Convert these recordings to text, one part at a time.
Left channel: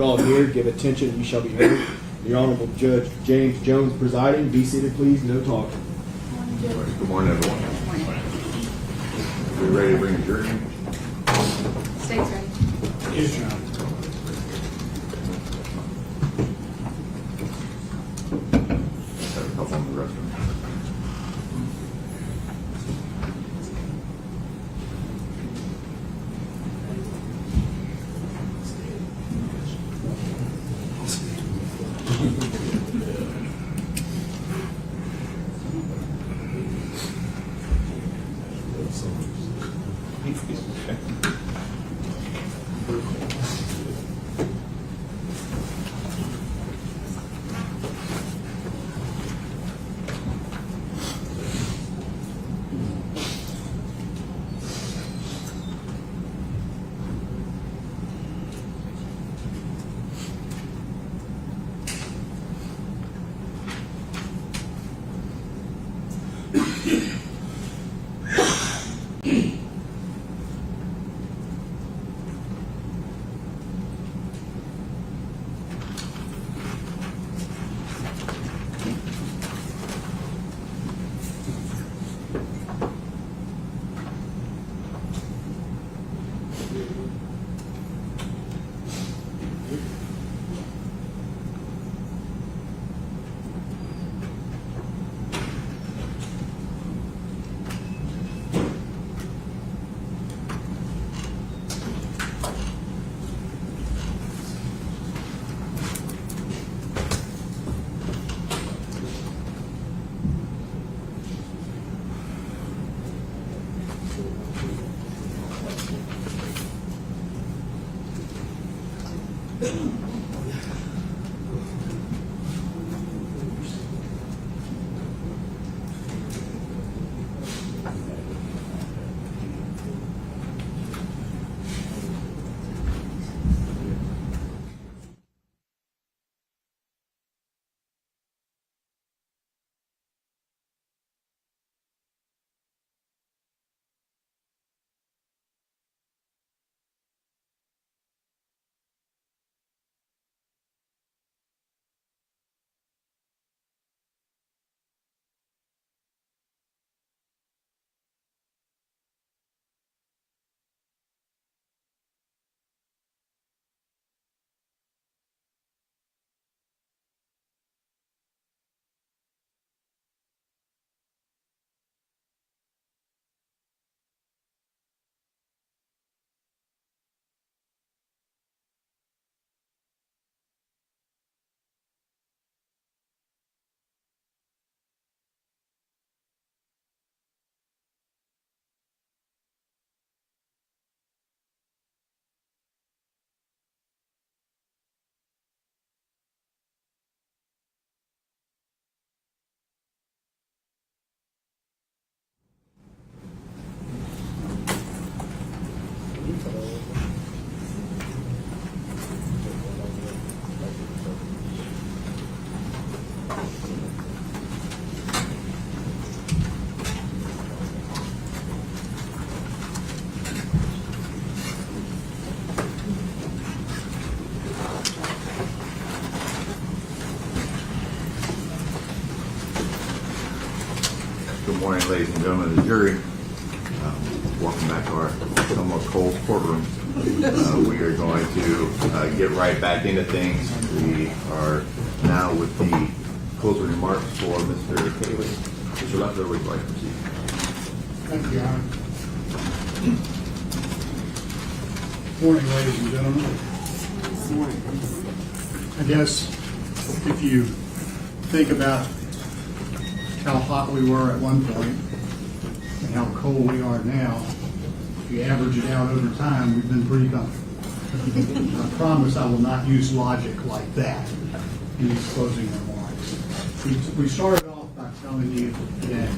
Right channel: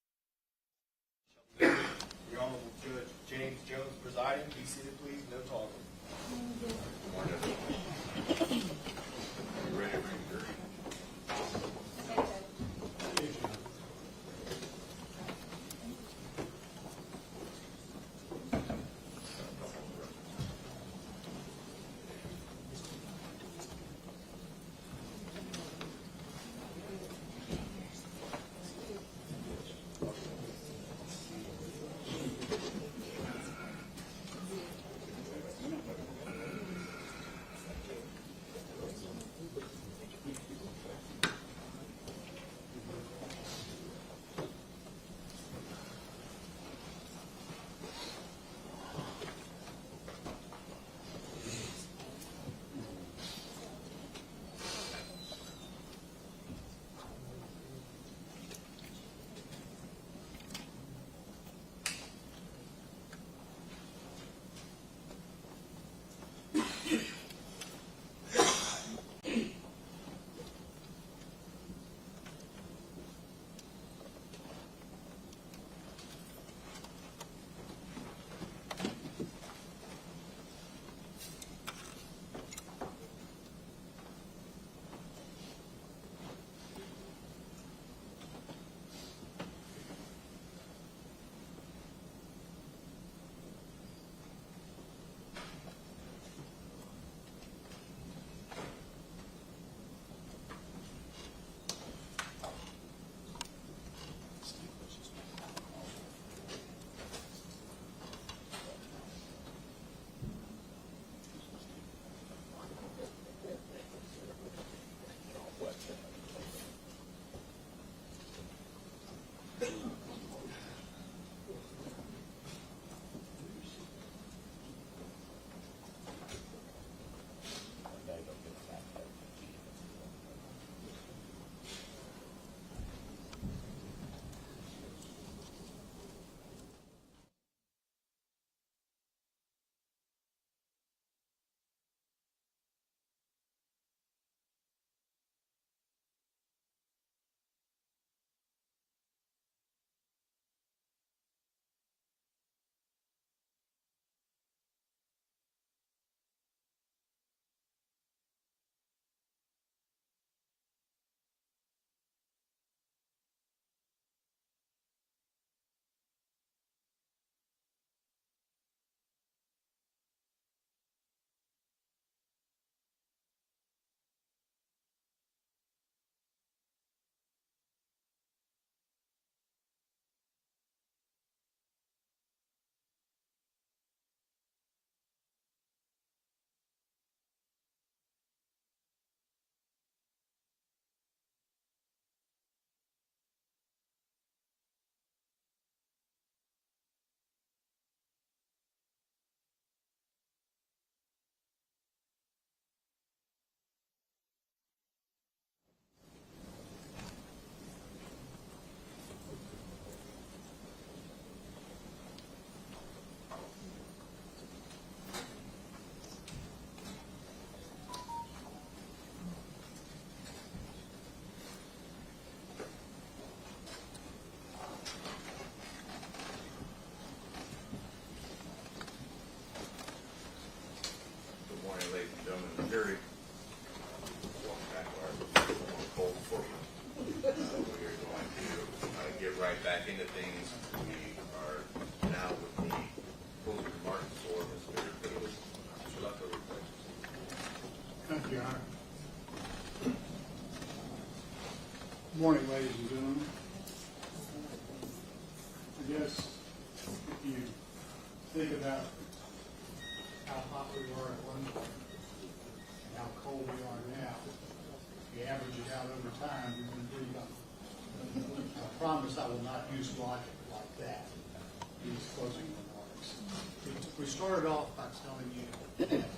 All here, give attention, and you shall be heard. The Honorable Judge James Jones presiding. Be seated, please. No talking. Good morning, everyone. Are we ready to bring a jury? State's ready. Yes, Your Honor. Have a couple on the restroom. Good morning, ladies and gentlemen of the jury. Welcome back to our somewhat cold courtroom. We are going to get right back into things. We are now with the closing remarks for Mr. Cayley. Mr. Leffler, would you like to proceed? Thank you, Your Honor. Morning, ladies and gentlemen. Morning. I guess if you think about how hot we were at one point and how cold we are now, if you average it out over time, we've been pretty comfortable. I promise I will not use logic like that in these closing remarks. We started off by telling you that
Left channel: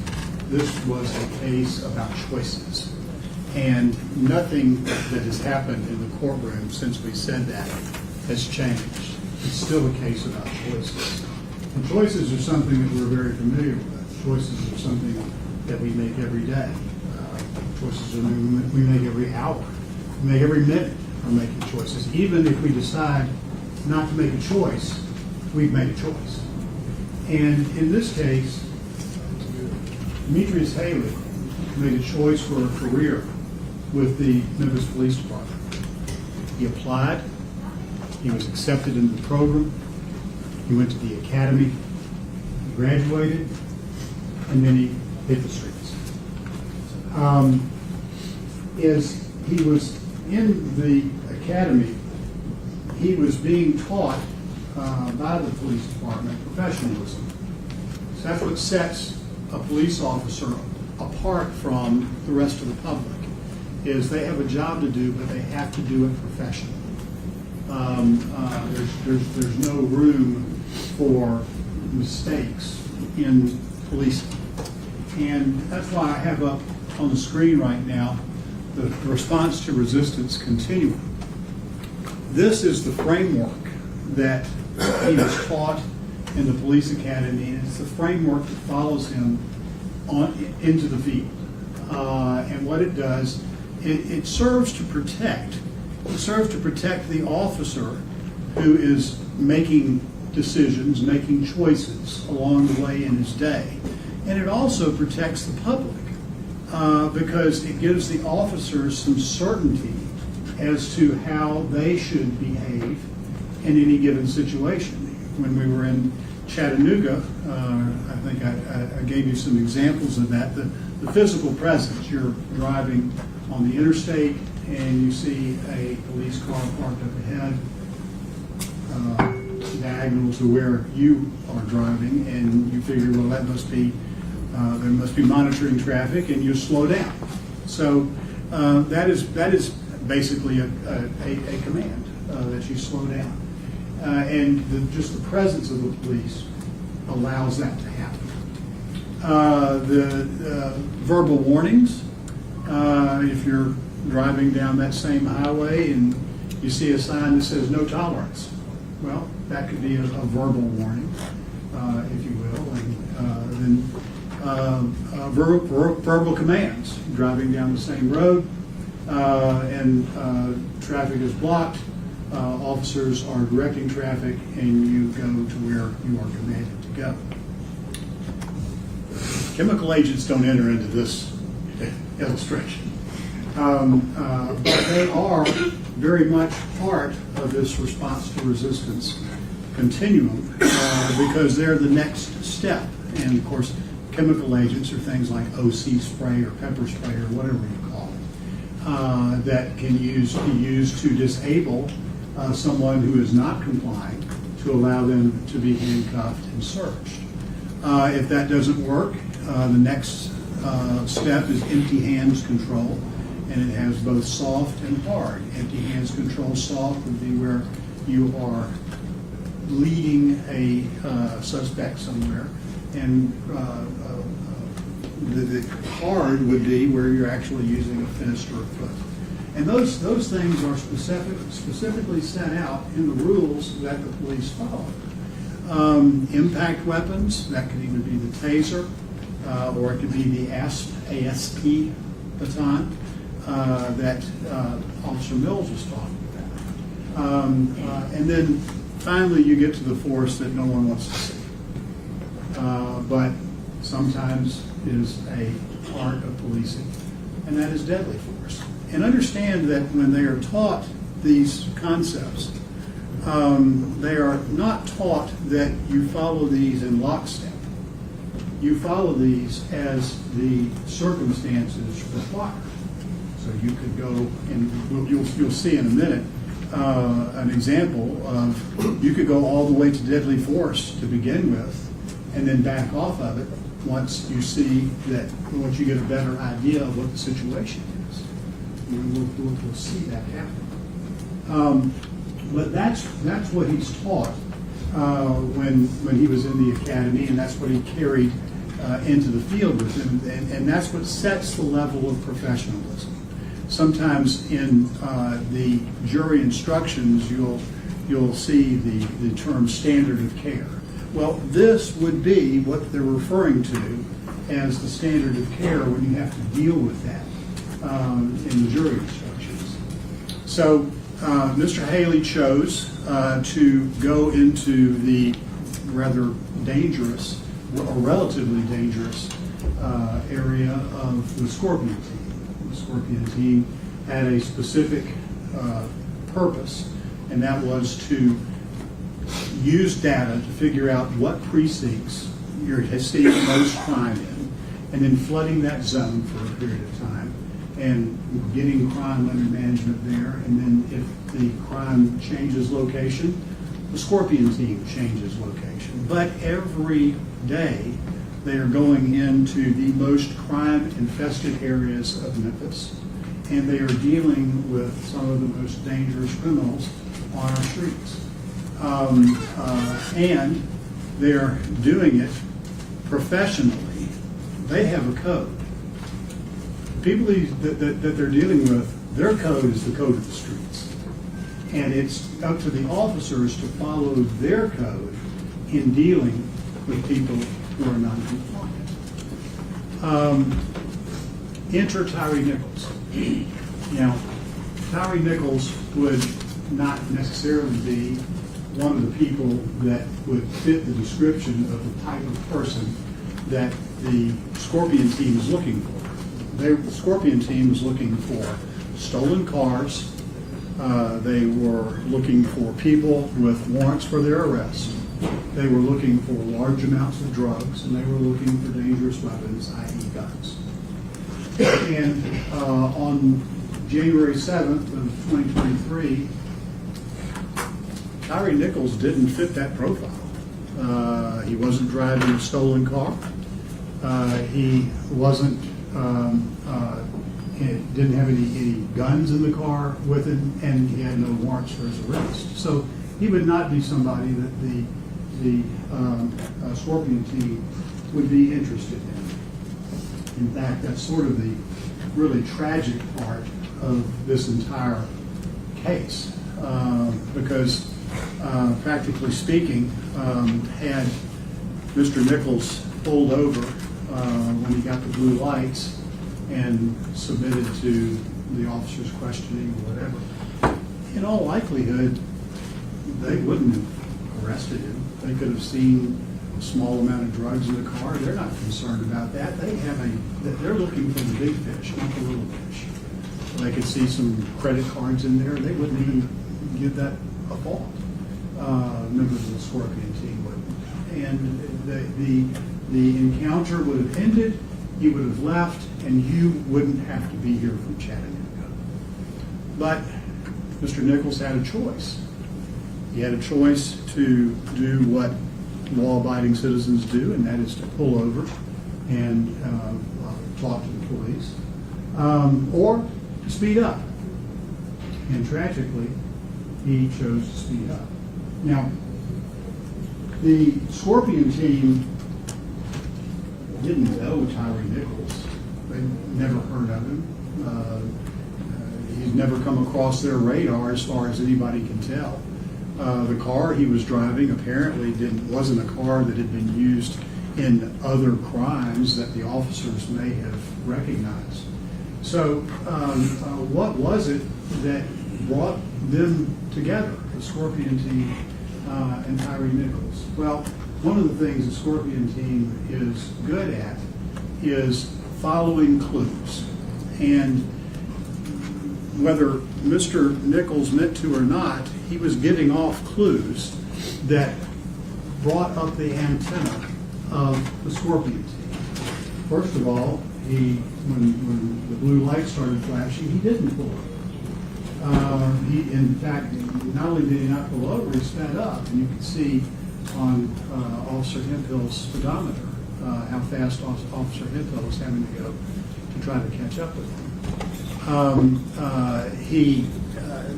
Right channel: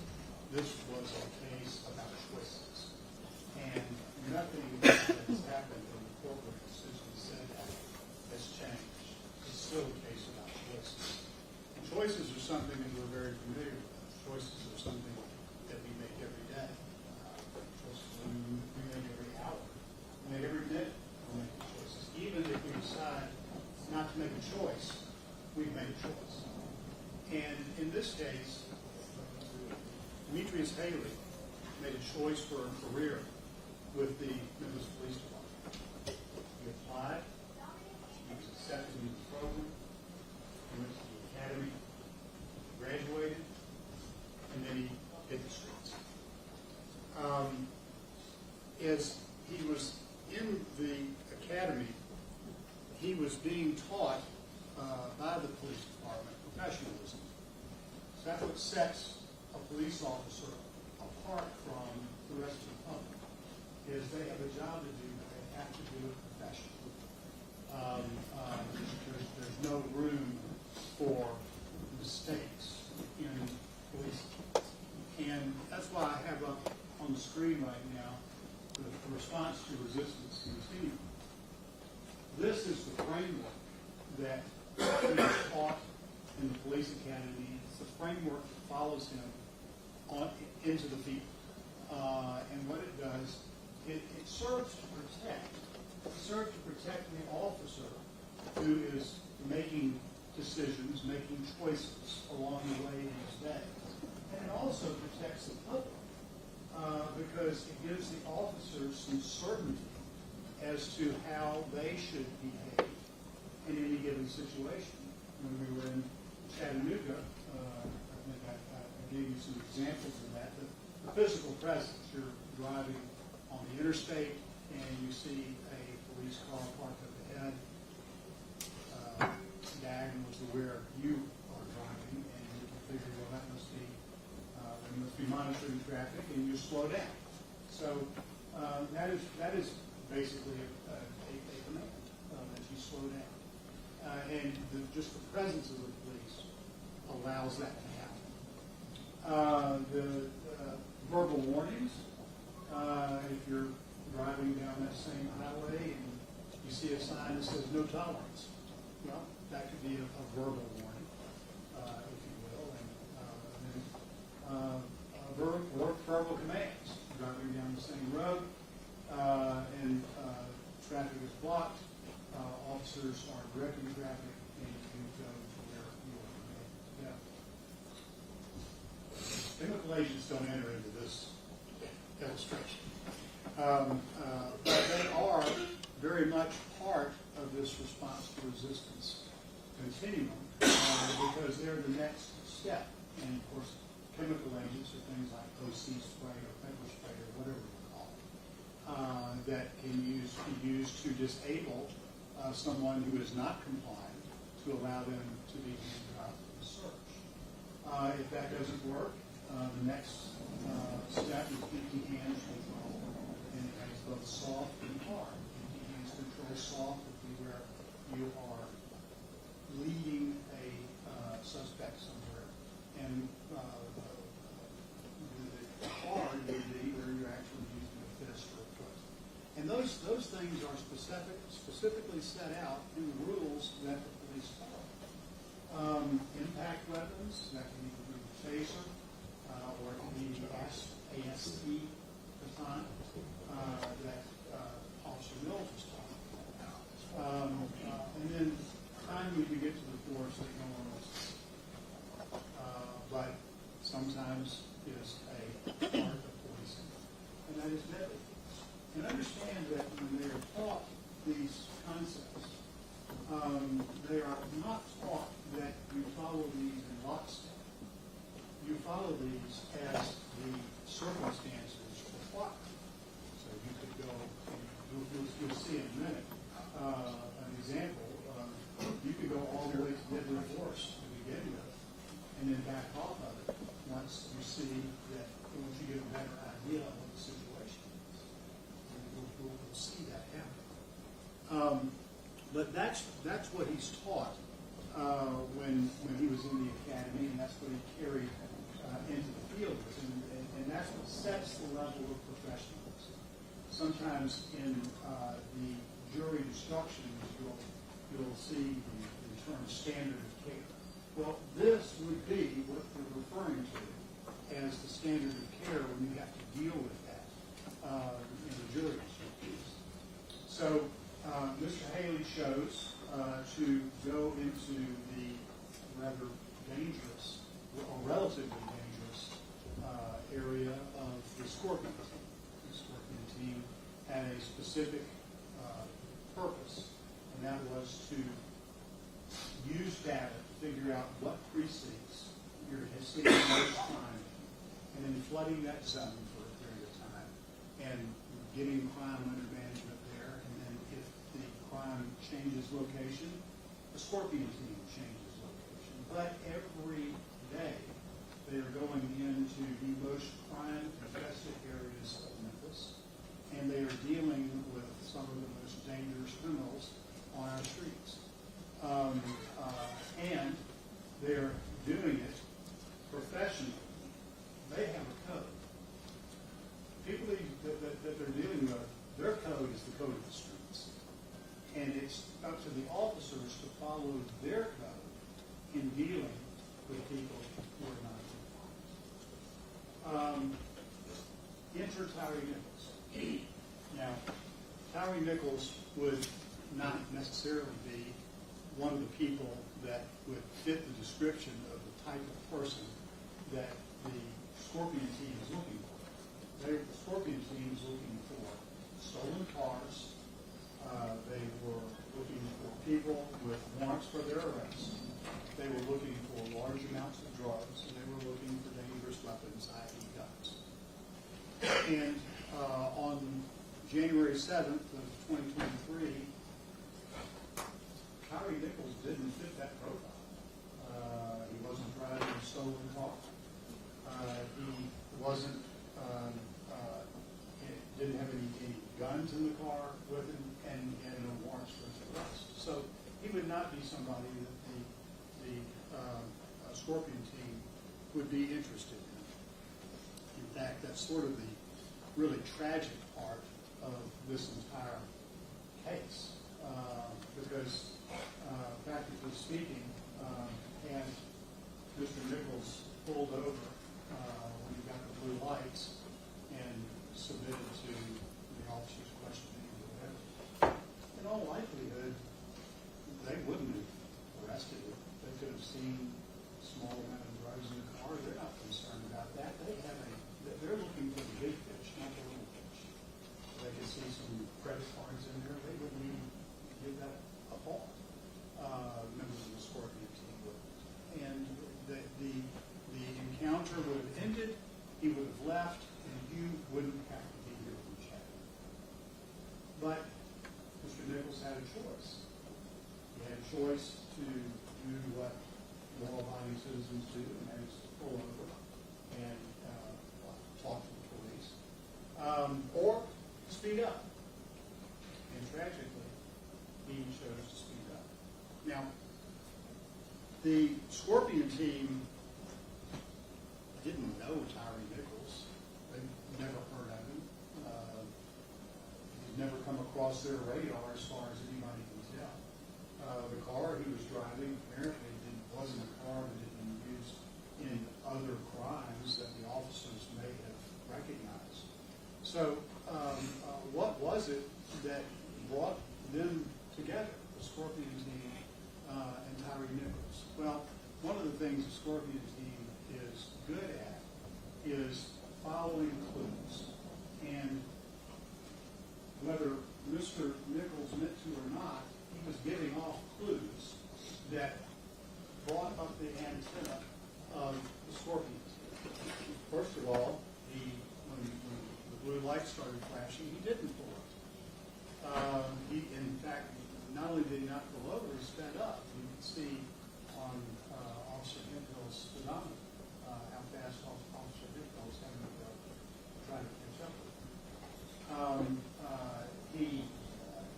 this was a case about choices, and nothing that has happened in the courtroom since we said that has changed. It's still a case about choices. And choices are something that we're very familiar with. Choices are something that we make every day. Choices are we make every hour. We make every minute. Are making choices. Even if we decide not to make a choice, we've made a choice. And in this case, Demetrius Haley made a choice for a career with the Memphis Police Department. He applied, he was accepted into the program, he went to the academy, he graduated, and then he hit the streets. As he was in the academy, he was being taught by the police department professionalism. So that's what sets a police officer apart from the rest of the public, is they have a job to do, but they have to do it professionally. There's no room for mistakes in policing. And that's why I have up on the screen right now the response to resistance continuum. This is the framework that he was taught in the police academy, and it's the framework that follows him into the field. And what it does, it serves to protect. It serves to protect the officer who is making decisions, making choices along the way in his day. And it also protects the public because it gives the officers some certainty as to how they should behave in any given situation. When we were in Chattanooga, I think I gave you some examples of that. The physical presence, you're driving on the interstate and you see a police car parked up ahead, diagonal to where you are driving, and you figure, well, that must be, there must be monitoring traffic, and you slow down. So that is basically a command that you slow down. And just the presence of the police allows that to happen. The verbal warnings, if you're driving down that same highway and you see a sign that says no tolerance, well, that could be a verbal warning, if you will. And then verbal commands, driving down the same road and traffic is blocked. Officers are directing traffic, and you go to where you are commanded to go. Chemical agents don't enter into this illustration, but they are very much part of this response to resistance continuum because they're the next step. And of course, chemical agents are things like OC spray or pepper spray or whatever you call it, that can be used to disable someone who is not complying, to allow them to be handcuffed and searched. If that doesn't work, the next step is empty hands control, and it has both soft and hard. Empty hands control, soft would be where you are leading a suspect somewhere, and the hard would be where you're actually using a fist or a foot. And those things are specifically set out in the rules that the police follow. Impact weapons, that could either be the taser or it could be the ASP baton that Officer Mills was talking about. And then finally you get to the force that no one wants to see. But sometimes is a part of policing, and that is deadly force. And understand that when they are taught these concepts, they are not taught that you follow these in lockstep. You follow these as the circumstances require. So you could go, and you'll see in a minute, an example of you could go all the way to deadly force to begin with, and then back off of it once you see that, once you get a better idea of what the situation is. We'll see that happen. But that's what he's taught when he was in the academy, and that's what he carried into the field with him, and that's what sets the level of professionalism. Sometimes in the jury instructions, you'll see the term standard of care. Well, this would be what they're referring to as the standard of care when you have to deal with that in the jury instructions. So Mr. Haley chose to go into the rather dangerous, or relatively dangerous, area of the Scorpion team. The Scorpion team had a specific purpose, and that was to use data to figure out what precincts you're seeing most crime in, and then flooding that zone for a period of time, and getting crime under management there, and then if the crime changes location, the Scorpion team changes location. But every day, they are going into the most crime-infested areas of Memphis, and they are dealing with some of the most dangerous criminals on our streets. And they're doing it professionally. They have a code. People that they're dealing with, their code is the code of the streets. And it's up to the officers to follow their code in dealing with people who are non-compliant. Enter Tyre Nichols. Now, Tyre Nichols would not necessarily be one of the people that would fit the description of the type of person that the Scorpion team is looking for. The Scorpion team is looking for stolen cars. They were looking for people with warrants for their arrest. They were looking for large amounts of drugs, and they were looking for dangerous weapons, i.e. guns. And on January 7th of 2023, Tyre Nichols didn't fit that profile. He wasn't driving a stolen car. He wasn't, didn't have any guns in the car with him, and he had no warrants for his arrest. So he would not be somebody that the Scorpion team would be interested in. In fact, that's sort of the really tragic part of this entire case, because practically speaking, had Mr. Nichols pulled over when he got the blue lights and submitted to the officer's questioning or whatever, in all likelihood, they wouldn't have arrested him. They could have seen a small amount of drugs in the car. They're not concerned about that. They're looking for the big fish, not the little fish. They could see some credit cards in there. They wouldn't even give that a thought. Members of the Scorpion team wouldn't. And the encounter would have ended. He would have left, and you wouldn't have to be here from Chattanooga. But Mr. Nichols had a choice. He had a choice to do what law-abiding citizens do, and that is to pull over and talk to the police, or to speed up. And tragically, he chose to speed up. Now, the Scorpion team didn't know Tyre Nichols. They never heard of him. He's never come across their radar as far as anybody can tell. The car he was driving apparently wasn't a car that had been used in other crimes that the officers may have recognized. So what was it that brought them together, the Scorpion team and Tyre Nichols? Well, one of the things the Scorpion team is good at is following clues. And whether Mr. Nichols meant to or not, he was getting off clues that brought up the antenna of the Scorpion team. First of all, when the blue light started flashing, he didn't pull over. He, in fact, not only did he not pull over, he sped up, and you can see on Officer Hemphill's speedometer how fast Officer Hempill was having to go to try to catch up with him. He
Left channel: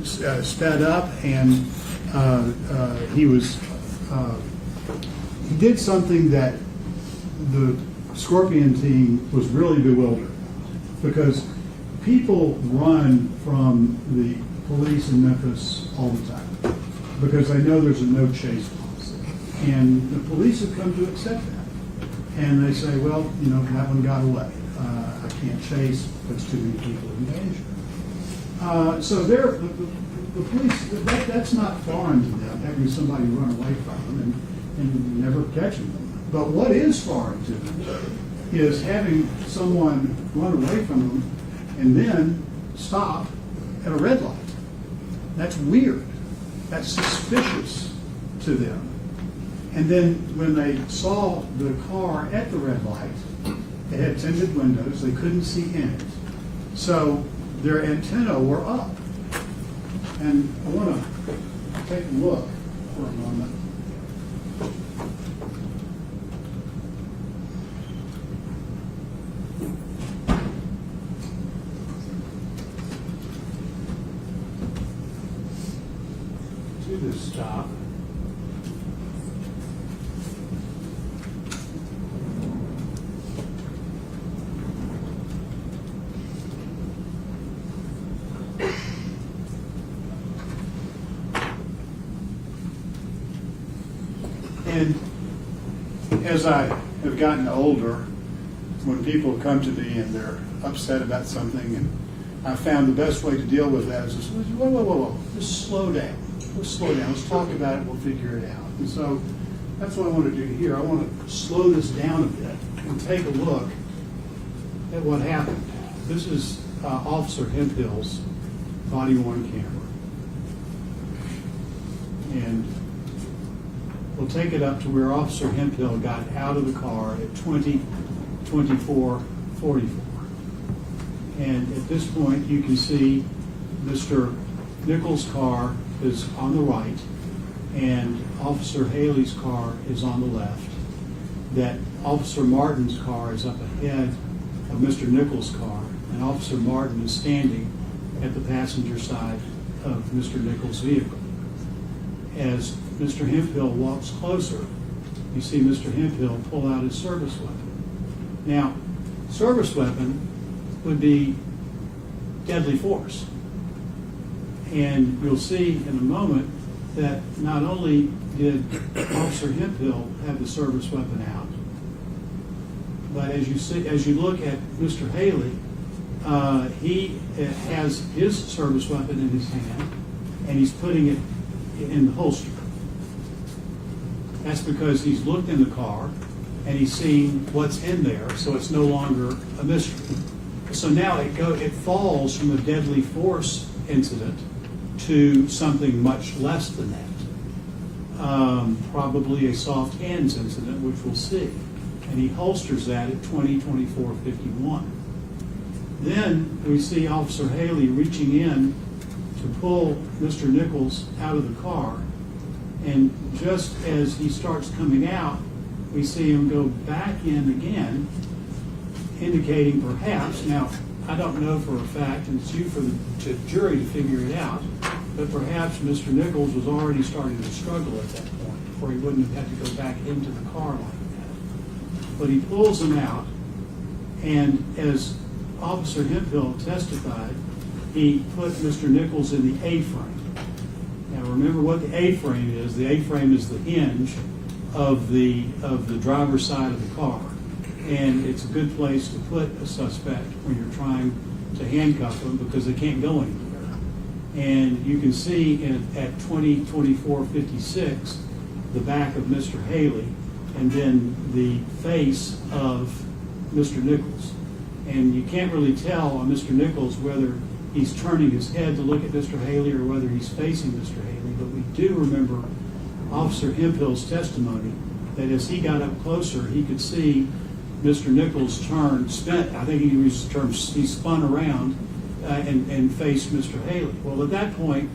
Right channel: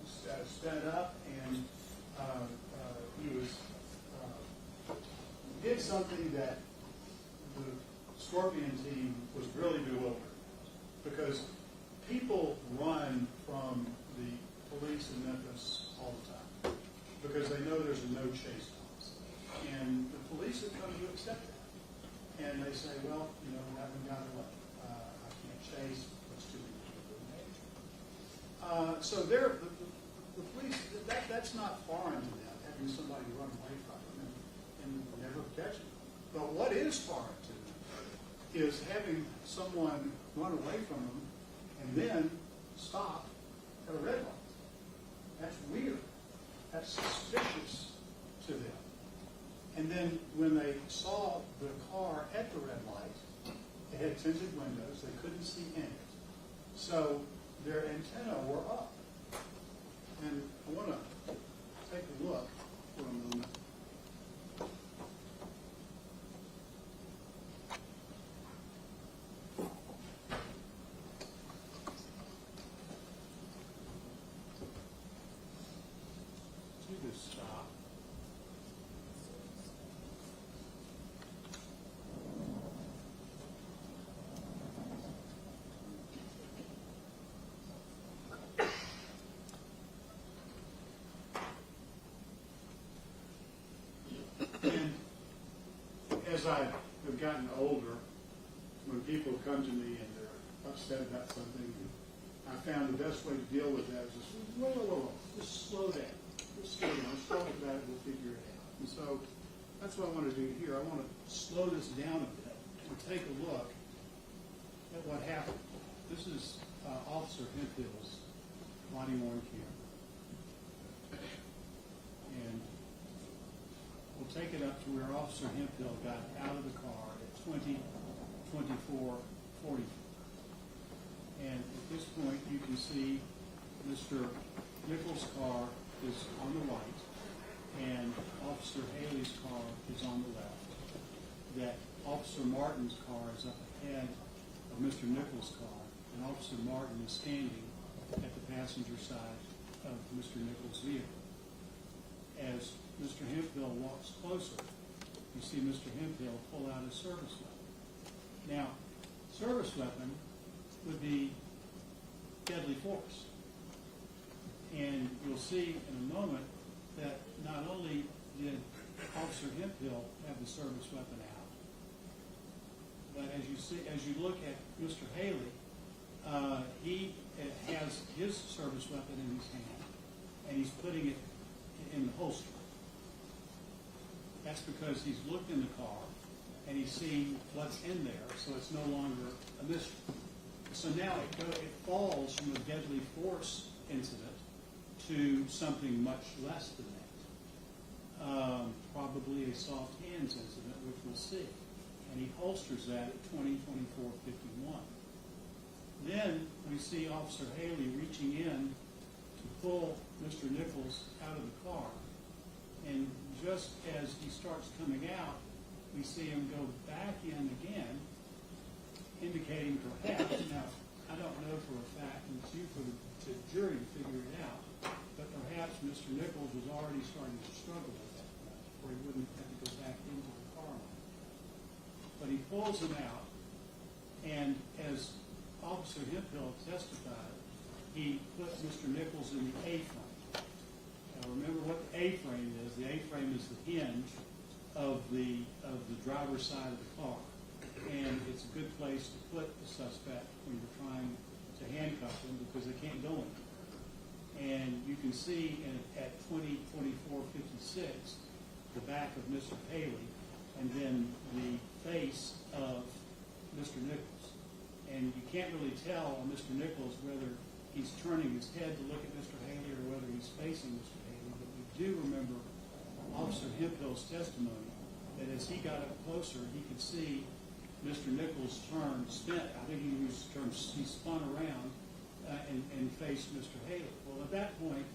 sped up, and he did something that the Scorpion team was really bewildered, because people run from the police in Memphis all the time because they know there's a no chase policy, and the police have come to accept that, and they say, well, you know, that one got away. I can't chase, puts too many people in danger. So the police, that's not foreign to them, having somebody run away from them and never catching them. But what is foreign to them is having someone run away from them and then stop at a red light. That's weird. That's suspicious to them. And then when they saw the car at the red light, it had tinted windows, they couldn't see in it. So their antennae were up. And I want to take a look for a moment. To this stop. And as I have gotten older, when people come to me and they're upset about something, and I found the best way to deal with that is just, whoa, just slow down. Let's slow down. Let's talk about it. We'll figure it out. And so that's what I want to do here. I want to slow this down a bit and take a look at what happened. This is Officer Hemphill's body-worn camera. And we'll take it up to where Officer Hemphill got out of the car at 20:24:44. And at this point, you can see Mr. Nichols' car is on the right, and Officer Haley's car is on the left. That Officer Martin's car is up ahead of Mr. Nichols' car, and Officer Martin is standing at the passenger side of Mr. Nichols' vehicle. As Mr. Hemphill walks closer, you see Mr. Hemphill pull out his service weapon. Now, service weapon would be deadly force. And you'll see in a moment that not only did Officer Hemphill have the service weapon out, but as you look at Mr. Haley, he has his service weapon in his hand, and he's putting it in the holster. That's because he's looked in the car and he's seen what's in there, so it's no longer a mystery. So now it falls from a deadly force incident to something much less than that. Probably a soft hands incident, which we'll see. And he holsters that at 20:24:51. Then we see Officer Haley reaching in to pull Mr. Nichols out of the car. And just as he starts coming out, we see him go back in again, indicating perhaps, now I don't know for a fact, and it's you for the jury to figure it out, but perhaps Mr. Nichols was already starting to struggle at that point, or he wouldn't have had to go back into the car like that. But he pulls him out, and as Officer Hemphill testified, he put Mr. Nichols in the A-frame. Now remember what the A-frame is. The A-frame is the hinge of the driver's side of the car. And it's a good place to put a suspect when you're trying to handcuff them because they can't go anywhere. And you can see at 20:24:56 the back of Mr. Haley and then the face of Mr. Nichols. And you can't really tell on Mr. Nichols whether he's turning his head to look at Mr. Haley or whether he's facing Mr. Haley. But we do remember Officer Hemphill's testimony that as he got up closer, he could see Mr. Nichols I think he used the term, he spun around and faced Mr. Haley. Well, at that point,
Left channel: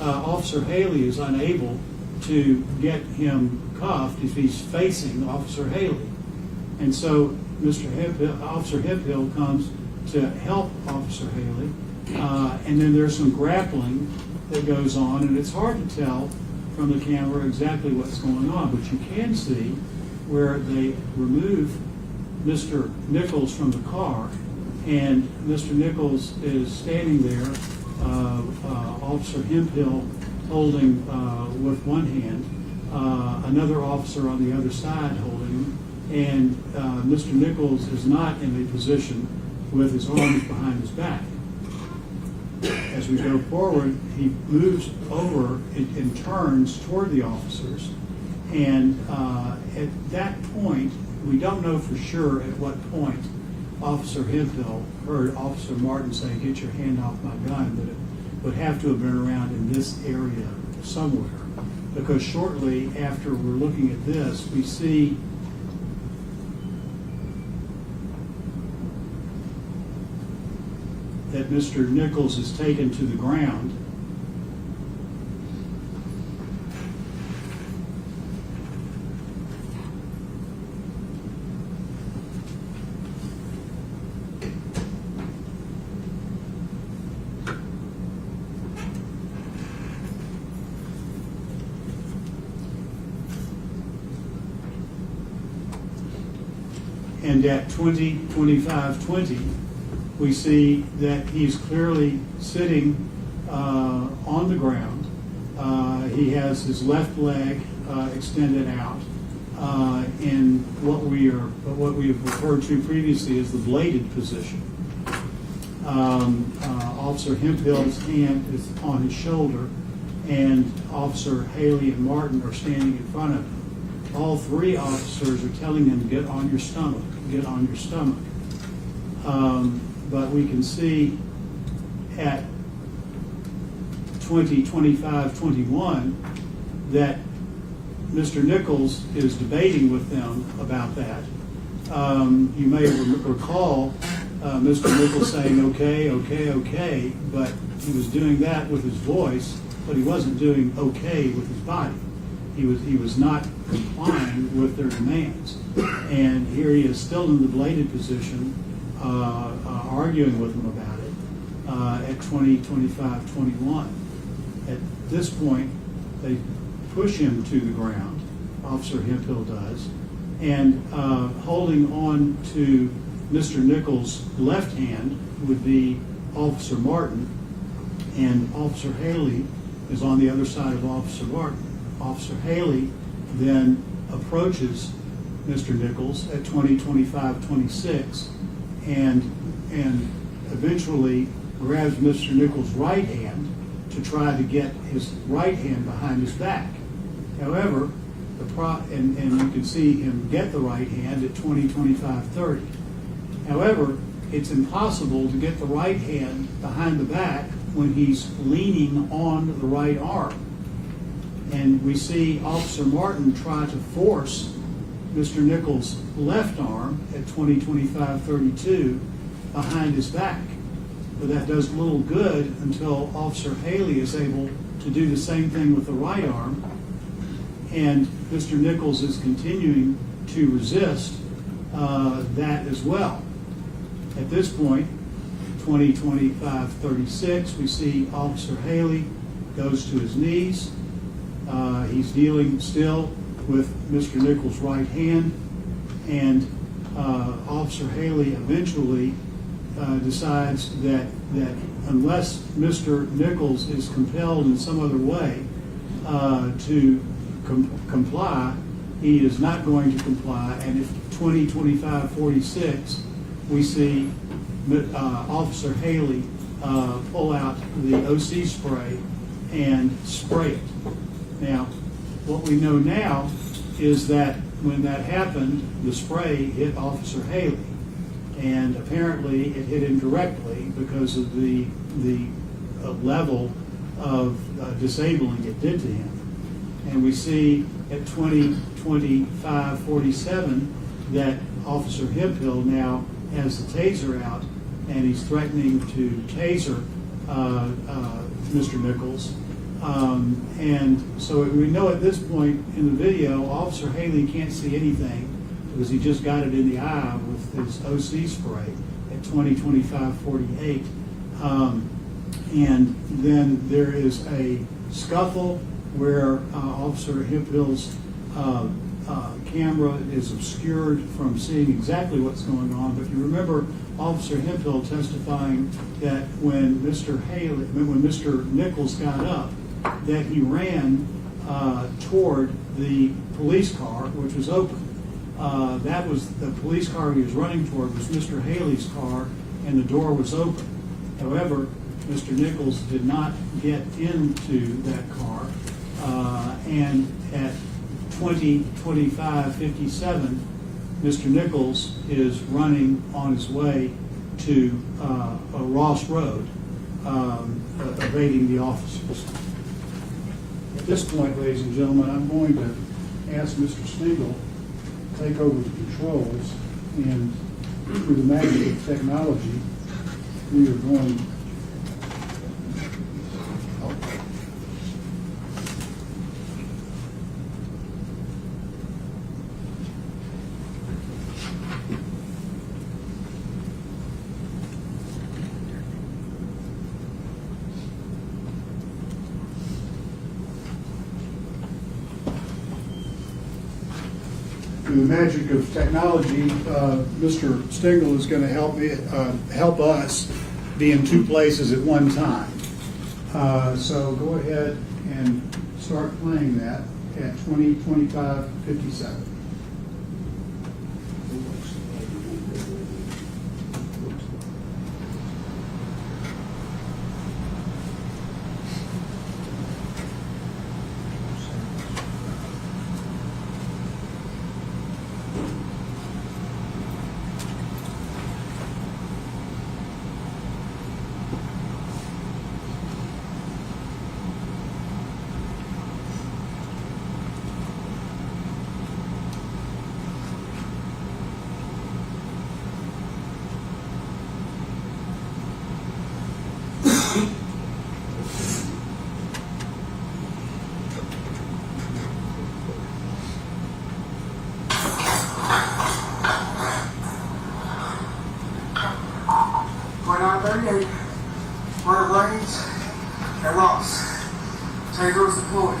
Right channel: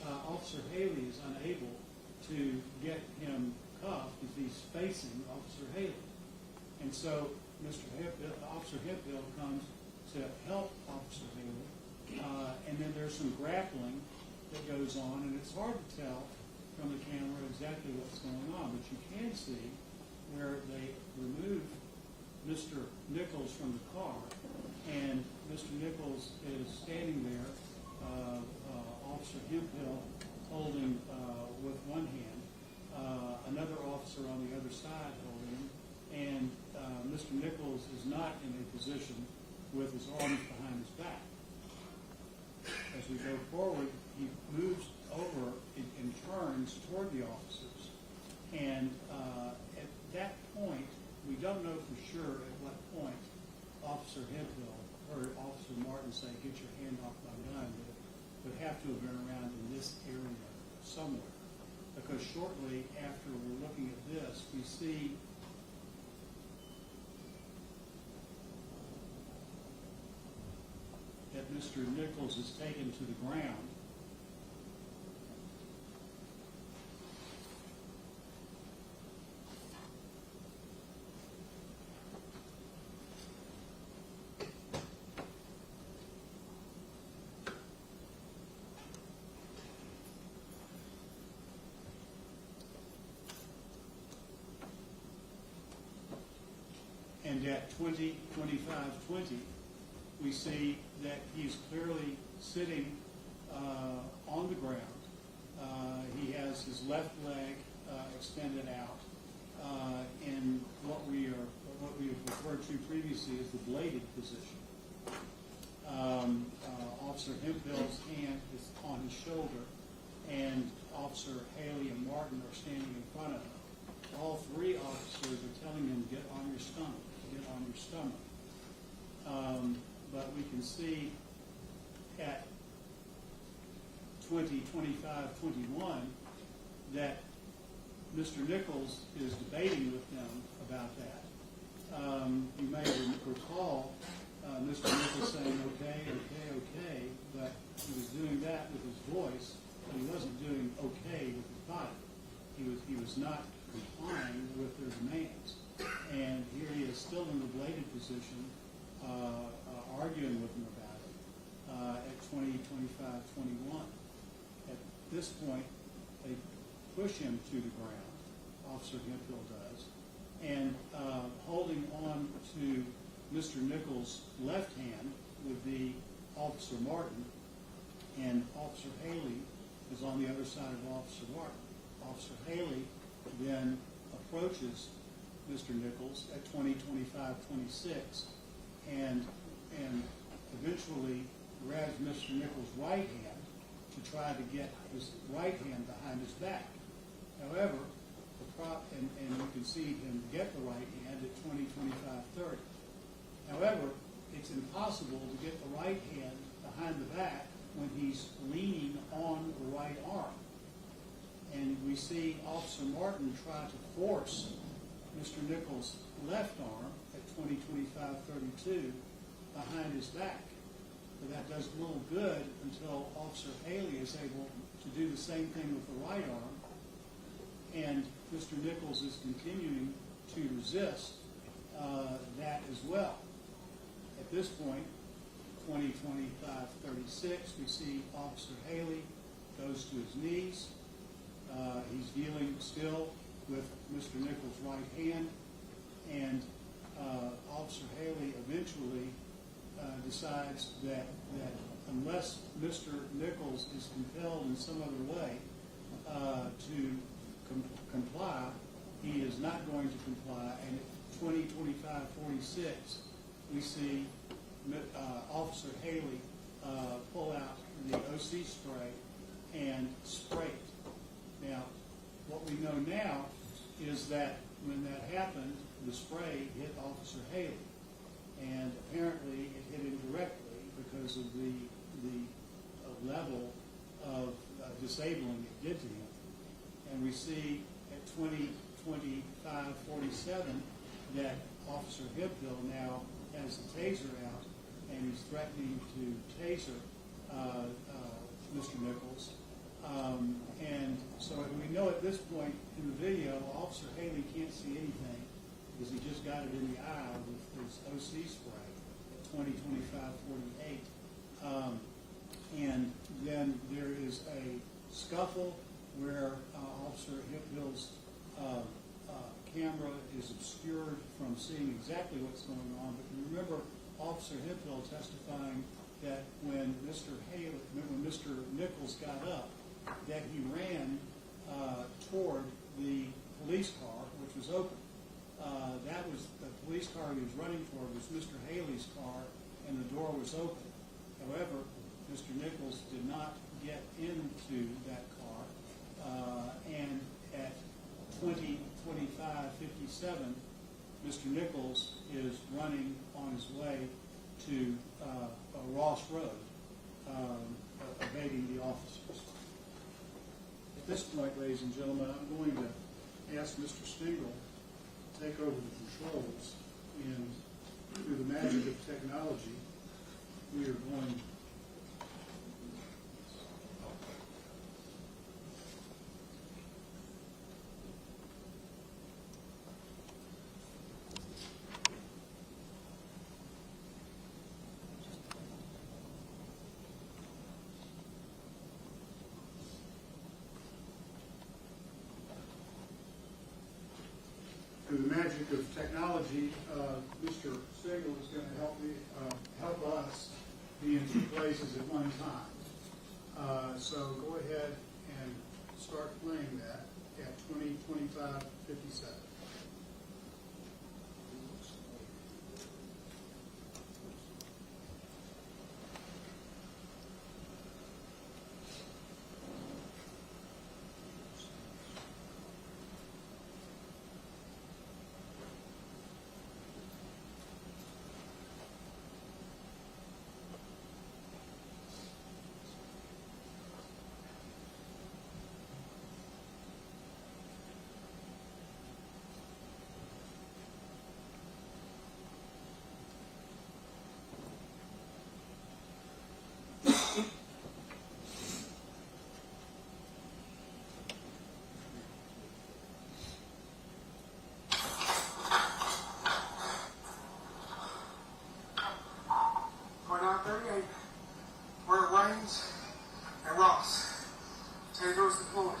Officer Haley is unable to get him cuffed if he's facing Officer Haley. And so Officer Hemphill comes to help Officer Haley, and then there's some grappling that goes on, and it's hard to tell from the camera exactly what's going on, but you can see where they remove Mr. Nichols from the car, and Mr. Nichols is standing there, Officer Hemphill holding with one hand, another officer on the other side holding him, and Mr. Nichols is not in a position with his arms behind his back. As we go forward, he moves over and turns toward the officers. And at that point, we don't know for sure at what point Officer Hemphill heard Officer Martin say, "Get your hand off my gun," but it would have to have been around in this area somewhere. Because shortly after we're looking at this, we see that Mr. Nichols is taken to the ground. And at 20:25:20, we see that he's clearly sitting on the ground. He has his left leg extended out in what we have referred to previously as the bladed position. Officer Hemphill's hand is on his shoulder, and Officer Haley and Martin are standing in front of him. All three officers are telling him, "Get on your stomach, get on your stomach." But we can see at 20:25:21 that Mr. Nichols is debating with them about that. You may recall Mr. Nichols saying, "Okay, okay, okay," but he was doing that with his voice, but he wasn't doing okay with his body. He was not complying with their demands. And here he is still in the bladed position, arguing with them about it at 20:25:21. At this point, they push him to the ground, Officer Hemphill does, and holding on to Mr. Nichols' left hand would be Officer Martin, and Officer Haley is on the other side of Officer Martin. Officer Haley then approaches Mr. Nichols at 20:25:26 and eventually grabs Mr. Nichols' right hand to try to get his right hand behind his back. However, and you can see him get the right hand at 20:25:30. However, it's impossible to get the right hand behind the back when he's leaning on the right arm. And we see Officer Martin try to force Mr. Nichols' left arm at 20:25:32 behind his back. But that does little good until Officer Haley is able to do the same thing with the right arm. And Mr. Nichols is continuing to resist that as well. At this point, 20:25:36, we see Officer Haley goes to his knees. He's dealing still with Mr. Nichols' right hand, and Officer Haley eventually decides that unless Mr. Nichols is compelled in some other way to comply, he is not going to comply. And at 20:25:46, we see Officer Haley pull out the OC spray and spray it. Now, what we know now is that when that happened, the spray hit Officer Haley, and apparently it hit him directly because of the level of disabling it did to him. And we see at 20:25:47 that Officer Hemphill now has the taser out, and he's threatening to taser Mr. Nichols. And so we know at this point in the video, Officer Haley can't see anything because he just got it in the eye with his OC spray at 20:25:48. And then there is a scuffle where Officer Hemphill's camera is obscured from seeing exactly what's going on. But you remember Officer Hemphill testifying that when Mr. Nichols got up, that he ran toward the police car, which was open. That was the police car he was running toward was Mr. Haley's car, and the door was open. However, Mr. Nichols did not get into that car, and at 20:25:57, Mr. Nichols is running on his way to Ross Road, evading the officers. At this point, ladies and gentlemen, I'm going to ask Mr. Stengel to take over the controls, and through the magic of technology, we are going. Through the magic of technology, Mr. Stengel is going to help us be in two places at one time. So go ahead and start playing that at 20:25:57. Murder Lanes and Ross. Taser is deployed.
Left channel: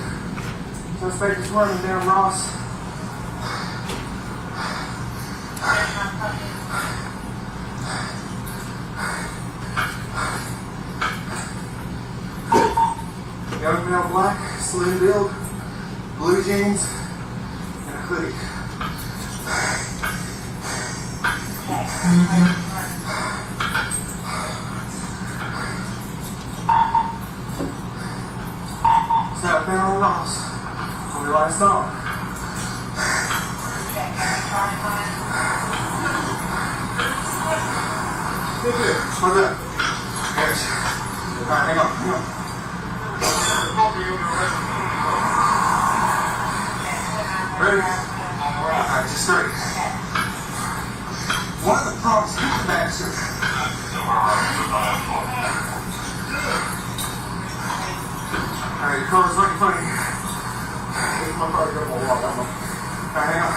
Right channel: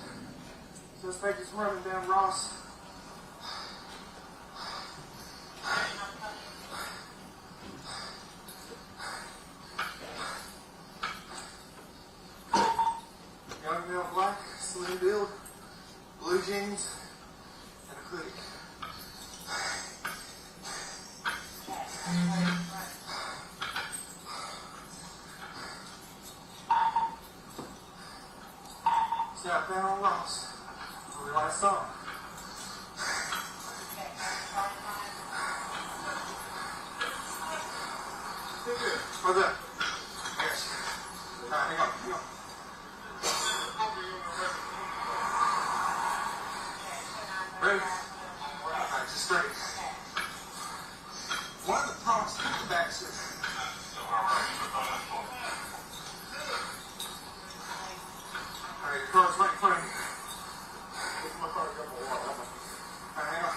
Suspect is running down Ross. Young male, black, slim build, blue jeans, and a hoodie. Southbound on Ross. On your right side. Good, good. What's up? Yes. Alright, hang on, hang on. Ready? Alright, just straight. One of the problems with the bastard. Alright, your car's right in front of you. Here's my car to go for a walk. Alright, hang on.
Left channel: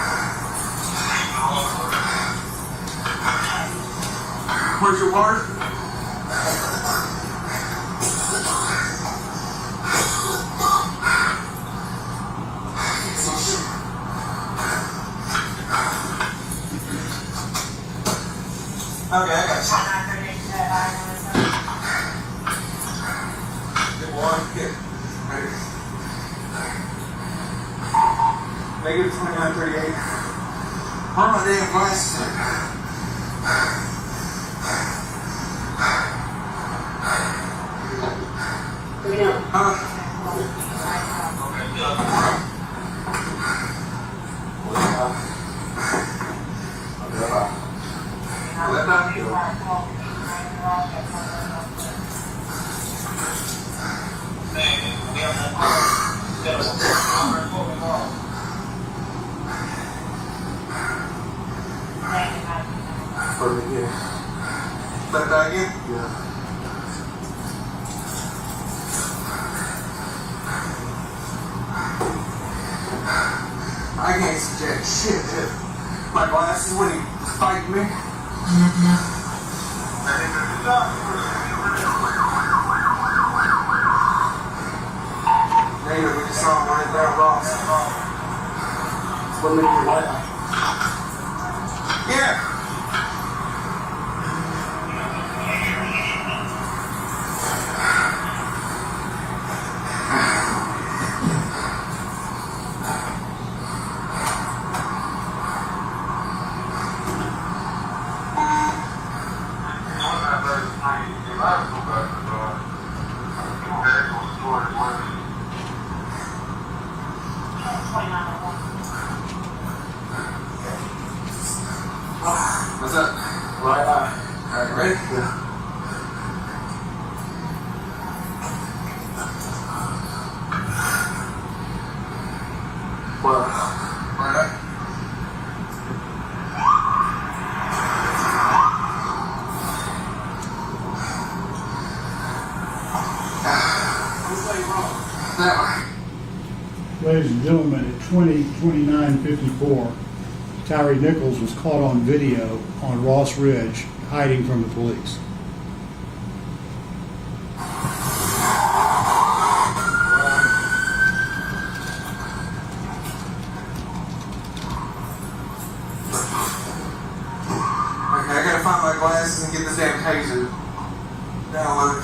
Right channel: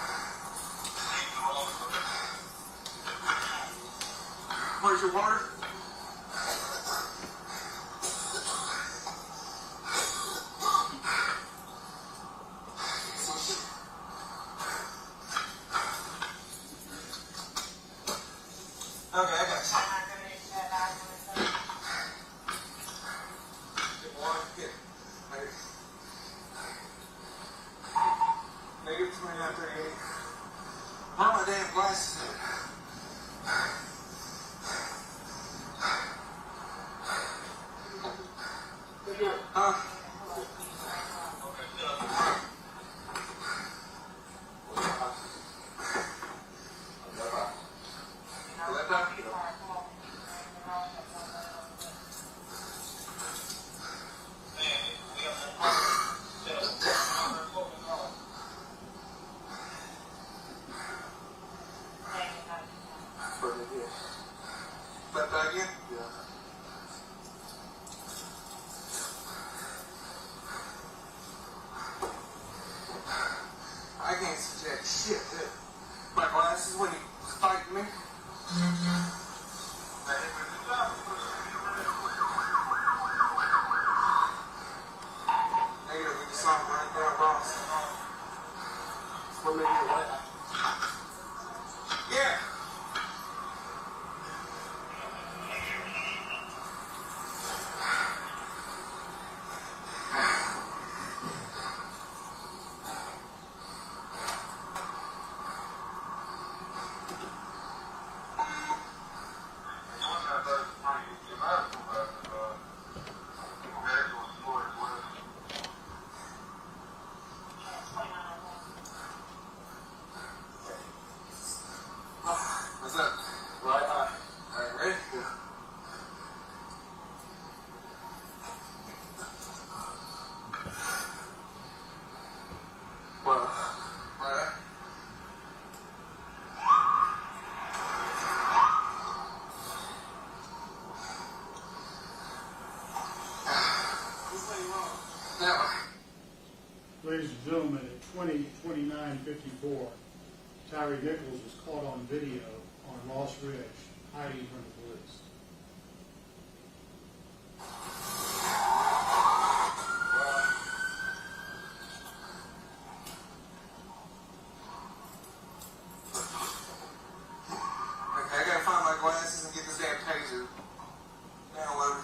Where's your water? Okay, I got you. Good one, good. Ready. Negative 2938. Where are my damn glasses at? That back in? Yeah. I can't see jack shit, dude. My glasses when he fighting me. Later, we just saw him running down Ross. What made you like? Yeah. What's up? Right eye. All right, ready? Yeah. Well, right eye. That way. Ladies and gentlemen, at 20:29:54, Tyre Nichols was caught on video on Ross Ridge hiding from the police. Okay, I gotta find my glasses and get this damn taser downloaded.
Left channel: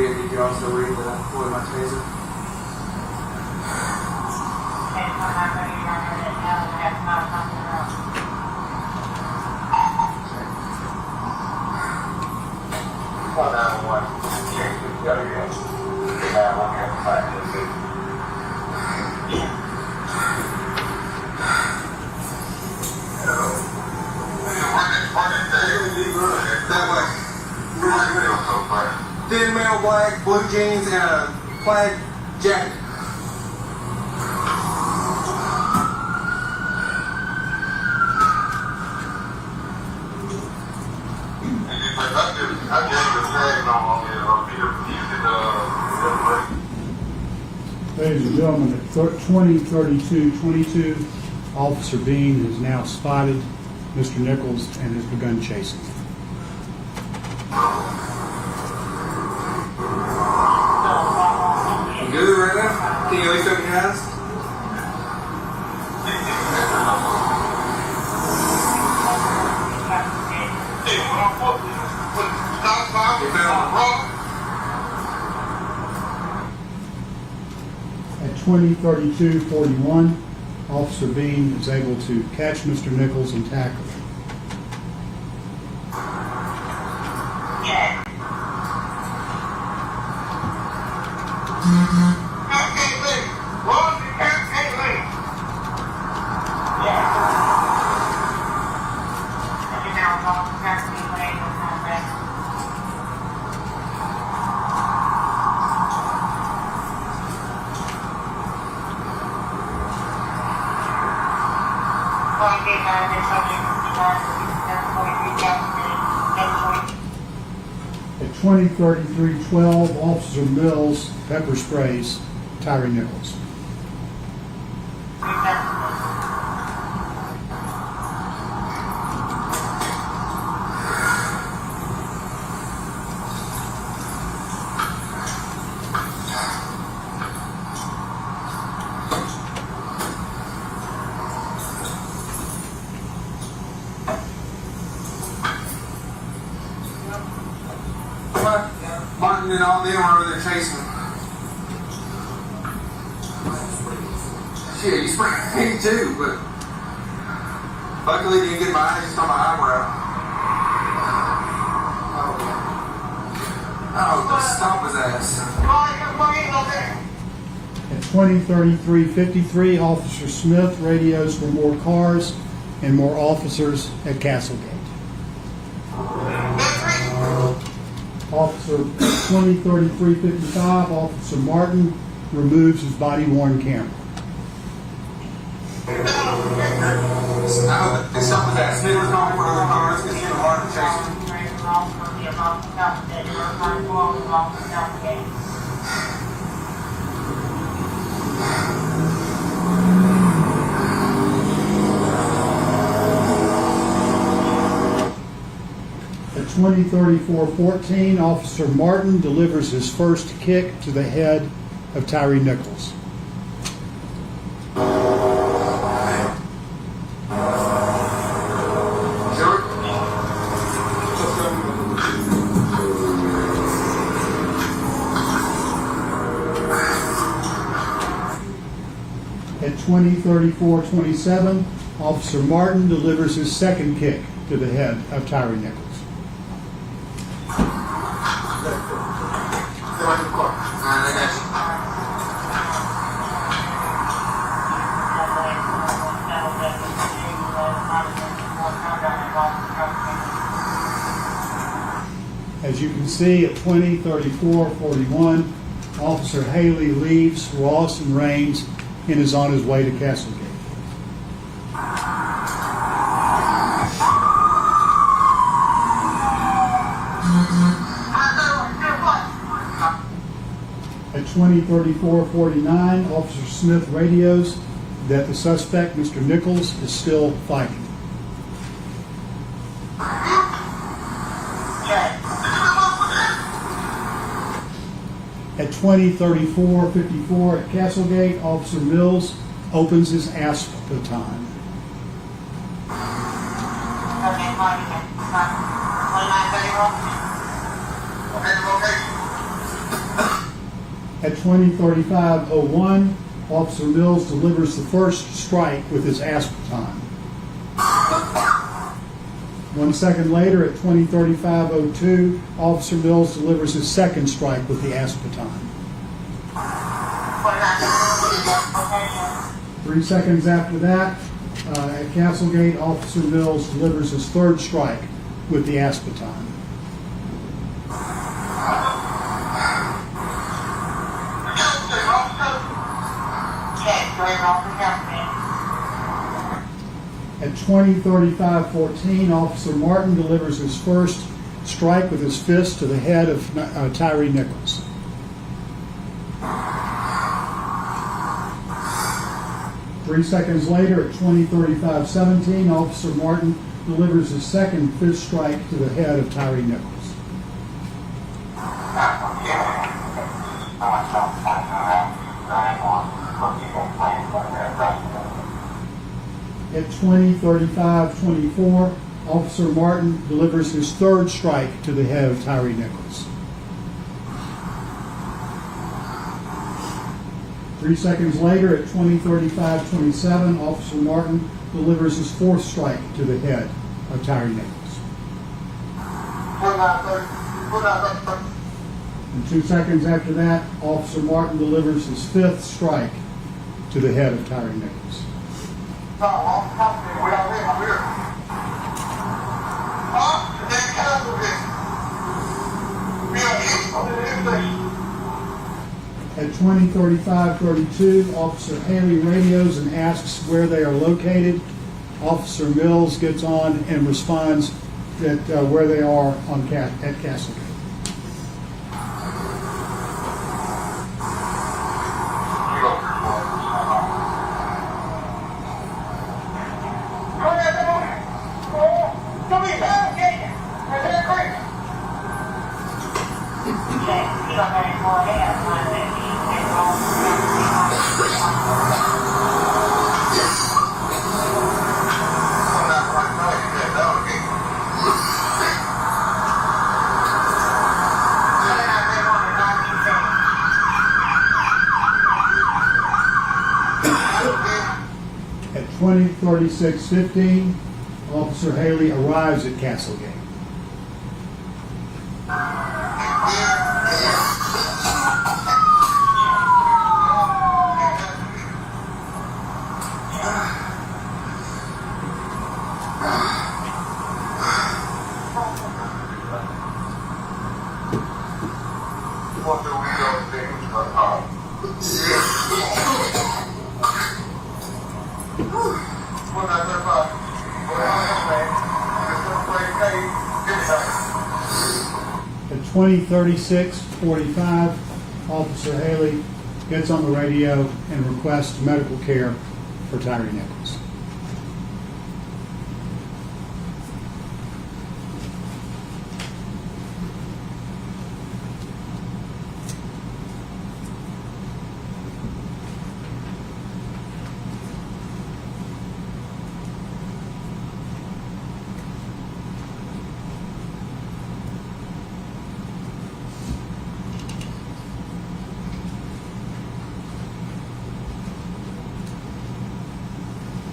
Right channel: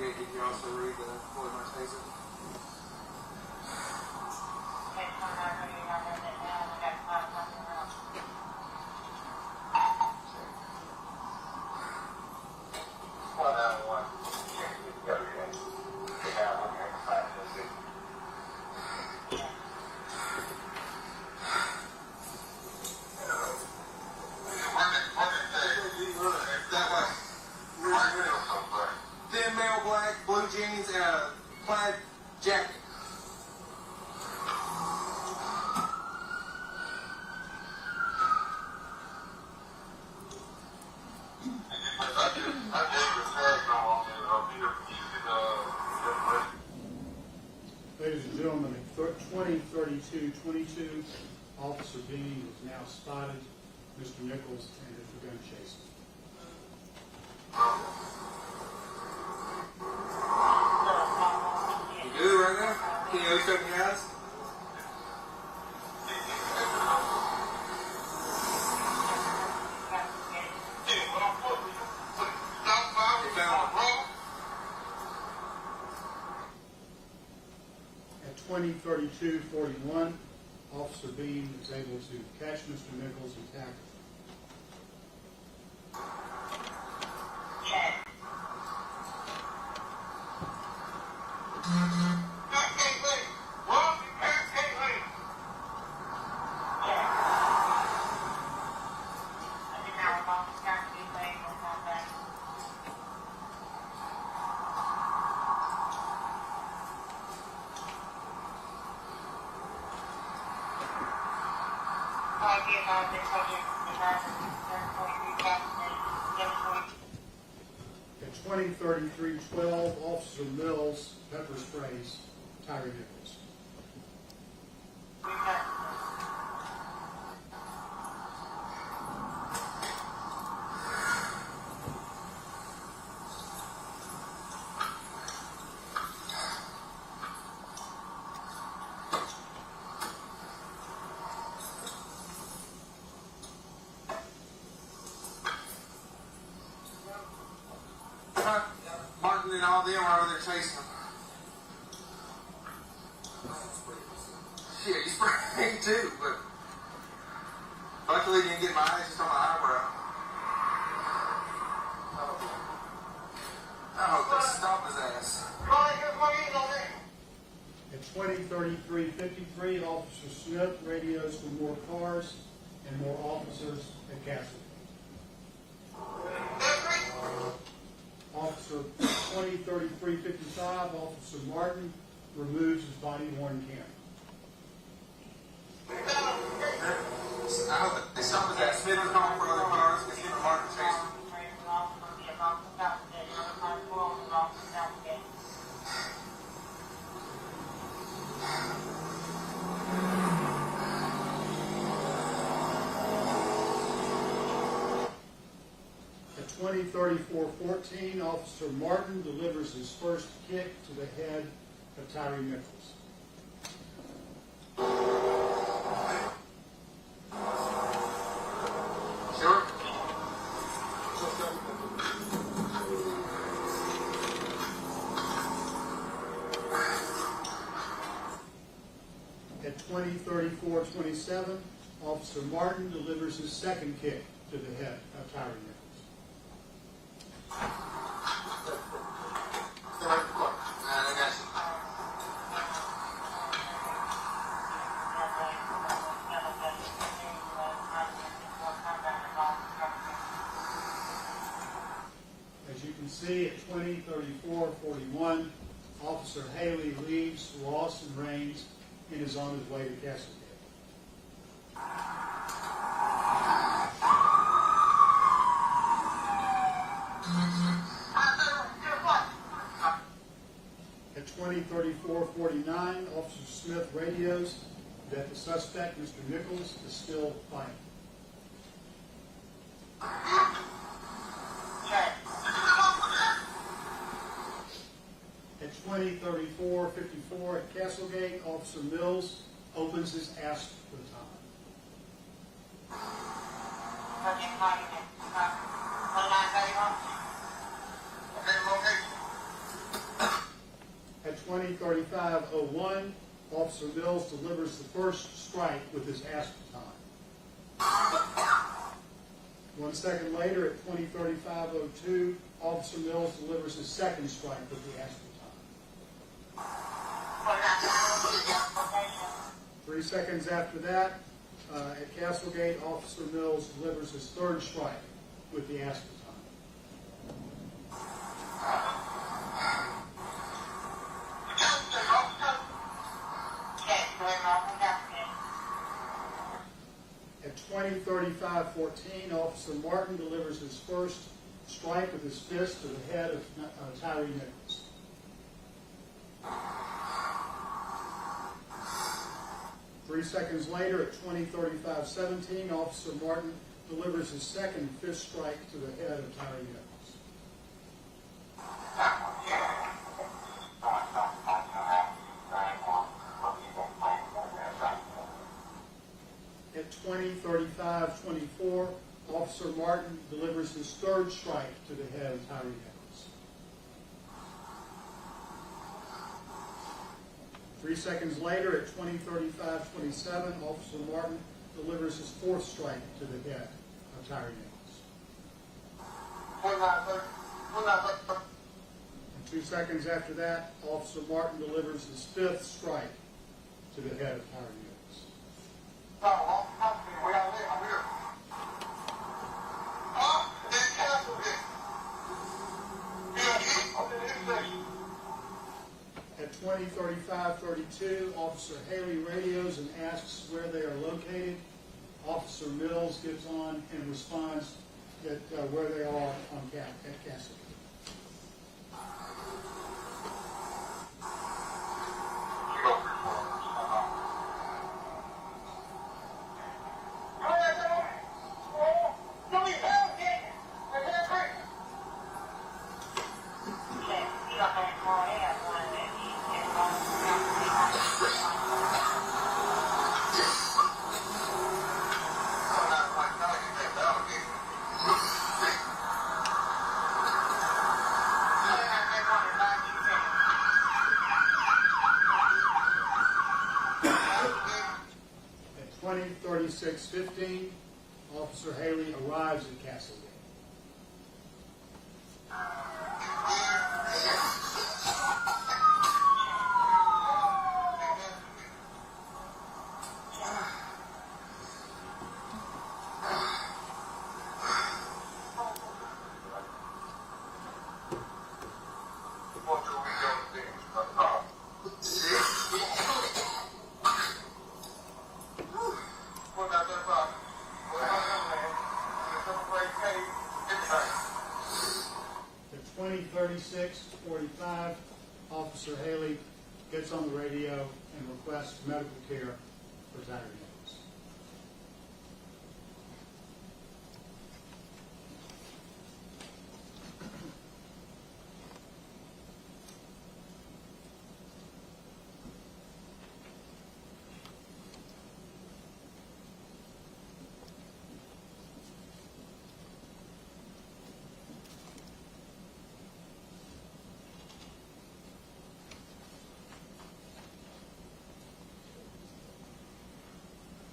Did you also read the boy my taser? Thin male black, blue jeans, and a plaid jacket. Ladies and gentlemen, at 20:32:22, Officer Bean has now spotted Mr. Nichols and has begun chasing. You good right now? Can you at least open your eyes? You found the rock? At 20:32:41, Officer Bean is able to catch Mr. Nichols and tackle him. At 20:33:12, Officer Mills pepper sprays Tyre Nichols. Martin and all them were over there chasing him. Shit, you sprayed me too, but luckily you didn't get my eyes just on my eyebrow. At 20:33:53, Officer Smith radios for more cars and more officers at Castlegate. Officer 20:33:55, Officer Martin removes his body-worn camera. Something that Smith was going for other cars, because he was hard to chase. At 20:34:14, Officer Martin delivers his first kick to the head of Tyre Nichols. At 20:34:27, Officer Martin delivers his second kick to the head of Tyre Nichols. As you can see, at 20:34:41, Officer Haley leaves Ross and Raines and is on his way to Castlegate. At 20:34:49, Officer Smith radios that the suspect, Mr. Nichols, is still fighting. At 20:34:54 at Castlegate, Officer Mills opens his ASP baton. At 20:35:01, Officer Mills delivers the first strike with his ASP baton. 1 second later, at 20:35:02, Officer Mills delivers his second strike with the ASP baton. 3 seconds after that, at Castlegate, Officer Mills delivers his third strike with the ASP baton. At 20:35:14, Officer Martin delivers his first strike with his fist to the head of Tyre Nichols. Three seconds later, at 20:35:17, Officer Martin delivers his second fist strike to the head of Tyre Nichols. At 20:35:24, Officer Martin delivers his third strike to the head of Tyre Nichols. 3 seconds later, at 20:35:27, Officer Martin delivers his fourth strike to the head of Tyre Nichols. And 2 seconds after that, Officer Martin delivers his fifth strike to the head of Tyre Nichols. At 20:35:32, Officer Haley radios and asks where they are located. Officer Mills gets on and responds that where they are at Castlegate. At 20:36:15, Officer Haley arrives at Castlegate. 20:36:45, Officer Haley gets on the radio and requests medical care for Tyre Nichols.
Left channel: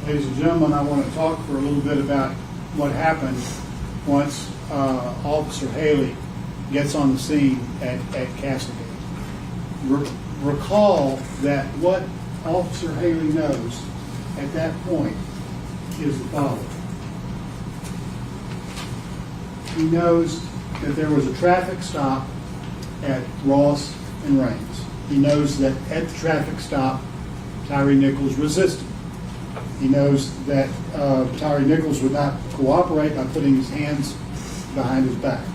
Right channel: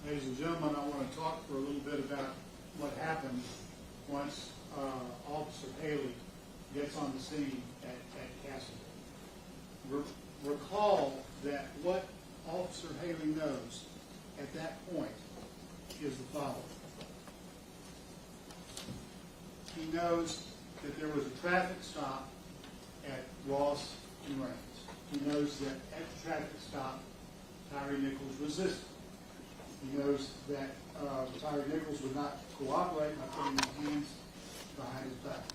Ladies and gentlemen, I want to talk for a little bit about what happened once Officer Haley gets on the scene at Castlegate. Recall that what Officer Haley knows at that point is the following. He knows that there was a traffic stop at Ross and Raines. He knows that at the traffic stop, Tyre Nichols resisted. He knows that Tyre Nichols would not cooperate by putting his hands behind his back.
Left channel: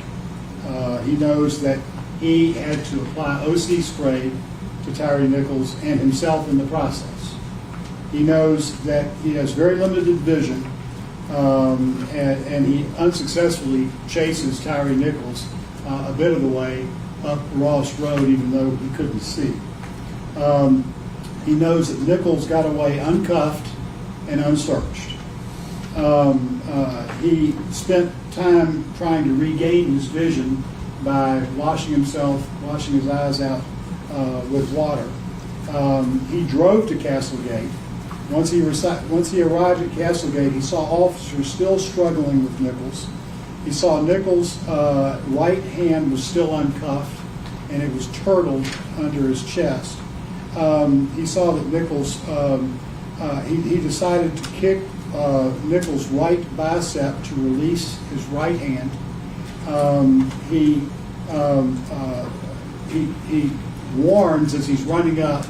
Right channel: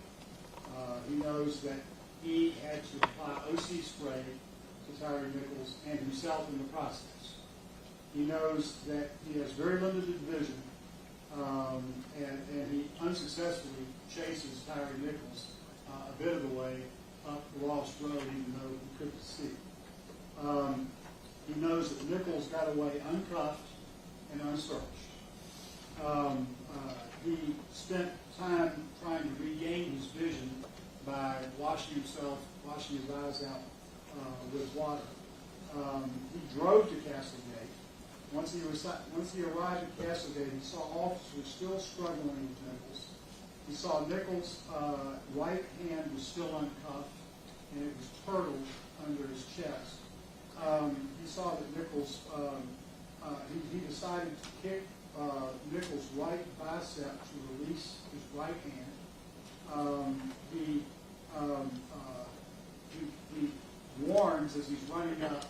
He knows that he had to apply OC spray to Tyre Nichols and himself in the process. He knows that he has very limited vision, and he unsuccessfully chases Tyre Nichols a bit of the way up Ross Road, even though he couldn't see. He knows that Nichols got away uncuffed and unsearched. He spent time trying to regain his vision by washing his eyes out with water. He drove to Castlegate. Once he arrived at Castlegate, he saw officers still struggling with Nichols. He saw Nichols' right hand was still uncuffed, and it was turtled under his chest. He saw that Nichols, he decided to kick Nichols' right bicep to release his right hand. He warns as he's running up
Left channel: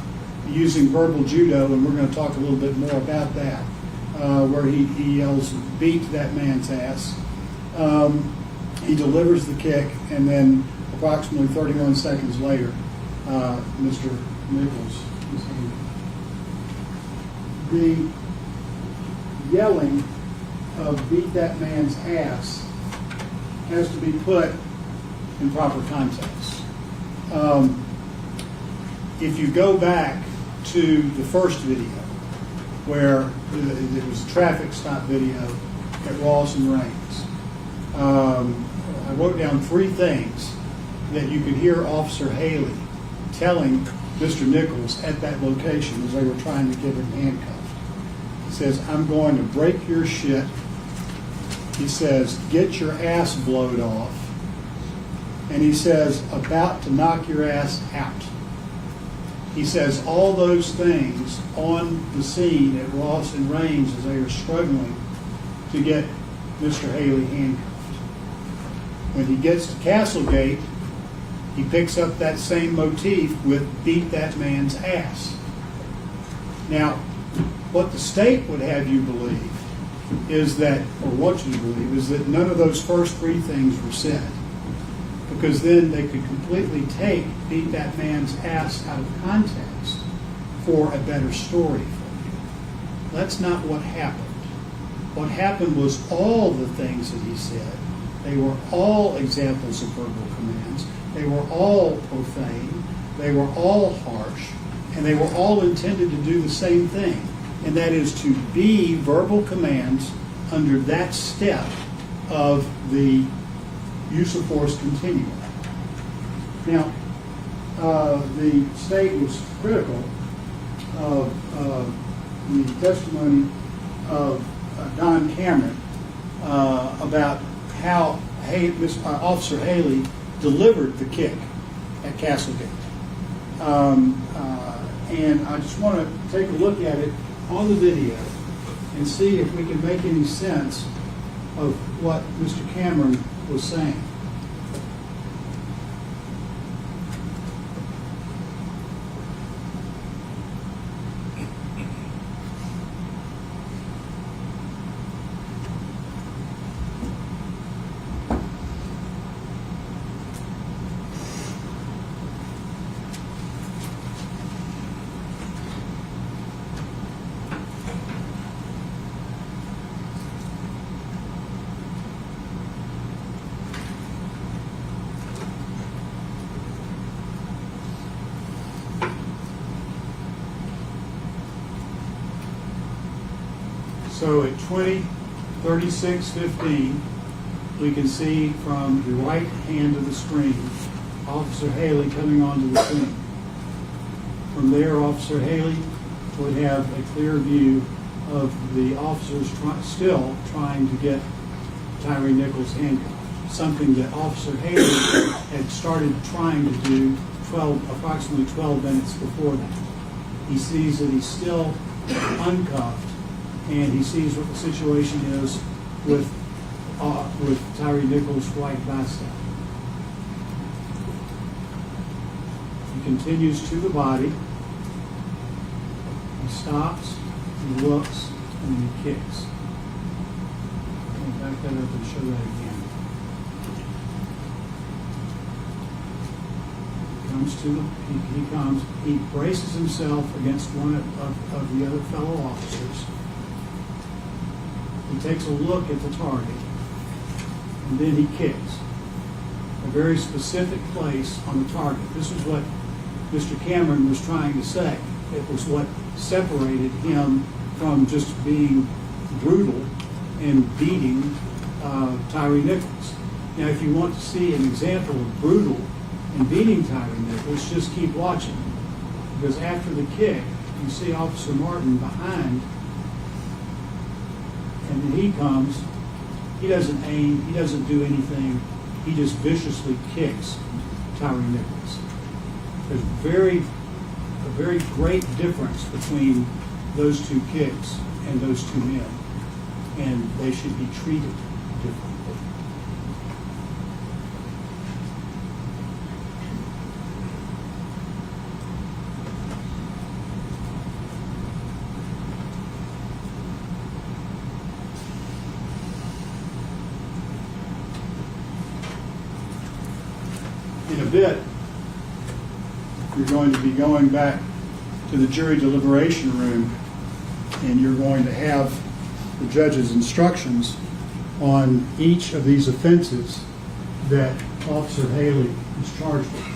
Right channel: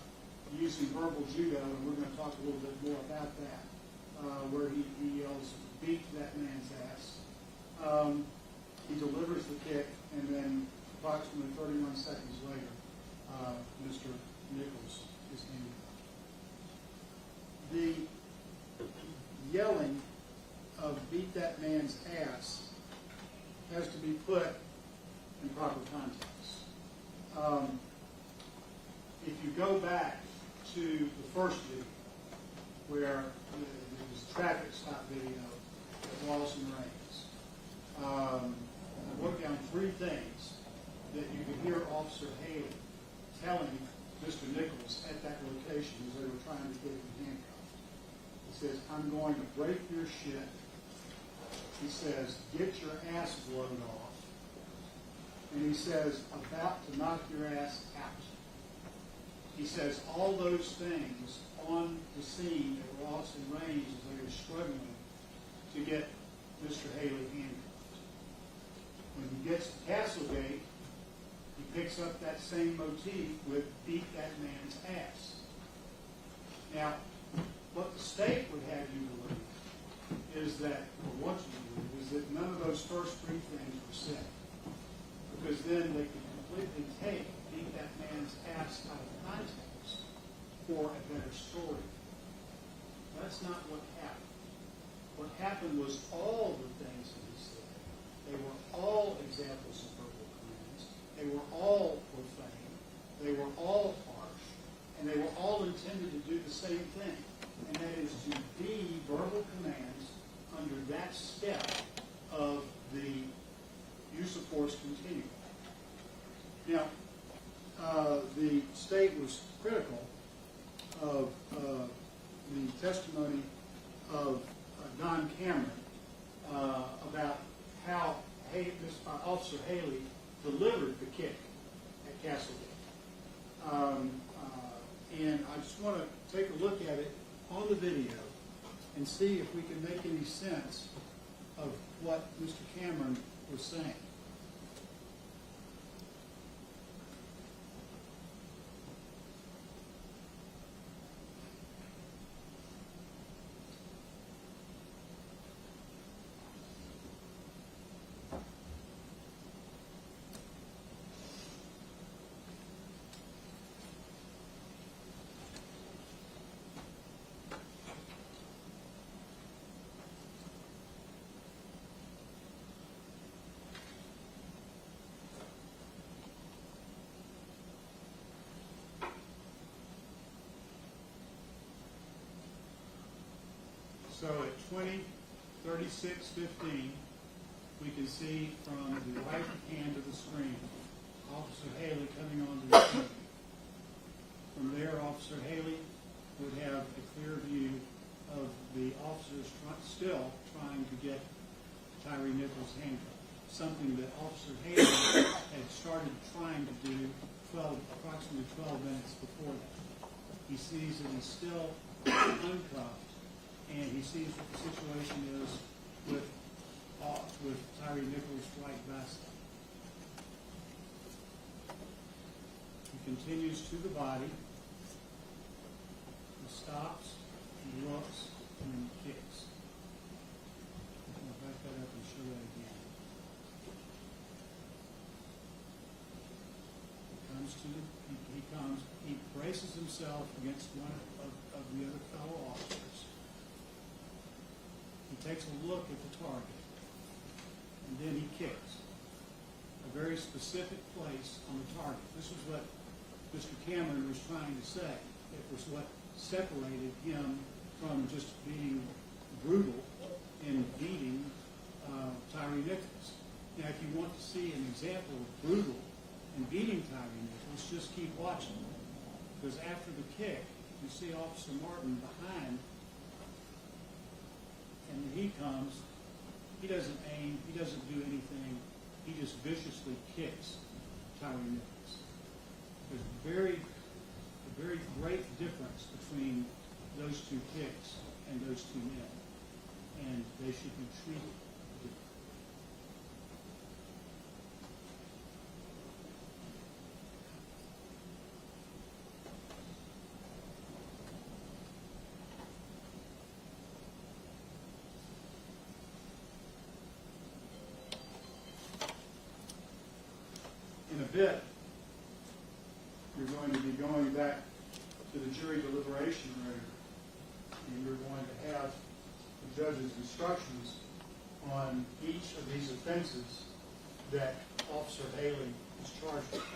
using verbal judo, and we're going to talk a little bit more about that, where he yells, "Beat that man's ass." He delivers the kick, and then approximately 31 seconds later, Mr. Nichols is hanged. The yelling of "beat that man's ass" has to be put in proper context. If you go back to the first video, where it was a traffic stop video at Ross and Raines, I wrote down 3 things that you could hear Officer Haley telling Mr. Nichols at that location as they were trying to get him handcuffed. He says, "I'm going to break your shit." He says, "Get your ass blowed off." And he says, "About to knock your ass out." He says all those things on the scene at Ross and Raines as they were struggling to get Mr. Haley handcuffed. When he gets to Castlegate, he picks up that same motif with "beat that man's ass." Now, what the state would have you believe is that, or want you to believe, is that none of those first 3 things were said, because then they could completely take "beat that man's ass" out of context for a better story for you. That's not what happened. What happened was all the things that he said, they were all examples of verbal commands, they were all profane, they were all harsh, and they were all intended to do the same thing, and that is to be verbal commands under that step of the use of force continuum. Now, the state was critical of the testimony of Don Cameron about how Officer Haley delivered the kick at Castlegate. And I just want to take a look at it on the video and see if we can make any sense of what Mr. Cameron was saying. So at 20:36:15, we can see from the right hand of the screen, Officer Haley coming onto the scene. From there, Officer Haley would have a clear view of the officers still trying to get Tyre Nichols handcuffed, something that Officer Haley had started trying to do approximately 12 minutes before that. He sees that he's still uncuffed, and he sees what the situation is with Tyre Nichols' right bicep. He continues to the body. He stops, he looks, and then he kicks. I'll back that up and show that again. He braces himself against one of the other fellow officers. He takes a look at the target, and then he kicks. A very specific place on the target. This is what Mr. Cameron was trying to say. It was what separated him from just being brutal and beating Tyre Nichols. Now, if you want to see an example of brutal and beating Tyre Nichols, just keep watching. Because after the kick, you see Officer Martin behind, and then he comes. He doesn't aim, he doesn't do anything. He just viciously kicks Tyre Nichols. There's a very great difference between those two kicks and those two men, and they should be treated differently. In a bit, you're going to be going back to the jury deliberation room, and you're going to have the judge's instructions on each of these offenses that Officer Haley is charged with.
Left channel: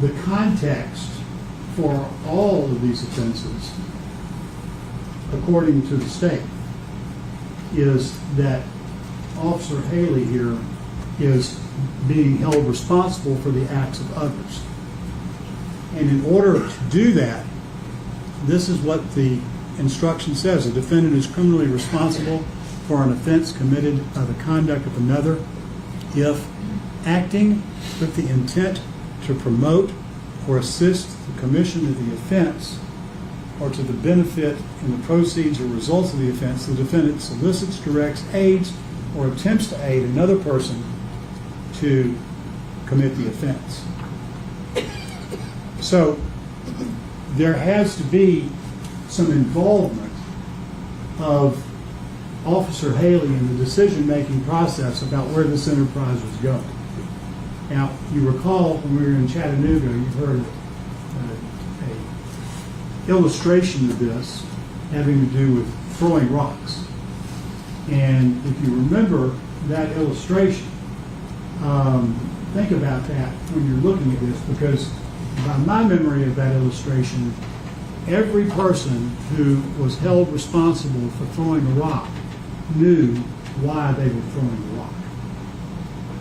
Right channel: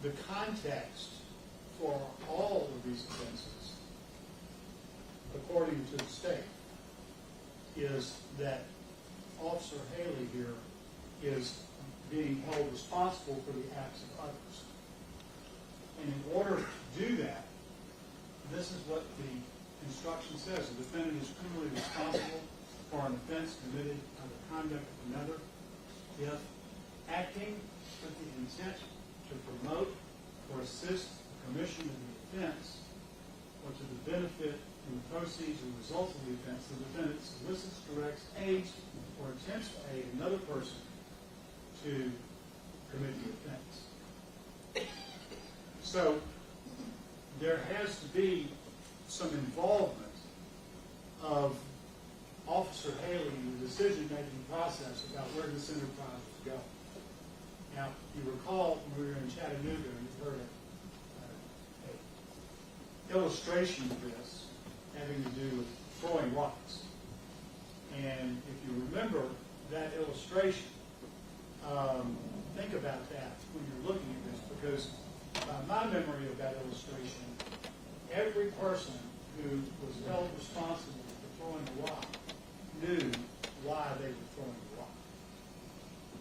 The context for all of these offenses, according to the state, is that Officer Haley here is being held responsible for the acts of others. And in order to do that, this is what the instruction says. A defendant is criminally responsible for an offense committed by the conduct of another if acting with the intent to promote or assist the commission of the offense or to the benefit in the proceeds or results of the offense, the defendant solicits, directs, aids, or attempts to aid another person to commit the offense. So there has to be some involvement of Officer Haley in the decision-making process about where this enterprise was going. Now, you recall when we were in Chattanooga, you heard an illustration of this having to do with throwing rocks. And if you remember that illustration, think about that when you're looking at this, because by my memory of that illustration, every person who was held responsible for throwing a rock knew why they were throwing the rock.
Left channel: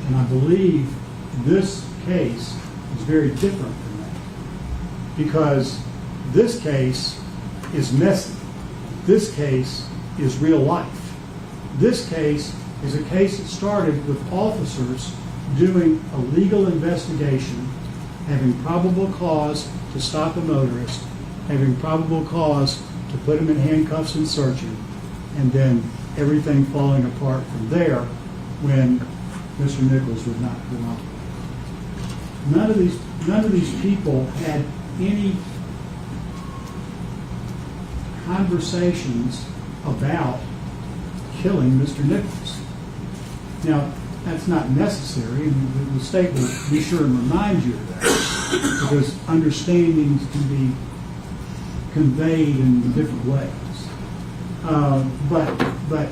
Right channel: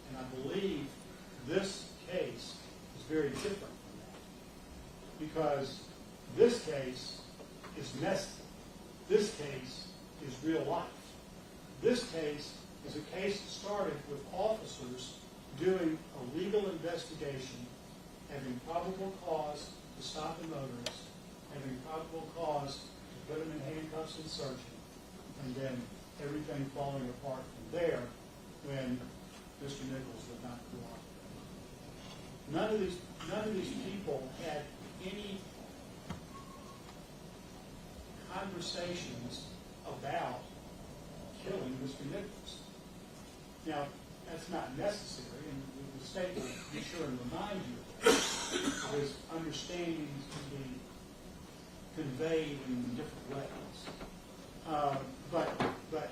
And I believe this case is very different than that, because this case is messy. This case is real life. This case is a case that started with officers doing a legal investigation, having probable cause to stop a motorist, having probable cause to put him in handcuffs and search him, and then everything falling apart from there when Mr. Nichols would not cooperate. None of these people had any conversations about killing Mr. Nichols. Now, that's not necessary, and the state will be sure and remind you of that, because understandings can be conveyed in different ways. But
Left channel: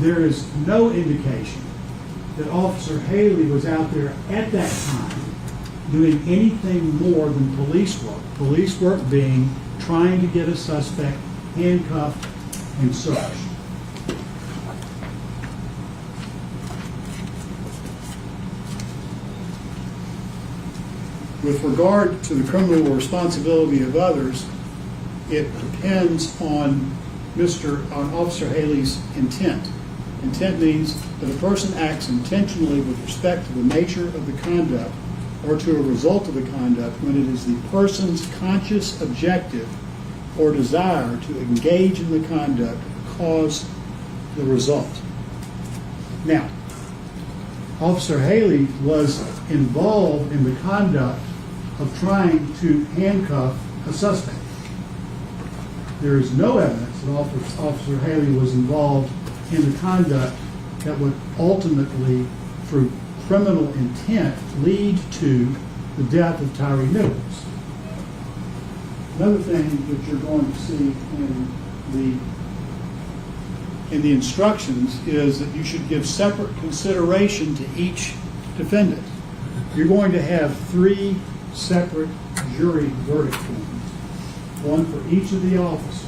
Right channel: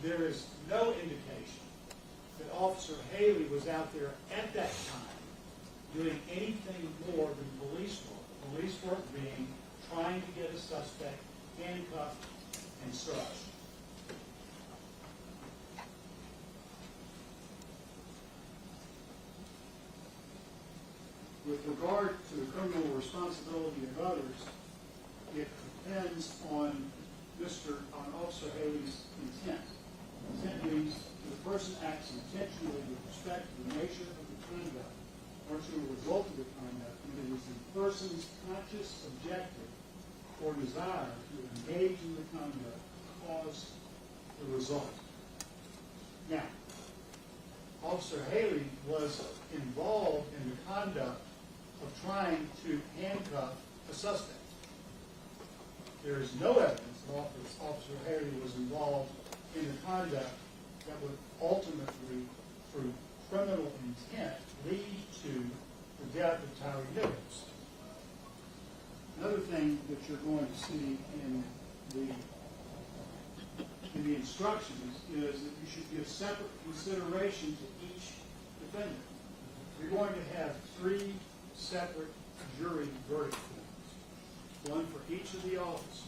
there is no indication that Officer Haley was out there at that time doing anything more than police work. Police work being trying to get a suspect handcuffed and searched. With regard to the criminal responsibility of others, it depends on Officer Haley's intent. Intent means that a person acts intentionally with respect to the nature of the conduct or to a result of the conduct when it is the person's conscious objective or desire to engage in the conduct cause the result. Now, Officer Haley was involved in the conduct of trying to handcuff a suspect. There is no evidence that Officer Haley was involved in the conduct that would ultimately, through criminal intent, lead to the death of Tyre Nichols. Another thing that you're going to see in the instructions is that you should give separate consideration to each defendant. You're going to have 3 separate jury verdict forms, one for each of the officers.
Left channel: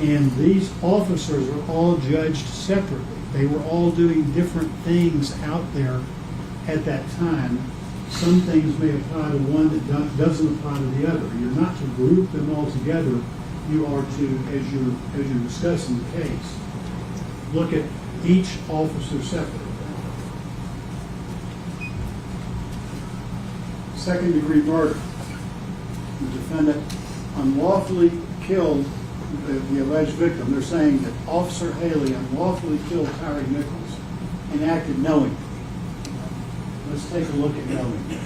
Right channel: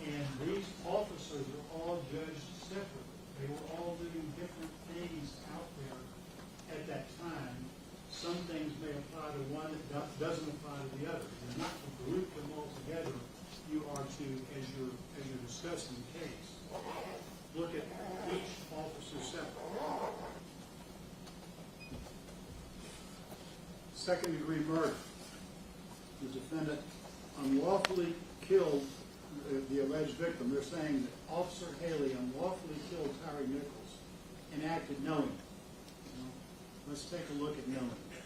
And these officers are all judged separately. They were all doing different things out there at that time. Some things may apply to one that doesn't apply to the other. You're not to group them all together. You are to, as you're discussing the case, look at each officer separately. Second-degree murder. The defendant unlawfully killed the alleged victim. They're saying that Officer Haley unlawfully killed Tyre Nichols and acted knowingly. Let's take a look at knowingly.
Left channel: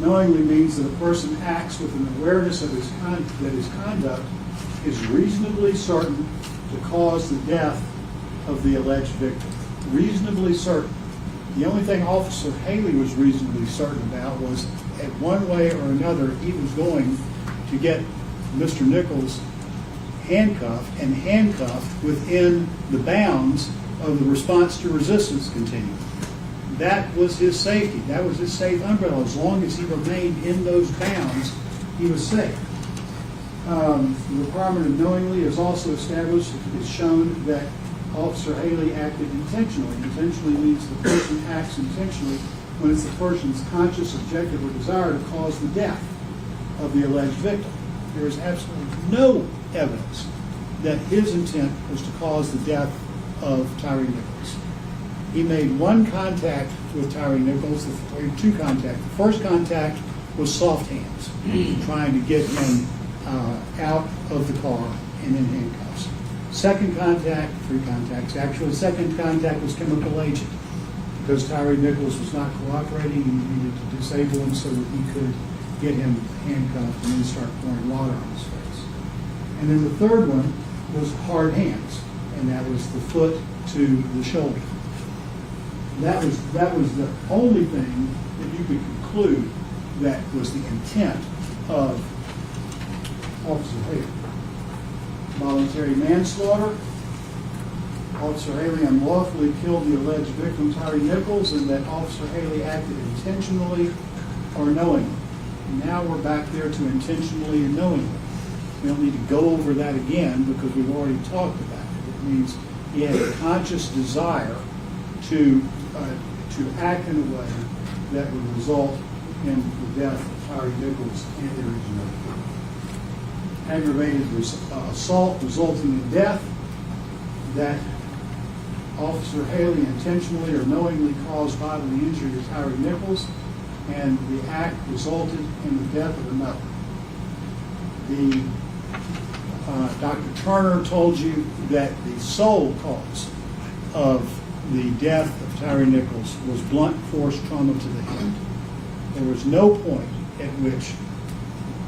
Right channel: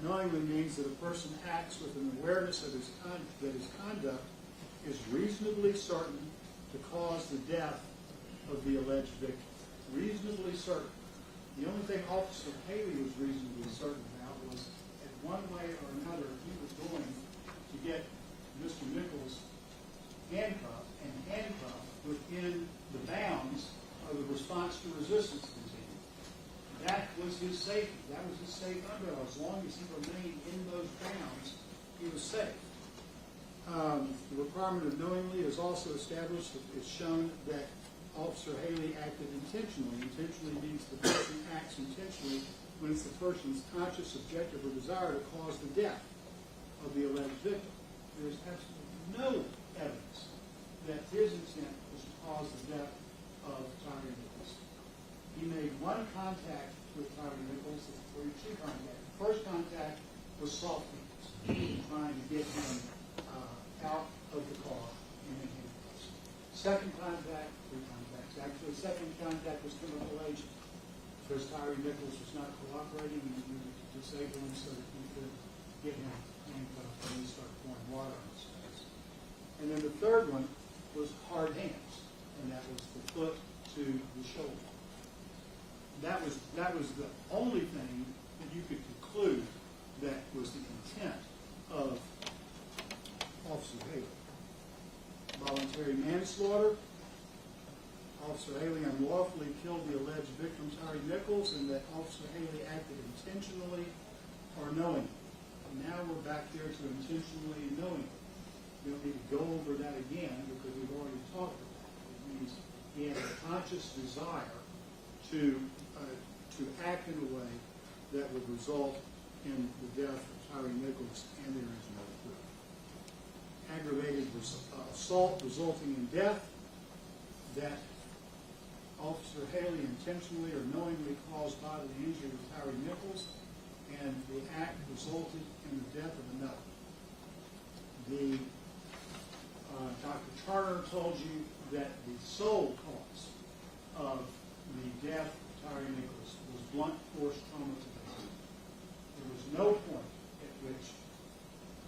Knowingly means that a person acts with an awareness of that his conduct is reasonably certain to cause the death of the alleged victim. Reasonably certain. The only thing Officer Haley was reasonably certain about was, at one way or another, he was going to get Mr. Nichols handcuffed within the bounds of the response to resistance continuum. That was his safety. That was his safe umbrella. As long as he remained in those bounds, he was safe. The requirement of knowingly is also established. It's shown that Officer Haley acted intentionally. Intentionally means the person acts intentionally when it's the person's conscious objective or desire to cause the death of the alleged victim. There is absolutely no evidence that his intent was to cause the death of Tyre Nichols. He made one contact with Tyre Nichols, or 2 contacts. The first contact was soft hands, trying to get him out of the car and in handcuffs. Second contact, 3 contacts. Actually, the second contact was chemical agent, because Tyre Nichols was not cooperating and he needed to disable him so that he could get him handcuffed and then start pouring water on his face. And then the third one was hard hands, and that was the foot to the shoulder. That was the only thing that you could conclude that was the intent of Officer Haley. Voluntary manslaughter. Officer Haley unlawfully killed the alleged victim, Tyre Nichols, and that Officer Haley acted intentionally or knowingly. And now we're back there to intentionally and knowingly. We don't need to go over that again because we've already talked about it. It means he had a conscious desire to act in a way that would result in the death of Tyre Nichols and there is no aggravated assault resulting in death, that Officer Haley intentionally or knowingly caused bodily injury to Tyre Nichols, and the act resulted in the death of another. Dr. Turner told you that the sole cause of the death of Tyre Nichols was blunt force trauma to the head. There was no point at which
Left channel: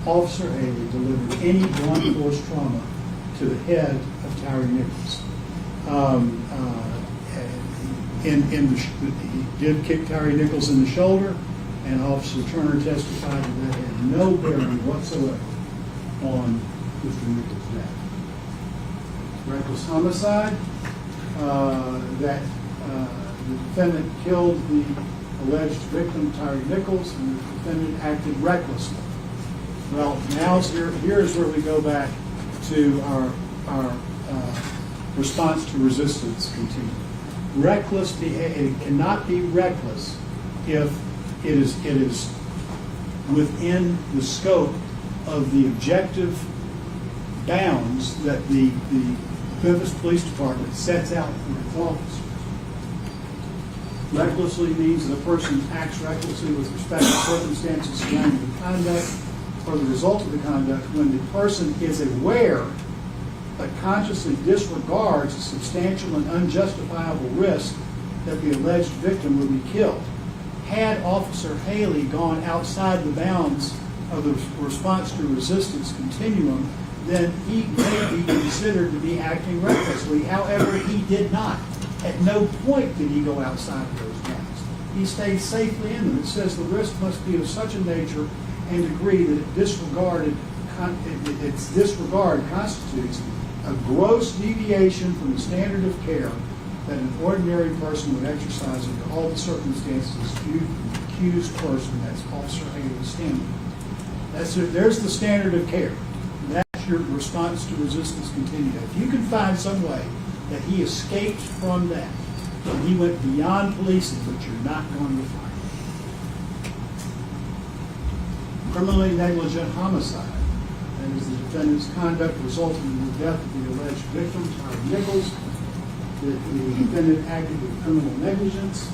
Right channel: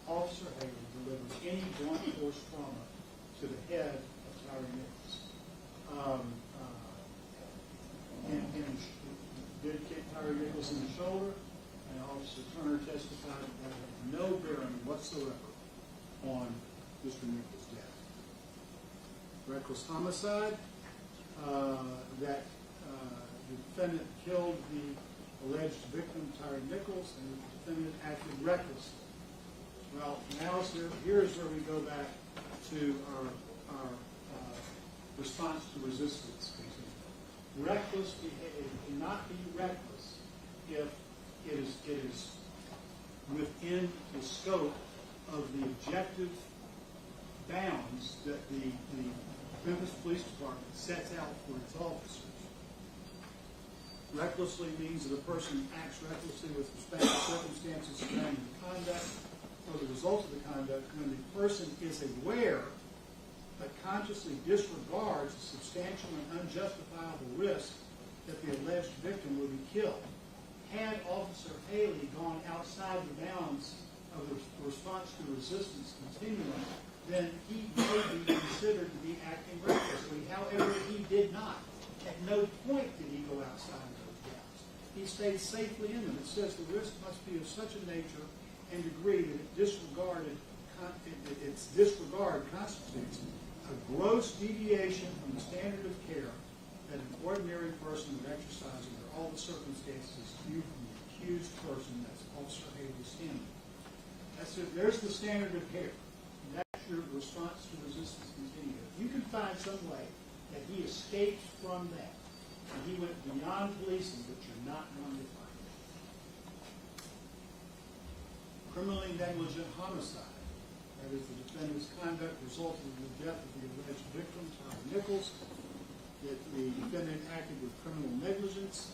Officer Haley delivered any blunt force trauma to the head of Tyre Nichols. He did kick Tyre Nichols in the shoulder, and Officer Turner testified that had no bearing whatsoever on Mr. Nichols' death. Reckless homicide, that the defendant killed the alleged victim, Tyre Nichols, and the defendant acted recklessly. Well, now here's where we go back to our response to resistance continuum. Reckless behavior, it cannot be reckless if it is within the scope of the objective bounds that the Memphis Police Department sets out for its officers. Recklessly means that a person acts recklessly with respect to circumstances surrounding the conduct or the result of the conduct when the person is aware but consciously disregards a substantial and unjustifiable risk that the alleged victim will be killed. Had Officer Haley gone outside the bounds of the response to resistance continuum, then he may be considered to be acting recklessly. However, he did not. At no point did he go outside of those bounds. He stayed safely in them. It says the risk must be of such a nature and degree that its disregard constitutes a gross deviation from the standard of care that an ordinary person would exercise under all the circumstances viewed from the accused person. That's Officer Haley's standard. There's the standard of care. That's your response to resistance continuum. If you can find some way that he escaped from that, and he went beyond policing, but you're not going to find it. Criminally negligent homicide. That is the defendant's conduct resulting in the death of the alleged victim, Tyre Nichols. The defendant acted with criminal negligence.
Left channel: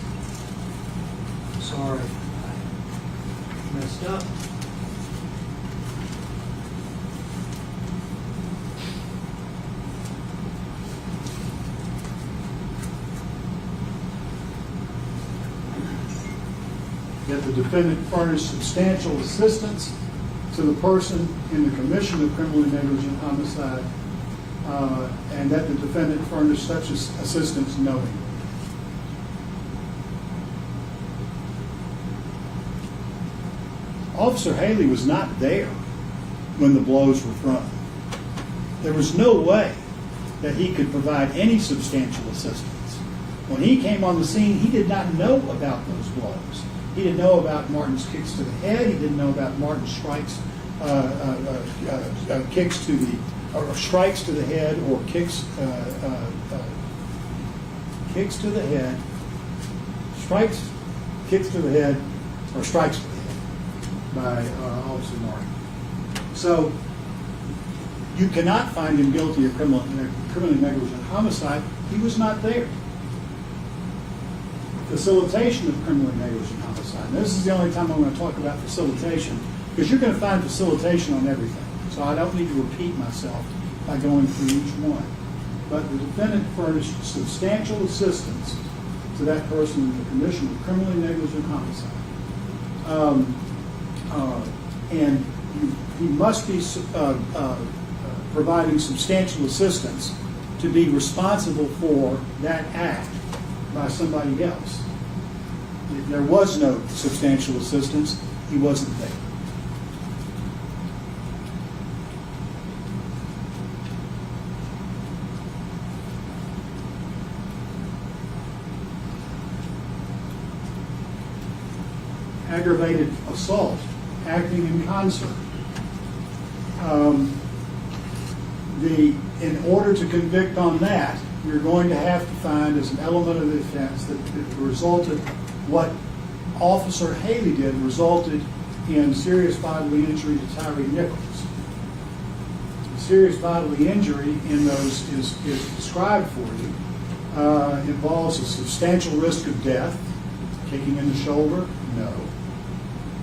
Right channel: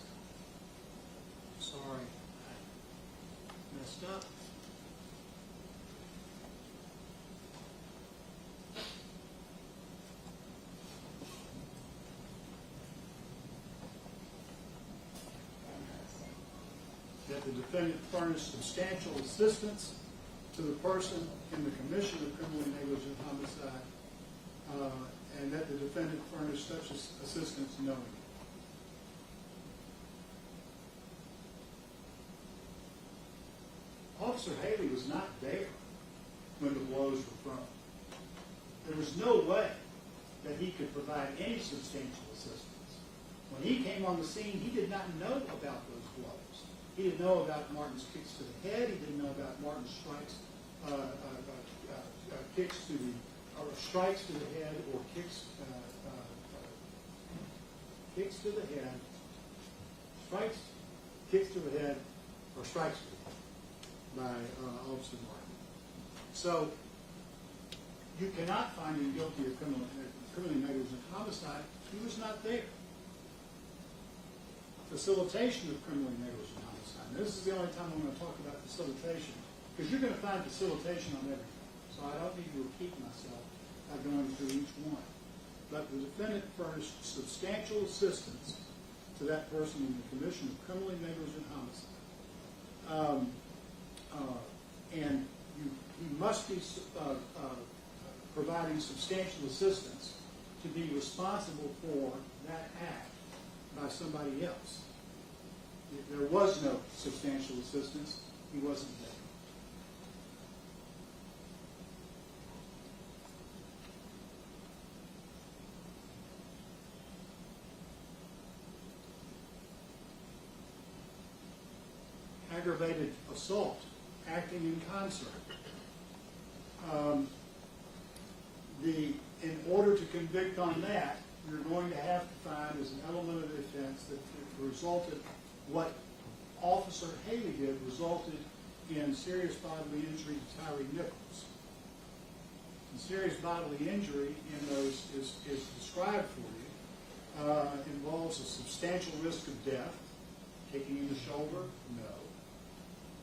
Sorry, I messed up. That the defendant furnished substantial assistance to the person in the commission of criminally negligent homicide, and that the defendant furnished such assistance knowingly. Officer Haley was not there when the blows were thrown. There was no way that he could provide any substantial assistance. When he came on the scene, he did not know about those blows. He didn't know about Martin's kicks to the head. He didn't know about Martin's strikes, kicks to the, or strikes to the head, or kicks to the head, strikes, kicks to the head, or strikes to the head by Officer Martin. So you cannot find him guilty of criminally negligent homicide. He was not there. Facilitation of criminally negligent homicide. Now, this is the only time I'm going to talk about facilitation, because you're going to find facilitation on everything. So I don't need to repeat myself by going through each one. But the defendant furnished substantial assistance to that person in the commission of criminally negligent homicide. And he must be providing substantial assistance to be responsible for that act by somebody else. There was no substantial assistance. He wasn't there. Aggravated assault, acting in concert. In order to convict on that, you're going to have to find as an element of the offense that resulted, what Officer Haley did resulted in serious bodily injury to Tyre Nichols. The serious bodily injury in those is described for you. Involves a substantial risk of death, kicking in the shoulder, no.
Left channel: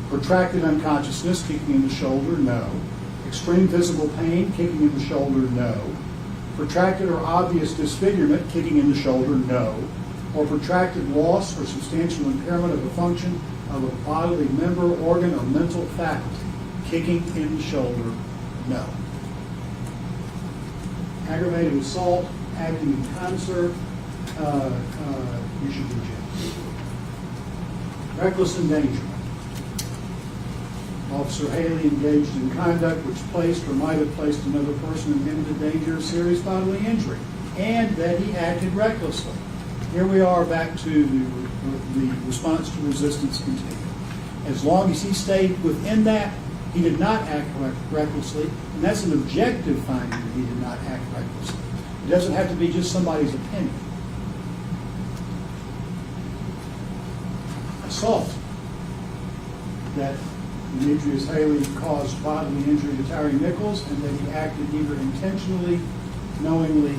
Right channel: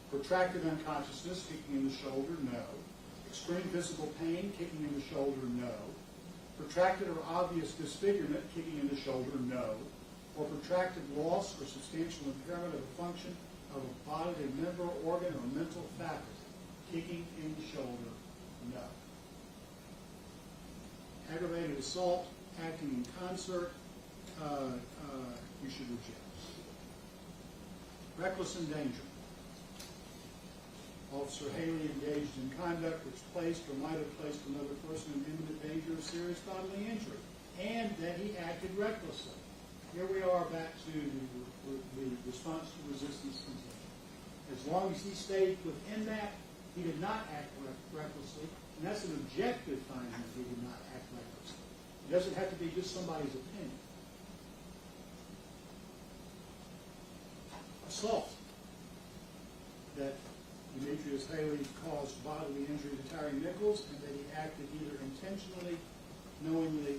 Protracted unconsciousness, kicking in the shoulder, no. Extreme physical pain, kicking in the shoulder, no. Protracted or obvious disfigurement, kicking in the shoulder, no. Or protracted loss or substantial impairment of a function of a bodily member, organ, or mental faculty, kicking in the shoulder, no. Aggravated assault, acting in concert, you should be jailed. Reckless endangerment. Officer Haley engaged in conduct which placed or might have placed another person in imminent danger of serious bodily injury, and that he acted recklessly. here we are back to the response to resistance continuum. As long as he stayed within that, he did not act recklessly, and that's an objective finding that he did not act recklessly. It doesn't have to be just somebody's opinion. Assault. That Demetrius Haley caused bodily injury to Tyre Nichols and that he acted either intentionally, knowingly,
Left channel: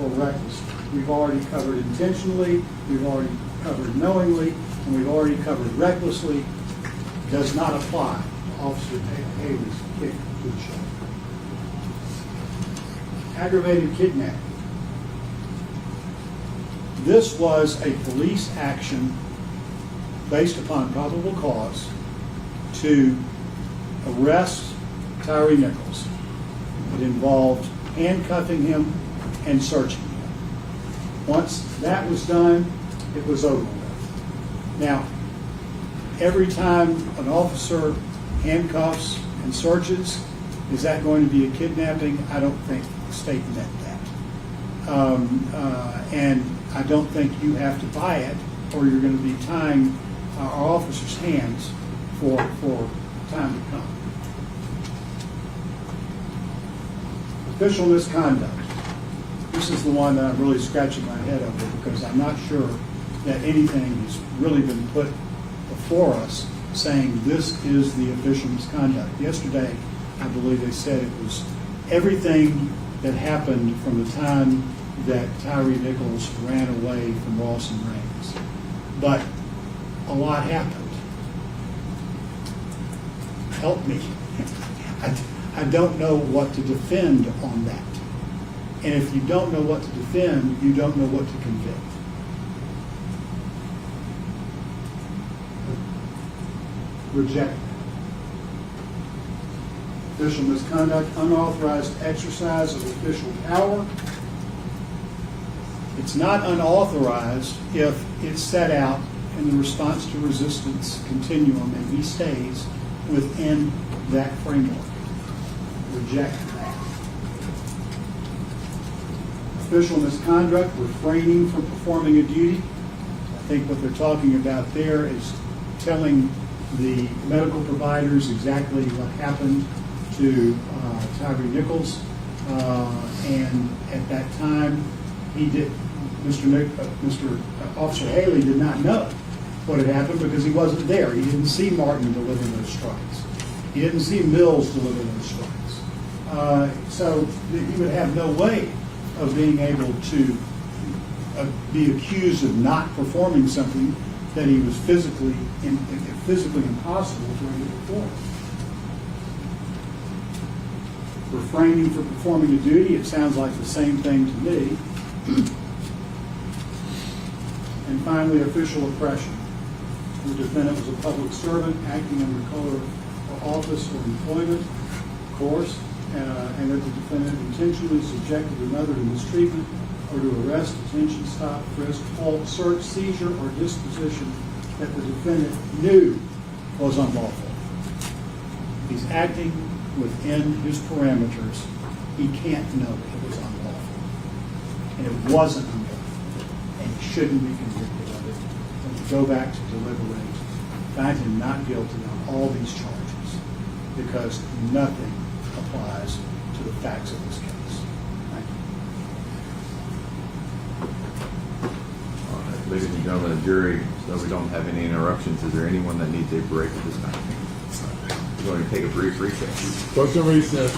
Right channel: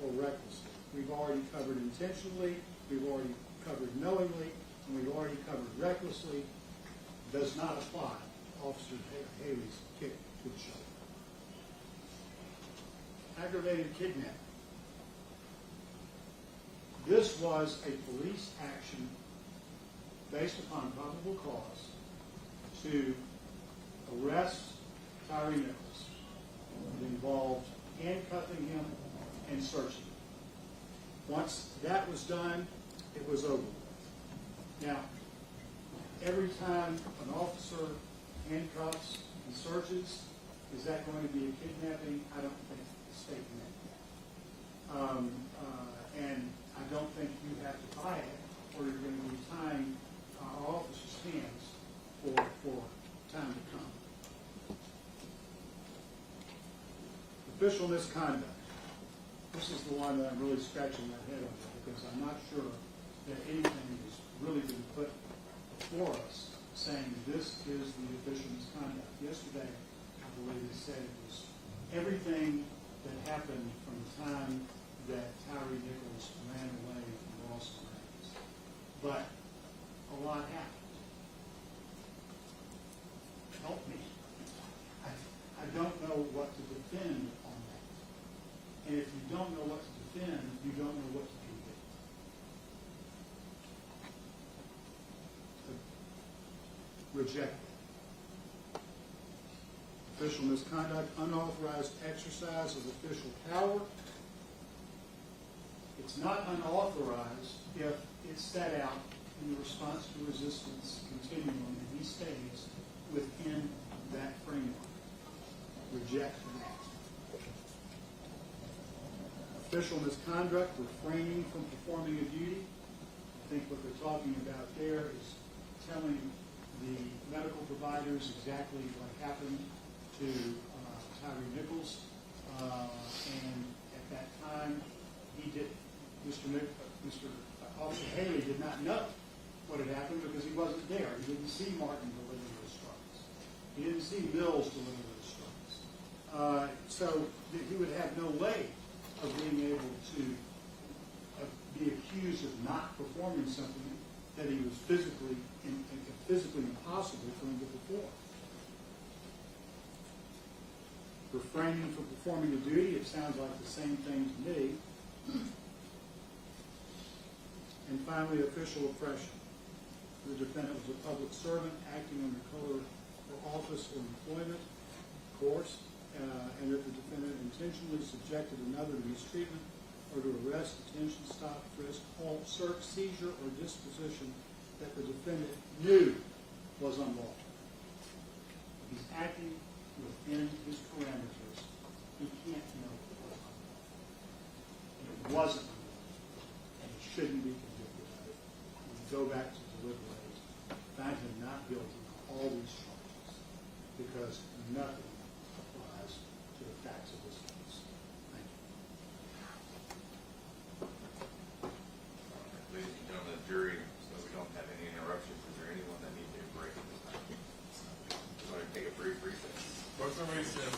or recklessly. We've already covered intentionally, we've already covered knowingly, and we've already covered recklessly. Does not apply to Officer Haley's kick to the shoulder. Aggravated kidnapping. This was a police action based upon probable cause to arrest Tyre Nichols. It involved handcuffing him and searching him. Once that was done, it was over with. Now, every time an officer handcuffs and searches, is that going to be a kidnapping? I don't think the state meant that. And I don't think you have to buy it, or you're going to be tying our officers' hands for time to come. Official misconduct. This is the one that I'm really scratching my head over because I'm not sure that anything has really been put before us saying this is the official misconduct. Yesterday, I believe they said it was everything that happened from the time that Tyre Nichols ran away from Ross and Raines. But a lot happened. Help me. I don't know what to defend on that. And if you don't know what to defend, you don't know what to convict. Reject that. Official misconduct, unauthorized exercise of official power. It's not unauthorized if it's set out in the response to resistance continuum and he stays within that framework. Reject that. Official misconduct, refraining from performing a duty. I think what they're talking about there is telling the medical providers exactly what happened to Tyre Nichols, and at that time, Mr. Officer Haley did not know what had happened because he wasn't there. He didn't see Martin deliver those strikes. He didn't see Mills deliver those strikes. So he would have no way of being able to be accused of not performing something that he was physically impossible for him to perform. Refraining from performing a duty, it sounds like the same thing to me. And finally, official oppression. The defendant was a public servant acting under color of office or employment, of course, and that the defendant intentionally subjected another to mistreatment or to arrest, detention, stop, frisk, halt, search, seizure, or disposition that the defendant knew was unlawful. He's acting within his parameters. He can't know it was unlawful. And it wasn't unlawful. And he shouldn't be convicted of it. And to go back to deliberate, find him not guilty on all these charges because nothing applies to the facts of this case. Thank you. All right, ladies and gentlemen of the jury, so we don't have any interruptions, is there anyone that needs a break at this time? We're going to take a brief recess. Question recess.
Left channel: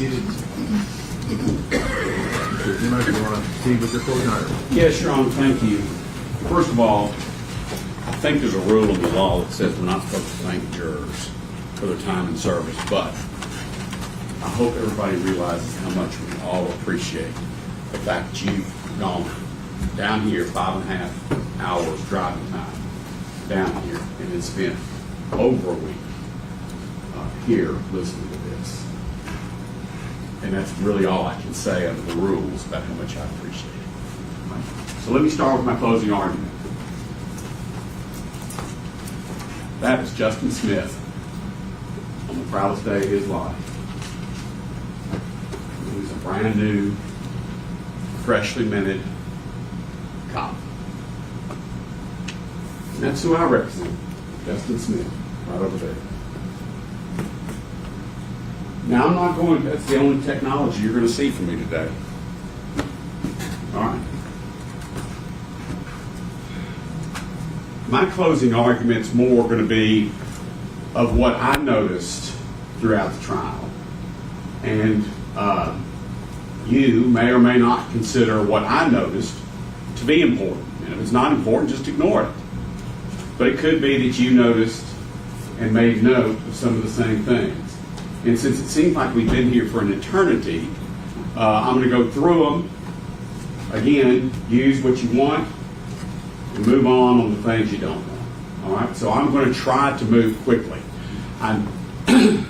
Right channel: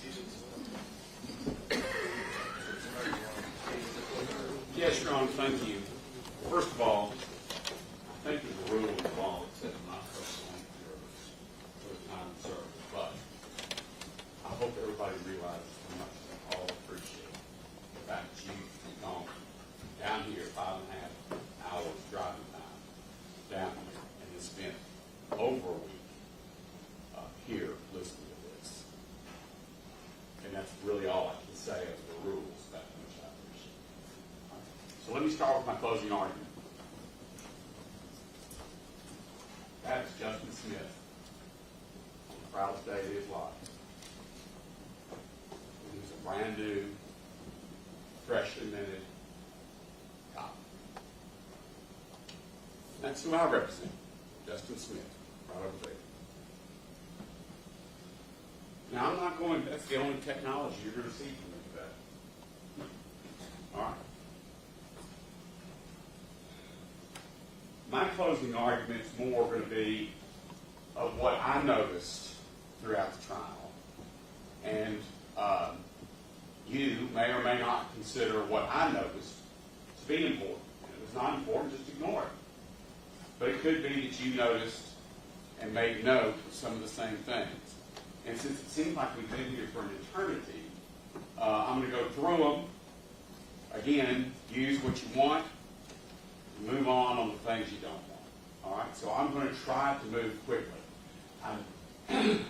seated. Mr. Zemo, do you want to proceed with your closing argument? Yes, Your Honor, thank you. First of all, I think there's a rule in the law that says we're not supposed to thank jurors for their time and service, but I hope everybody realizes how much we all appreciate the fact that you've gone down here 5.5 hours driving time down here and then spent over a week here listening to this. And that's really all I can say under the rules about how much I appreciate it. So let me start with my closing argument. That is Justin Smith on the proudest day of his life. He was a brand new, freshly minted cop. And that's who I represent, Justin Smith, right over there. Now, I'm not going, that's the only technology you're going to see from me today. All right. My closing argument's more going to be of what I noticed throughout the trial. And you may or may not consider what I noticed to be important. And if it's not important, just ignore it. But it could be that you noticed and made note of some of the same things. And since it seems like we've been here for an eternity, I'm going to go through them. Again, use what you want and move on the things you don't want. All right? So I'm going to try to move quickly. If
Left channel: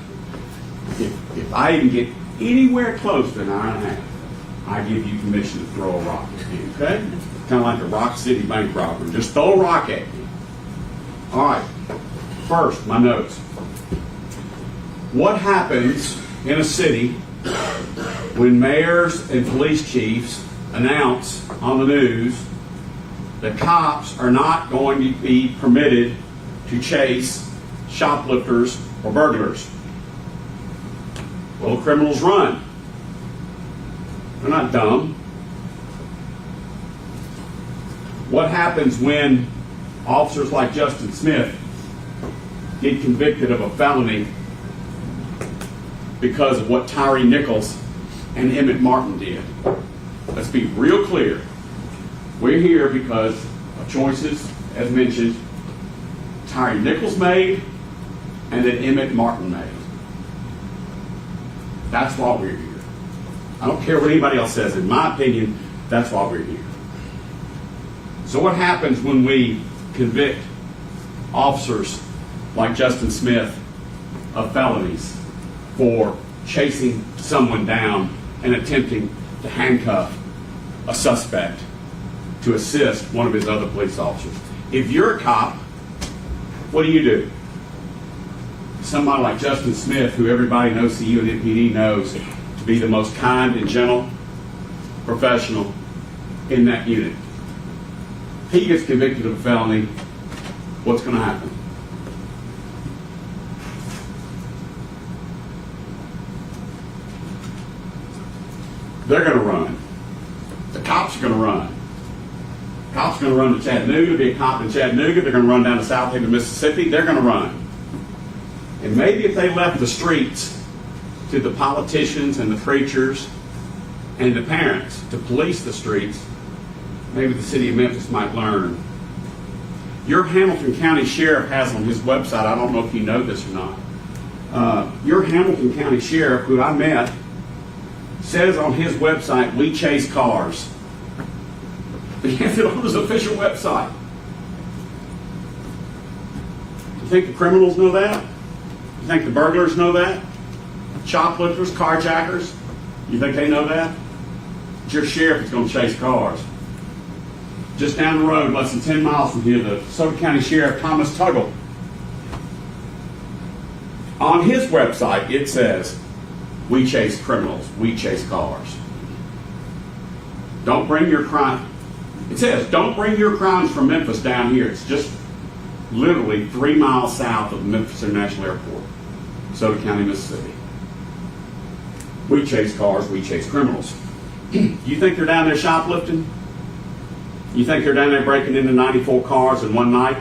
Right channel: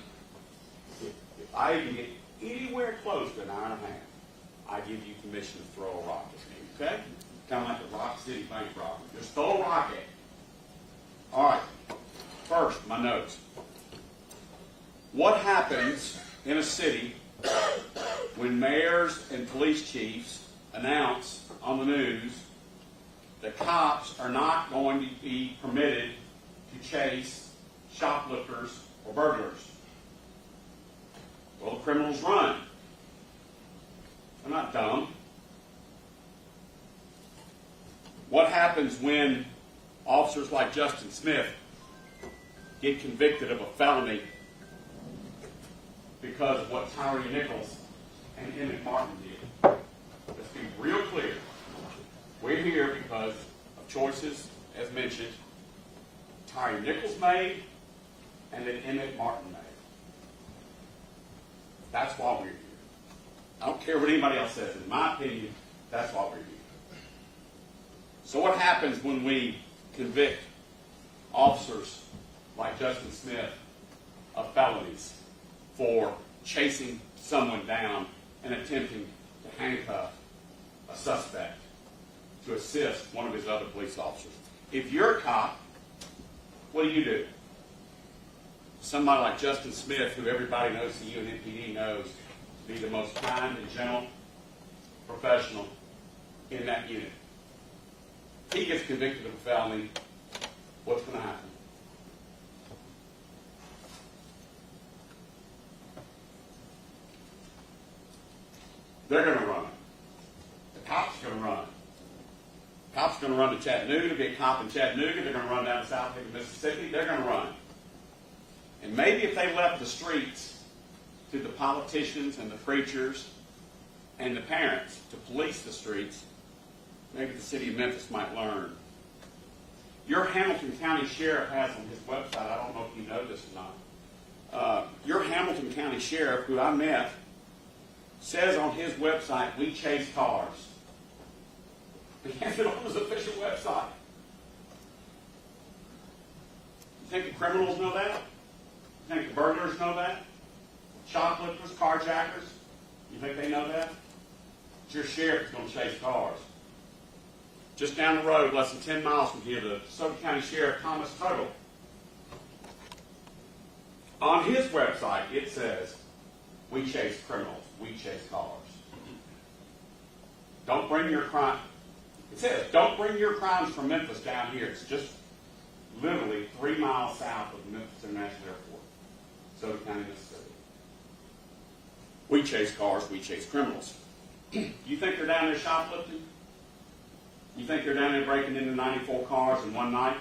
I even get anywhere close to an hour and a half, I give you permission to throw a rock at me, okay? Kind of like a Rock City bank robbery. Just throw a rock at me. All right. First, my notes. What happens in a city when mayors and police chiefs announce on the news that cops are not going to be permitted to chase shoplifters or burglars? Well, criminals run. They're not dumb. What happens when officers like Justin Smith get convicted of a felony because of what Tyre Nichols and Emmett Martin did? Let's be real clear. We're here because of choices, as mentioned, Tyre Nichols made and that Emmett Martin made. That's why we're here. I don't care what anybody else says. In my opinion, that's why we're here. So what happens when we convict officers like Justin Smith of felonies for chasing someone down and attempting to handcuff a suspect to assist one of his other police officers? If you're a cop, what do? Somebody like Justin Smith, who everybody knows, CU and MPD knows to be the most kind and gentle professional in that unit. He gets convicted of a felony, what's going to happen? They're going to run. The cops are going to run. Cops are going to run to Chattanooga, be a cop in Chattanooga. They're going to run down to South Haven, Mississippi. They're going to run. And maybe if they left the streets to the politicians and the preachers and the parents to police the streets, maybe the city of Memphis might learn. Your Hamilton County Sheriff has on his website, I don't know if you know this or not, your Hamilton County Sheriff, who I met, says on his website, we chase cars. He has it on his official website. You think the criminals know that? You think the burglars know that? Shoplifters, carjackers? You think they know that? It's your sheriff that's going to chase cars. Just down the road, less than 10 miles from here, the DeSoto County Sheriff, Thomas Tuggle. On his website, it says, we chase criminals, we chase cars. Don't bring your crime. It says, don't bring your crimes from Memphis down here. It's just literally 3 miles south of Memphis International Airport, DeSoto County, Mississippi. We chase cars, we chase criminals. You think they're down there shoplifting? You think they're down there breaking into 94 cars in one night?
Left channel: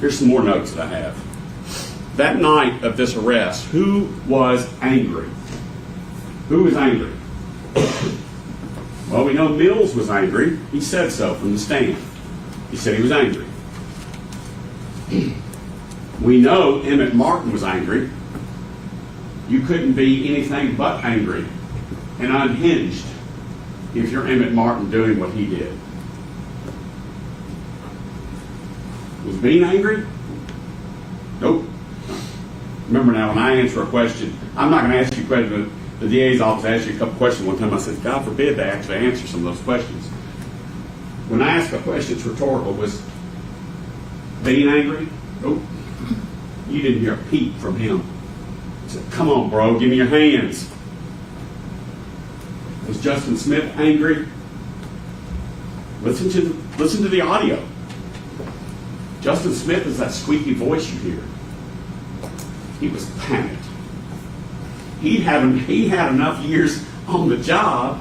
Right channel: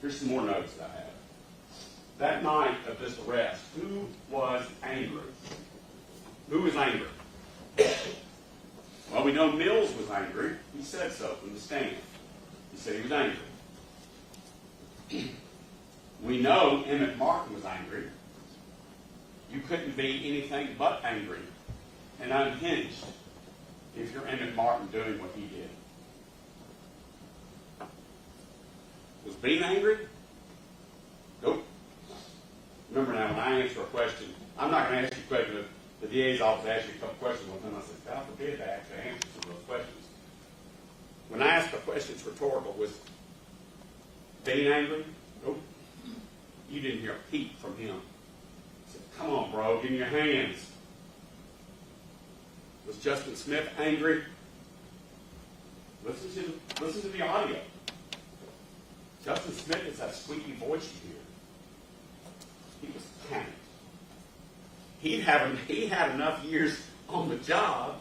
Here's some more notes that I have. that night of this arrest, who was angry? Who was angry? Well, we know Mills was angry. He said so from the stand. He said he was angry. We know Emmett Martin was angry. You couldn't be anything but angry and unhinged if you're Emmett Martin doing what he did. Was Bean angry? Nope. Remember now, when I answer a question, I'm not going to ask you a question. The DA's office asked you a couple questions one time. I said, God forbid they actually answer some of those questions. When I ask a question, it's rhetorical. Was Bean angry? Nope. You didn't hear a peep from him. He said, come on, bro, give me your hands. Was Justin Smith angry? Listen to the audio. Justin Smith is that squeaky voice you hear. He was panicked. He had enough years on the job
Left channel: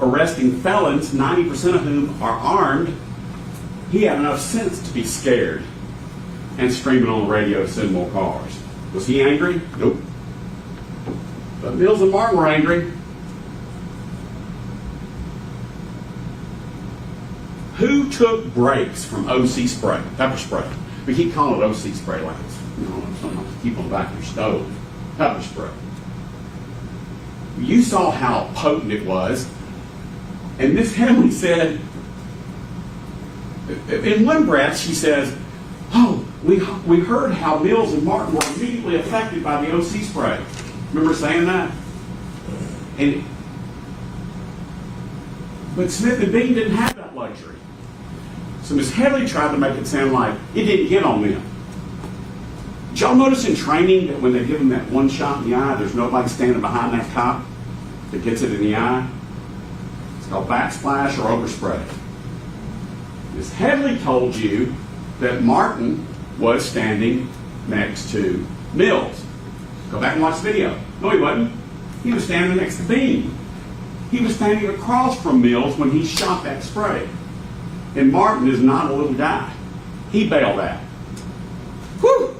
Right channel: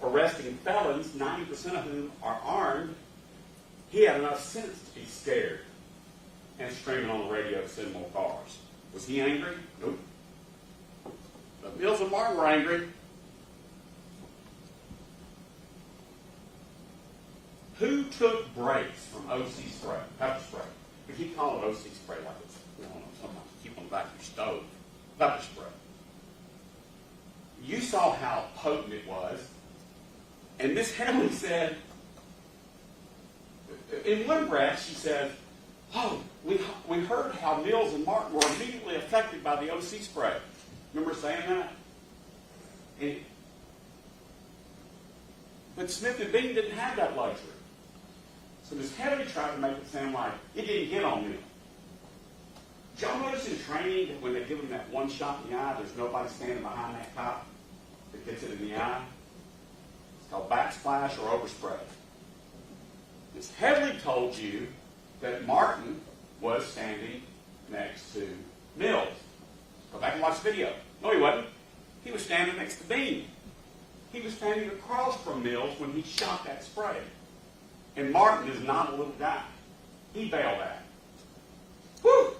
arresting felons, 90% of whom are armed. He had enough sense to be scared and screaming on the radio to send more cars. Was he angry? Nope. But Mills and Martin were angry. Who took breaks from OC spray, pepper spray? We keep calling it OC spray like it's, something to keep on the back of your stove. Pepper spray. You saw how potent it was. And Miss Henley said, in one breath, she says, oh, we heard how Mills and Martin were immediately affected by the OC spray. Remember saying that? But Smith and Bean didn't have that luxury. So Miss Headley tried to make it sound like it didn't get on them. Did y'all notice in training that when they give them that one shot in the eye, there's nobody standing behind that cop that gets it in the eye? It's called backsplash or overspray. Miss Headley told you that Martin was standing next to Mills. Go back and watch the video. No, he wasn't. He was standing next to Bean. He was standing across from Mills when he shot that spray. And Martin is not a little guy. He bailed out. Whew!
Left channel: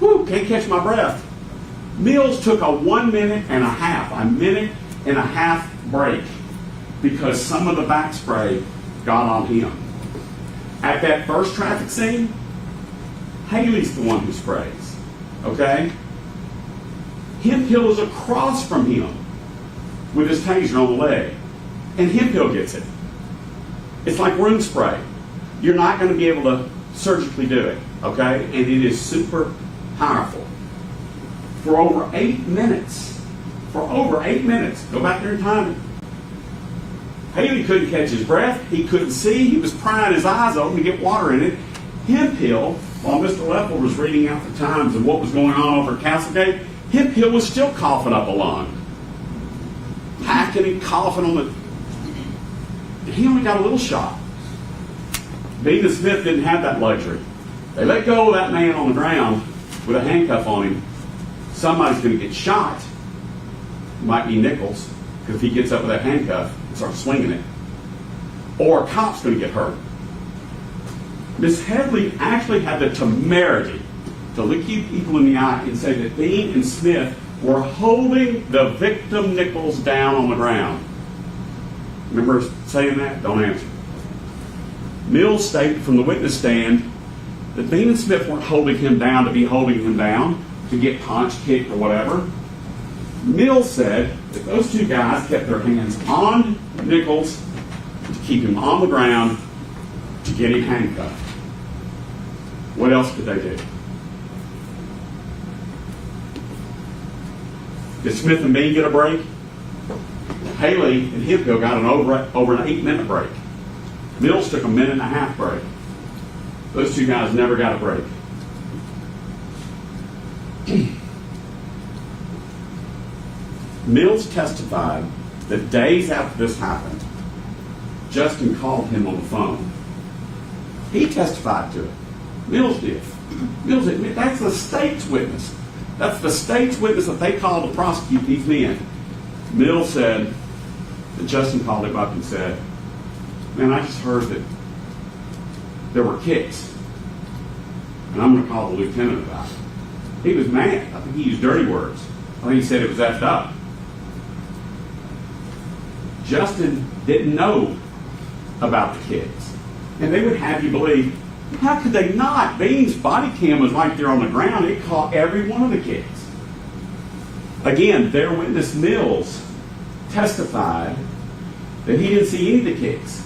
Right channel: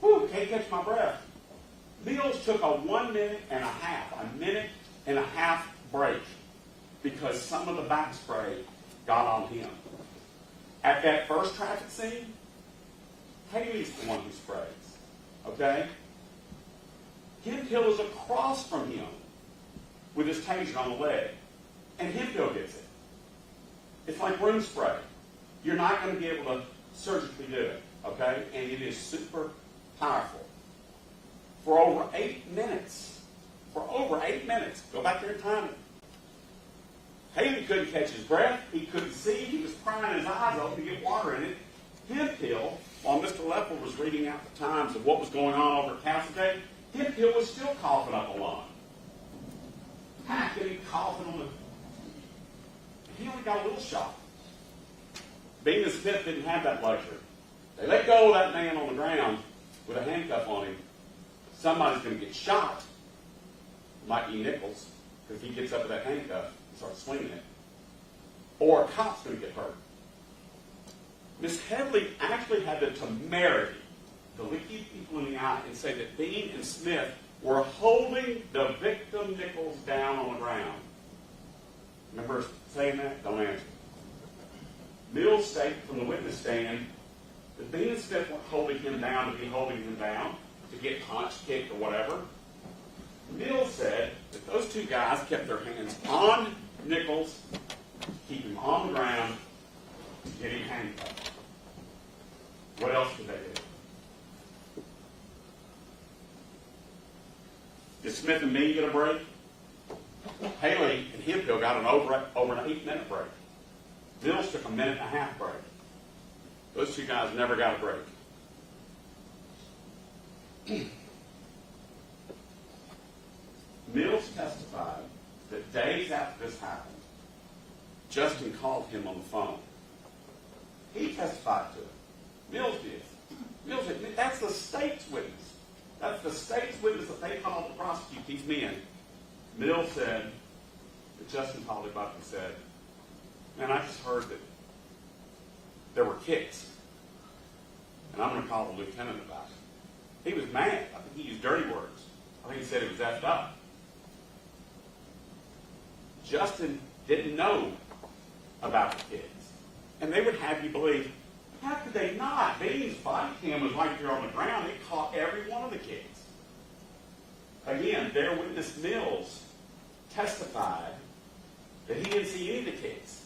Whew! Can't catch my breath. Mills took a 1 minute and a half break because some of the back spray got on him. At that first traffic scene, Haley's the one who sprays. Okay? Hemphill is across from him with his taser on the leg. And Hemphill gets it. It's like room spray. You're not going to be able to surgically do it. Okay? And it is super powerful. For over 8 minutes. Go back there and time it. Haley couldn't catch his breath. He couldn't see. He was prying his eyes open to get water in it. Hemphill, while Mr. Leffler was reading out the times of what was going on over at Castlegate, Hemphill was still coughing up a lung. Hacking and coughing on the... He only got a little shot. Bean and Smith didn't have that luxury. They let go of that man on the ground with a handcuff on him. Somebody's going to get shot. It might be Nichols, because if he gets up with that handcuff and starts swinging it. Or a cop's going to get hurt. Miss Headley actually had the temerity to look you people in the eye and say that Bean and Smith were holding the victim Nichols down on the ground. Remember saying that? Don't answer. Mills stated from the witness stand that Bean and Smith weren't holding him down to be holding him down, to get punched, kicked, or whatever. Mills said that those two guys kept their hands on Nichols to keep him on the ground to get him handcuffed. What else did they do? Did Smith and Bean get a break? Haley and Hemphill got an over an 8-minute break. Mills took a 1.5 minute break. Those two guys never got a break. Mills testified that days after this happened, Justin called him on the phone. He testified to it. Mills did. Mills admitted that's the state's witness. That's the state's witness that they called to prosecute these men. Mills said that Justin called him up and said, man, I just heard that there were kicks, and I'm going to call the lieutenant about it. He was mad. I think he used dirty words. I think he said it was effed up. Justin didn't know about the kids. And they would have you believe, how could they not? Bean's body cam was right there on the ground. It caught every one of the kids. Again, their witness Mills testified that he didn't see any of the kids.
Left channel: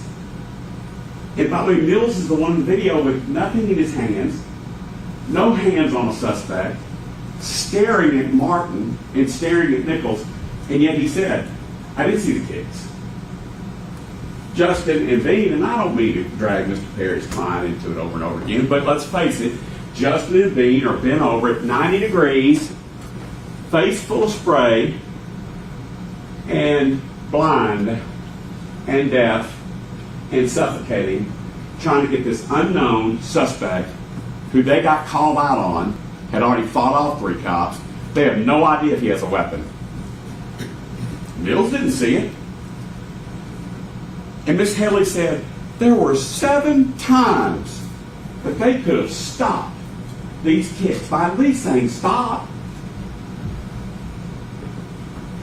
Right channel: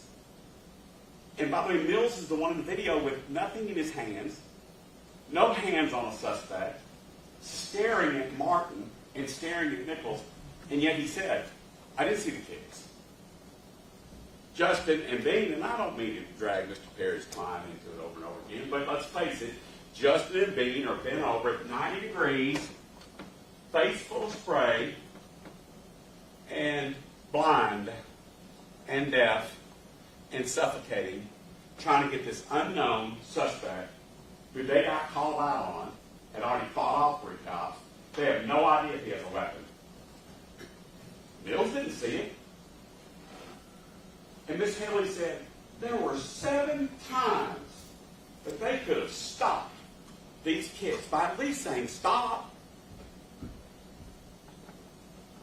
And by the way, Mills is the one in the video with nothing in his hands, no hands on a suspect, staring at Martin and staring at Nichols, and yet he said, I didn't see the kids. Justin and Bean, and I don't mean to drag Mr. Perry's client into it over and over again, but let's face it, Justin and Bean are bent over at 90 degrees, face full of spray, and blind and deaf and suffocating, trying to get this unknown suspect who they got called out on, had already fought off 3 cops. They have no idea if he has a weapon. Mills didn't see it. And Miss Headley said there were 7 times that they could have stopped these kids by at least saying stop.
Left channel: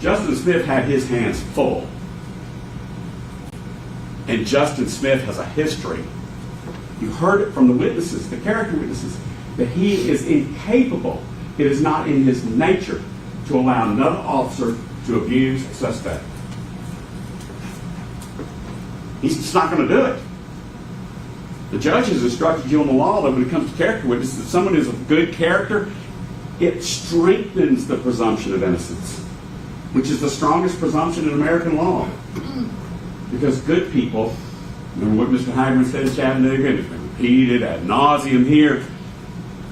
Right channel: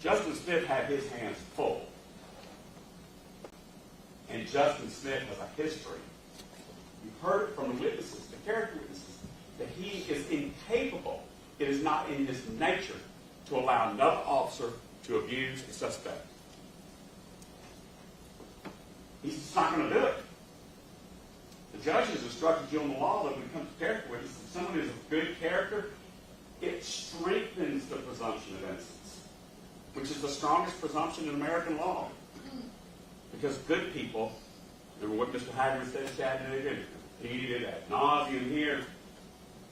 Justin Smith had his hands full. And Justin Smith has a history. You heard it from the witnesses, the character witnesses, that he is incapable. It is not in his nature to allow another officer to abuse a suspect. He's just not going to do it. The judge has instructed you on the law that when it comes to character witnesses, if someone is of good character, it strengthens the presumption of innocence, which is the strongest presumption in American law. Because good people, remember what Mr. Hagman said in Chattanooga, and it's been repeated ad nauseum here,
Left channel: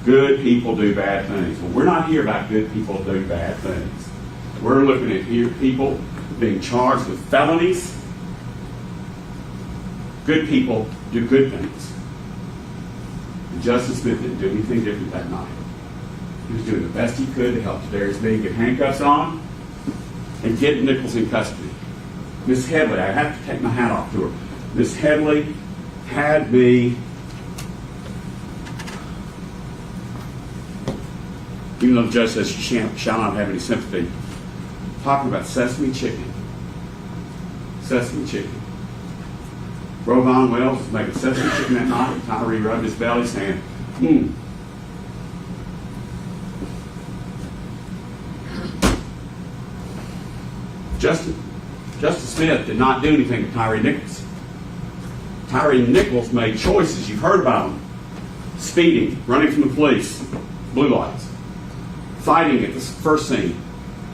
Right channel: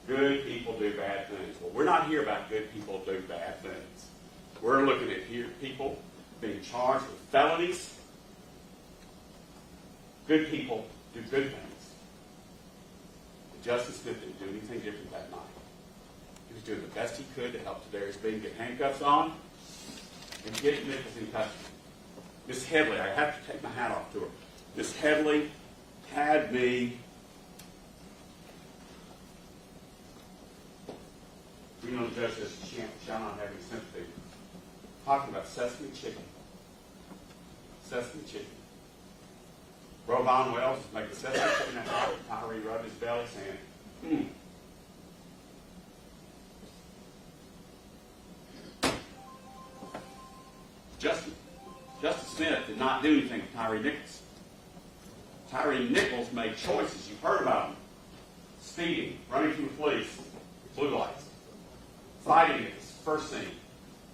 good people do bad things. Well, we're not here about good people doing bad things. We're looking at here people being charged with felonies. Good people do good things. And Justice Smith didn't do anything different that night. He was doing the best he could to help Darius Bean get handcuffs on and get Nichols in custody. Miss Headley, I have to take my hat off to her. Miss Headley had me, even though the judge says she shall not have any sympathy, talking about sesame chicken. Sesame chicken. Rovon Wells was making sesame chicken that night, and Tyree rubbed his belly saying, Justice Smith did not do anything to Tyre Nichols. Tyre Nichols made choices. You've heard about them. Speeding, running from the police, blue lights, fighting at the first scene.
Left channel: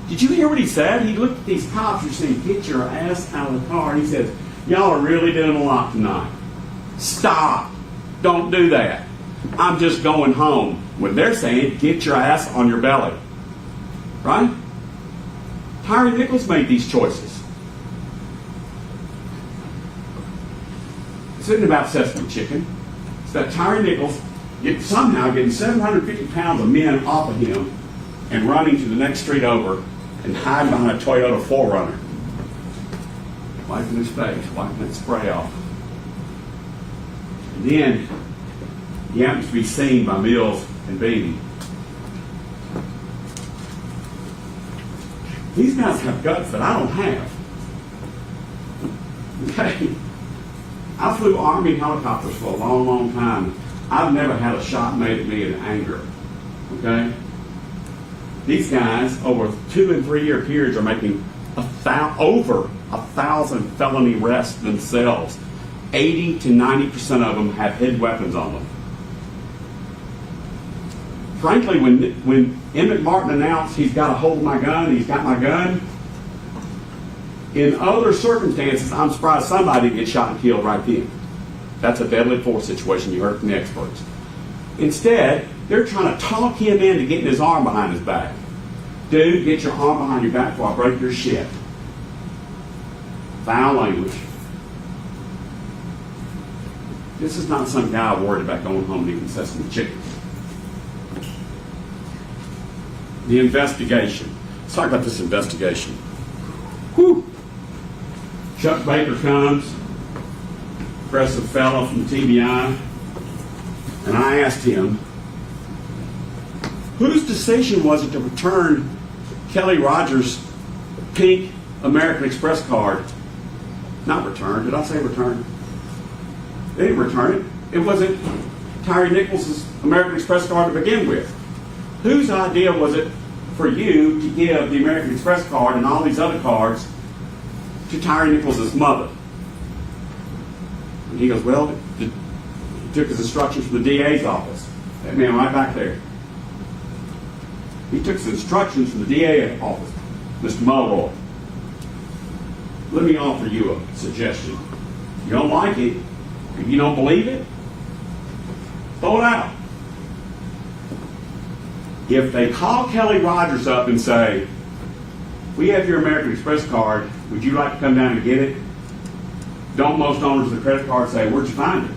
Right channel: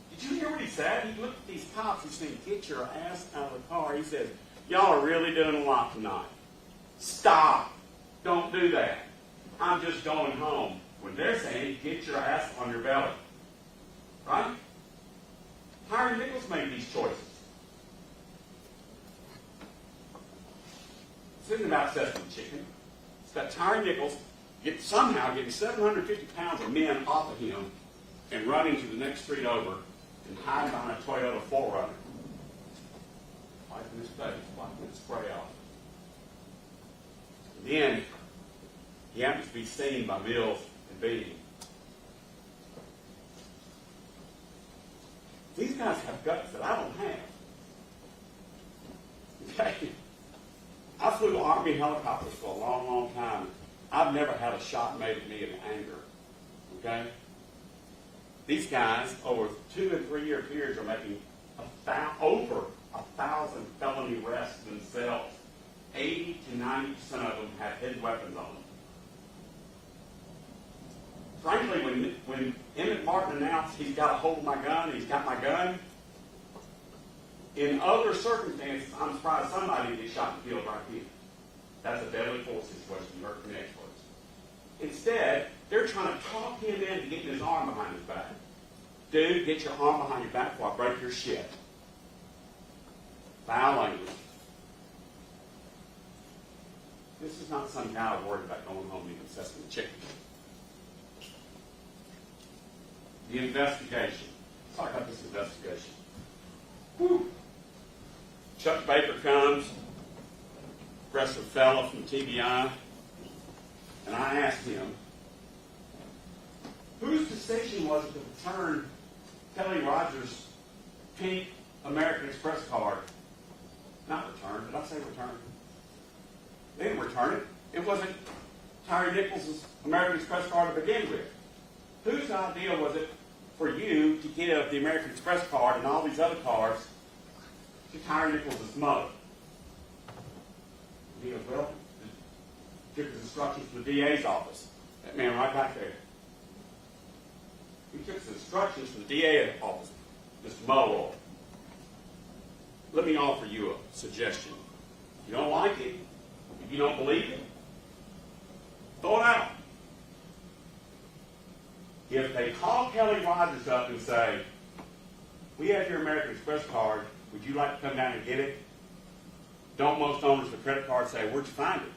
Did you hear what he said? He looked at these cops and said, get your ass out of the car. He says, y'all are really doing a lot tonight. Stop. Don't do that. I'm just going home. When they're saying, get your ass on your belly. Right? Tyre Nichols made these choices. It's not about sesame chicken. It's that Tyre Nichols somehow getting 750 pounds of men off of him and running to the next street over and hiding behind a Toyota 4Runner. Wiping his face, wiping that spray off. And then he happens to be seen by Mills and Bean. These guys have guts that I don't have. Okay? I flew Army helicopters for a long, long time. I've never had a shot made at me in anger. Okay? These guys, over 2 and 3 year periods, are making over 1,000 felony arrests themselves. 80 to 90% of them have hidden weapons on them. Frankly, when Emmett Martin announced he's got a hold of my gun, he's got my gun, in other circumstances, I'm surprised somebody gets shot and killed right then. That's a deadly force situation, you heard from the experts. Instead, they're trying to talk him into getting his arm behind his back. Dude, get your arm behind your back before I break your shit. Foul language. This is not some guy worried about going home and eating sesame chicken. The investigation. Let's talk about this investigation. Whew. Chuck Baker comes, impressive fellow from TBI, and I asked him, Whose decision was it to return Kelly Rogers' pink American Express card? Not return. Did I say return? They didn't return it. It wasn't Tyre Nichols' American Express card to begin with. Whose idea was it for you to give the American Express card and all these other cards to Tyre Nichols' mother? And he goes, well, he took his instructions from the DA's office. That man right back there. He took his instructions from the DA office, Mr. Mulroy. Let me offer you a suggestion. You don't like it, if you don't believe it, throw it out. If they call Kelly Rogers up and say, we have your American Express card, would you like to come down and get it? Don't most owners of the credit card say, where'd you find it?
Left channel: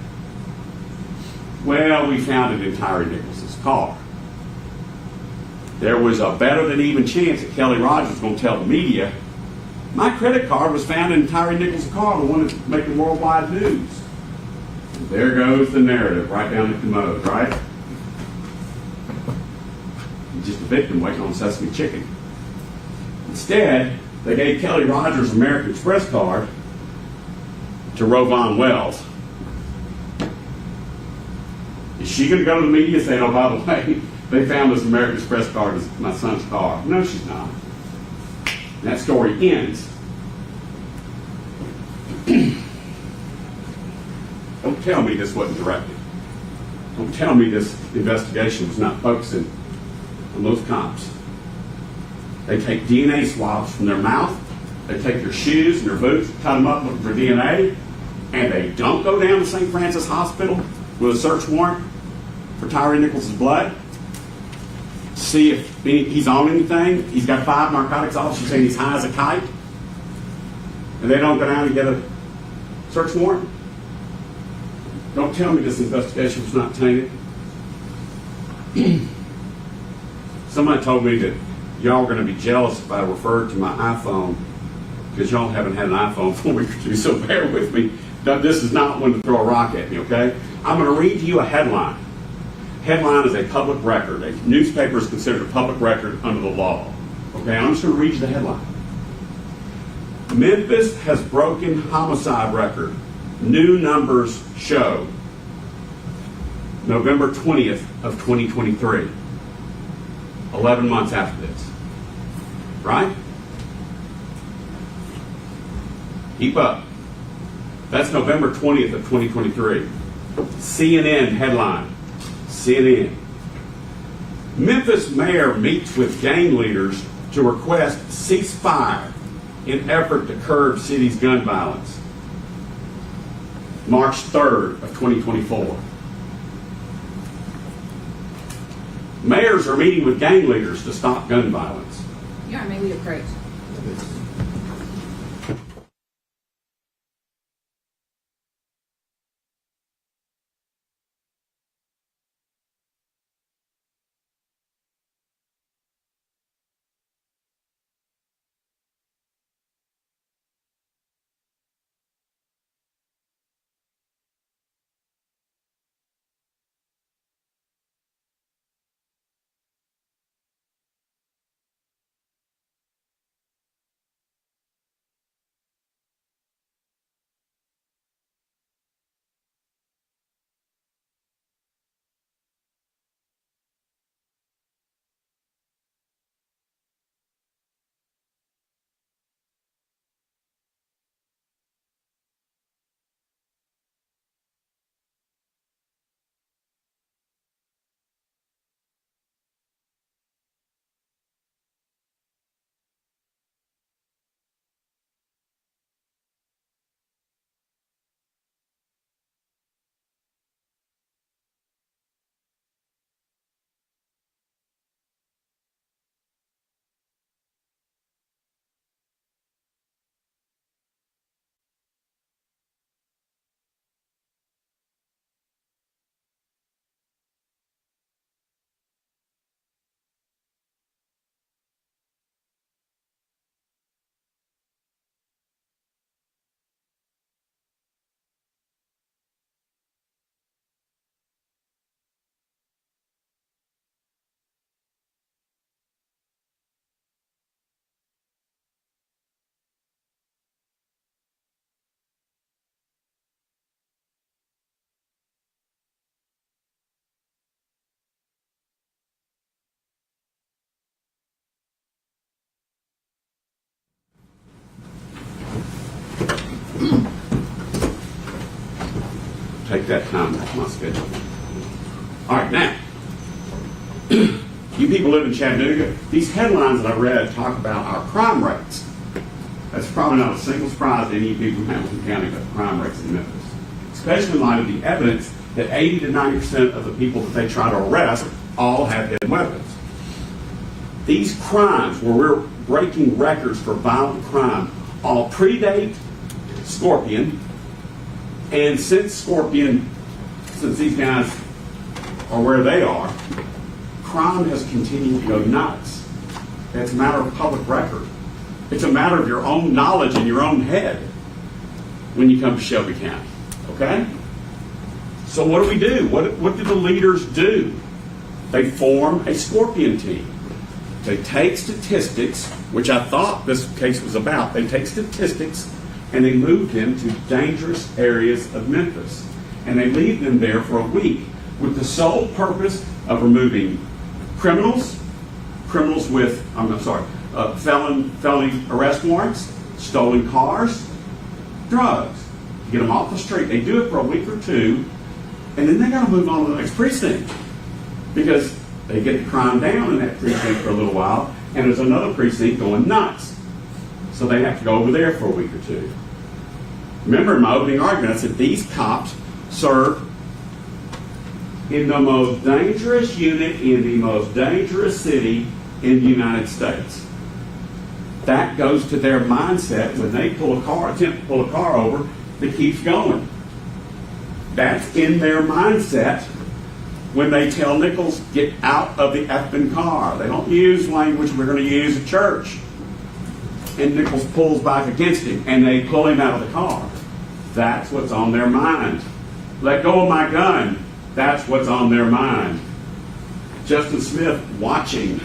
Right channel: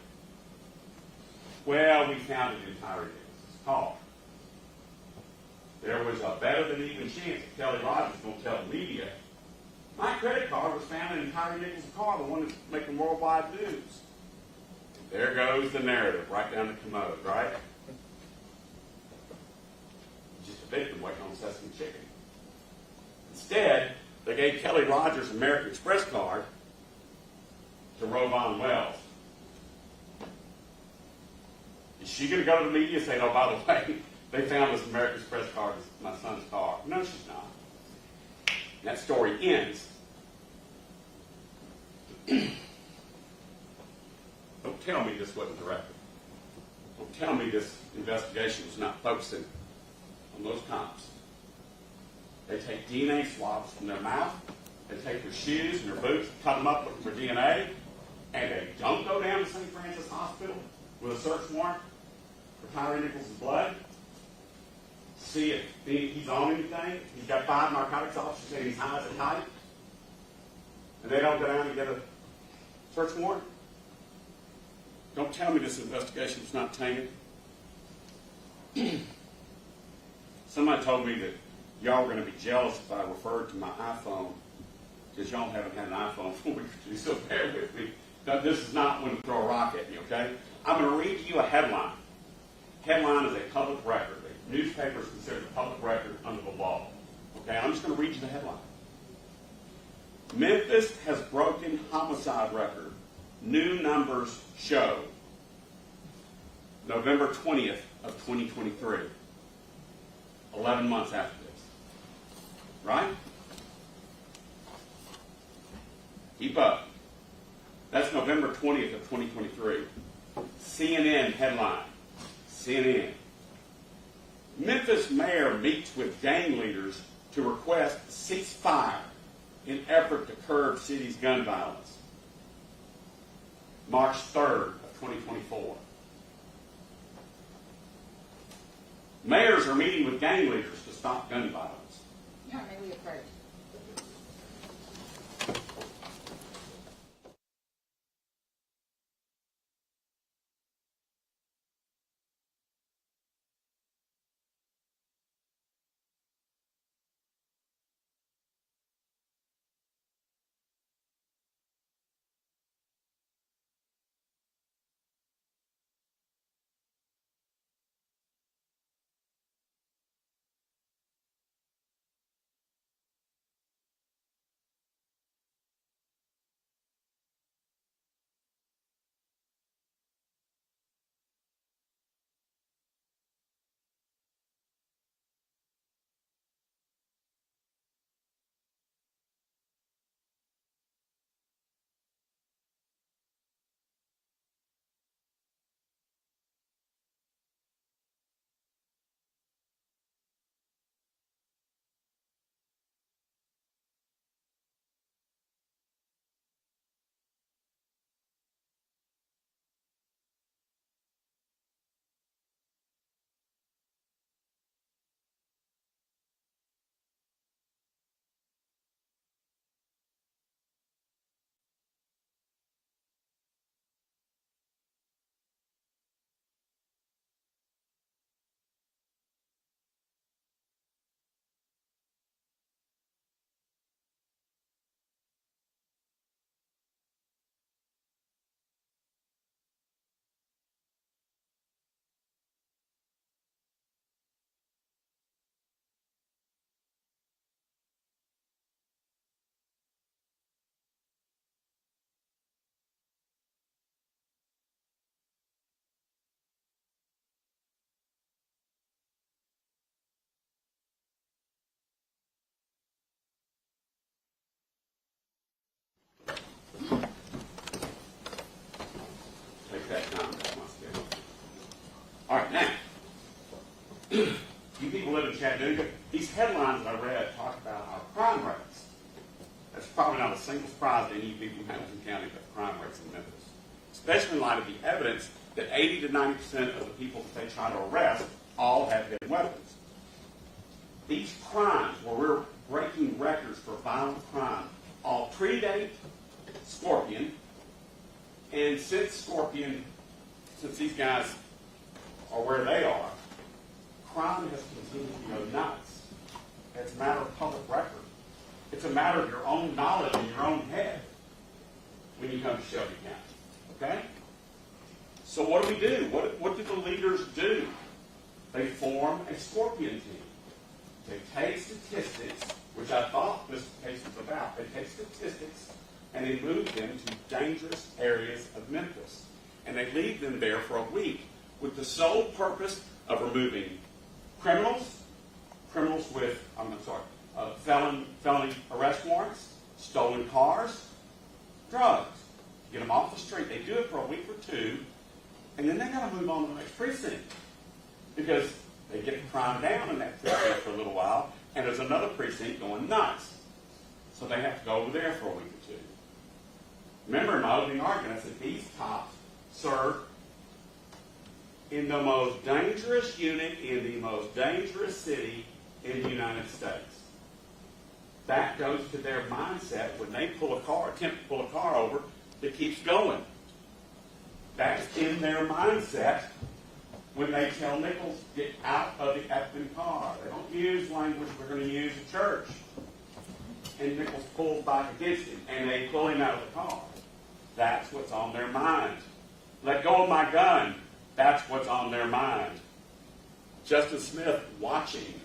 Well, we found it in Tyre Nichols' car. There was a better than even chance that Kelly Rogers was going to tell the media, my credit card was found in Tyre Nichols' car, the one that's making worldwide news. And there goes the narrative right down the commode, right? He's just a victim waiting on sesame chicken. Instead, they gave Kelly Rogers' American Express card to Rovon Wells. Is she going to go to the media saying, oh, by the way, they found this American Express card in my son's car? No, she's not. And that story ends. Don't tell me this wasn't directed. Don't tell me this investigation was not focusing on those cops. They take DNA swabs from their mouth, they take their shoes and their boots, cut them up looking for DNA, and they don't go down to St. Francis Hospital with a search warrant for Tyre Nichols' blood. See if he's on anything. He's got 5 narcotics officers saying he's high as a kite. And they don't go down and get a search warrant. Don't tell me this investigation was not tainted. Somebody told me that y'all were going to be jealous if I referred to my iPhone because y'all haven't had an iPhone for a week or two, so bear with me. This is not one to throw a rock at me, okay? I'm going to read you a headline. Headline is a public record. A newspaper is considered a public record under the law. Okay, I'm just going to read you the headline. Memphis has broken homicide record. New numbers show. November 20th of 2023. 11 months after this. Right? Keep up. That's November 20th of 2023. CNN headline. CNN. Memphis mayor meets with gang leaders to request ceasefire in effort to curb city's gun violence. March 3rd of 2024. Mayors are meeting with gang leaders to stop gun violence. You are maybe approach. that time off my schedule. All right, now, you people live in Chattanooga, these headlines that I read talk about our crime rates. That's probably not a single surprise to any of you people in Hamilton County about the crime rates in Memphis, especially in light of the evidence that 80 to 90% of the people that they try to arrest all have hidden weapons. These crimes, where we're breaking records for violent crime, all predate Scorpion, and since these guys are where they are, crime has continued to go nuts. It's a matter of public record. It's a matter of your own knowledge in your own head when you come to Shelby County, okay? So what do? What do the leaders do? They form a Scorpion team. They take statistics, which I thought this case was about. They take statistics and they move them to dangerous areas of Memphis. And they leave them there for a week with the sole purpose of removing criminals with, felony arrest warrants, stolen cars, drugs. Get them off the street. They do it for a week or two, and then they got to move on to the next precinct because they get the crime down in that precinct for a little while, and there's another precinct going nuts. So they have to go over there for a week or two. Remember in my opening argument, I said these cops serve in the most dangerous unit in the most dangerous city in the United States. That goes to their mindset when they attempt to pull a car over that keeps going. That's in their mindset when they tell Nichols, get out of the effing car. They don't use language we're going to use at church. And Nichols pulls back against him, and they pull him out of the car. That's what's on their mind. Let go of my gun. That's what's on their mind. Justin Smith watching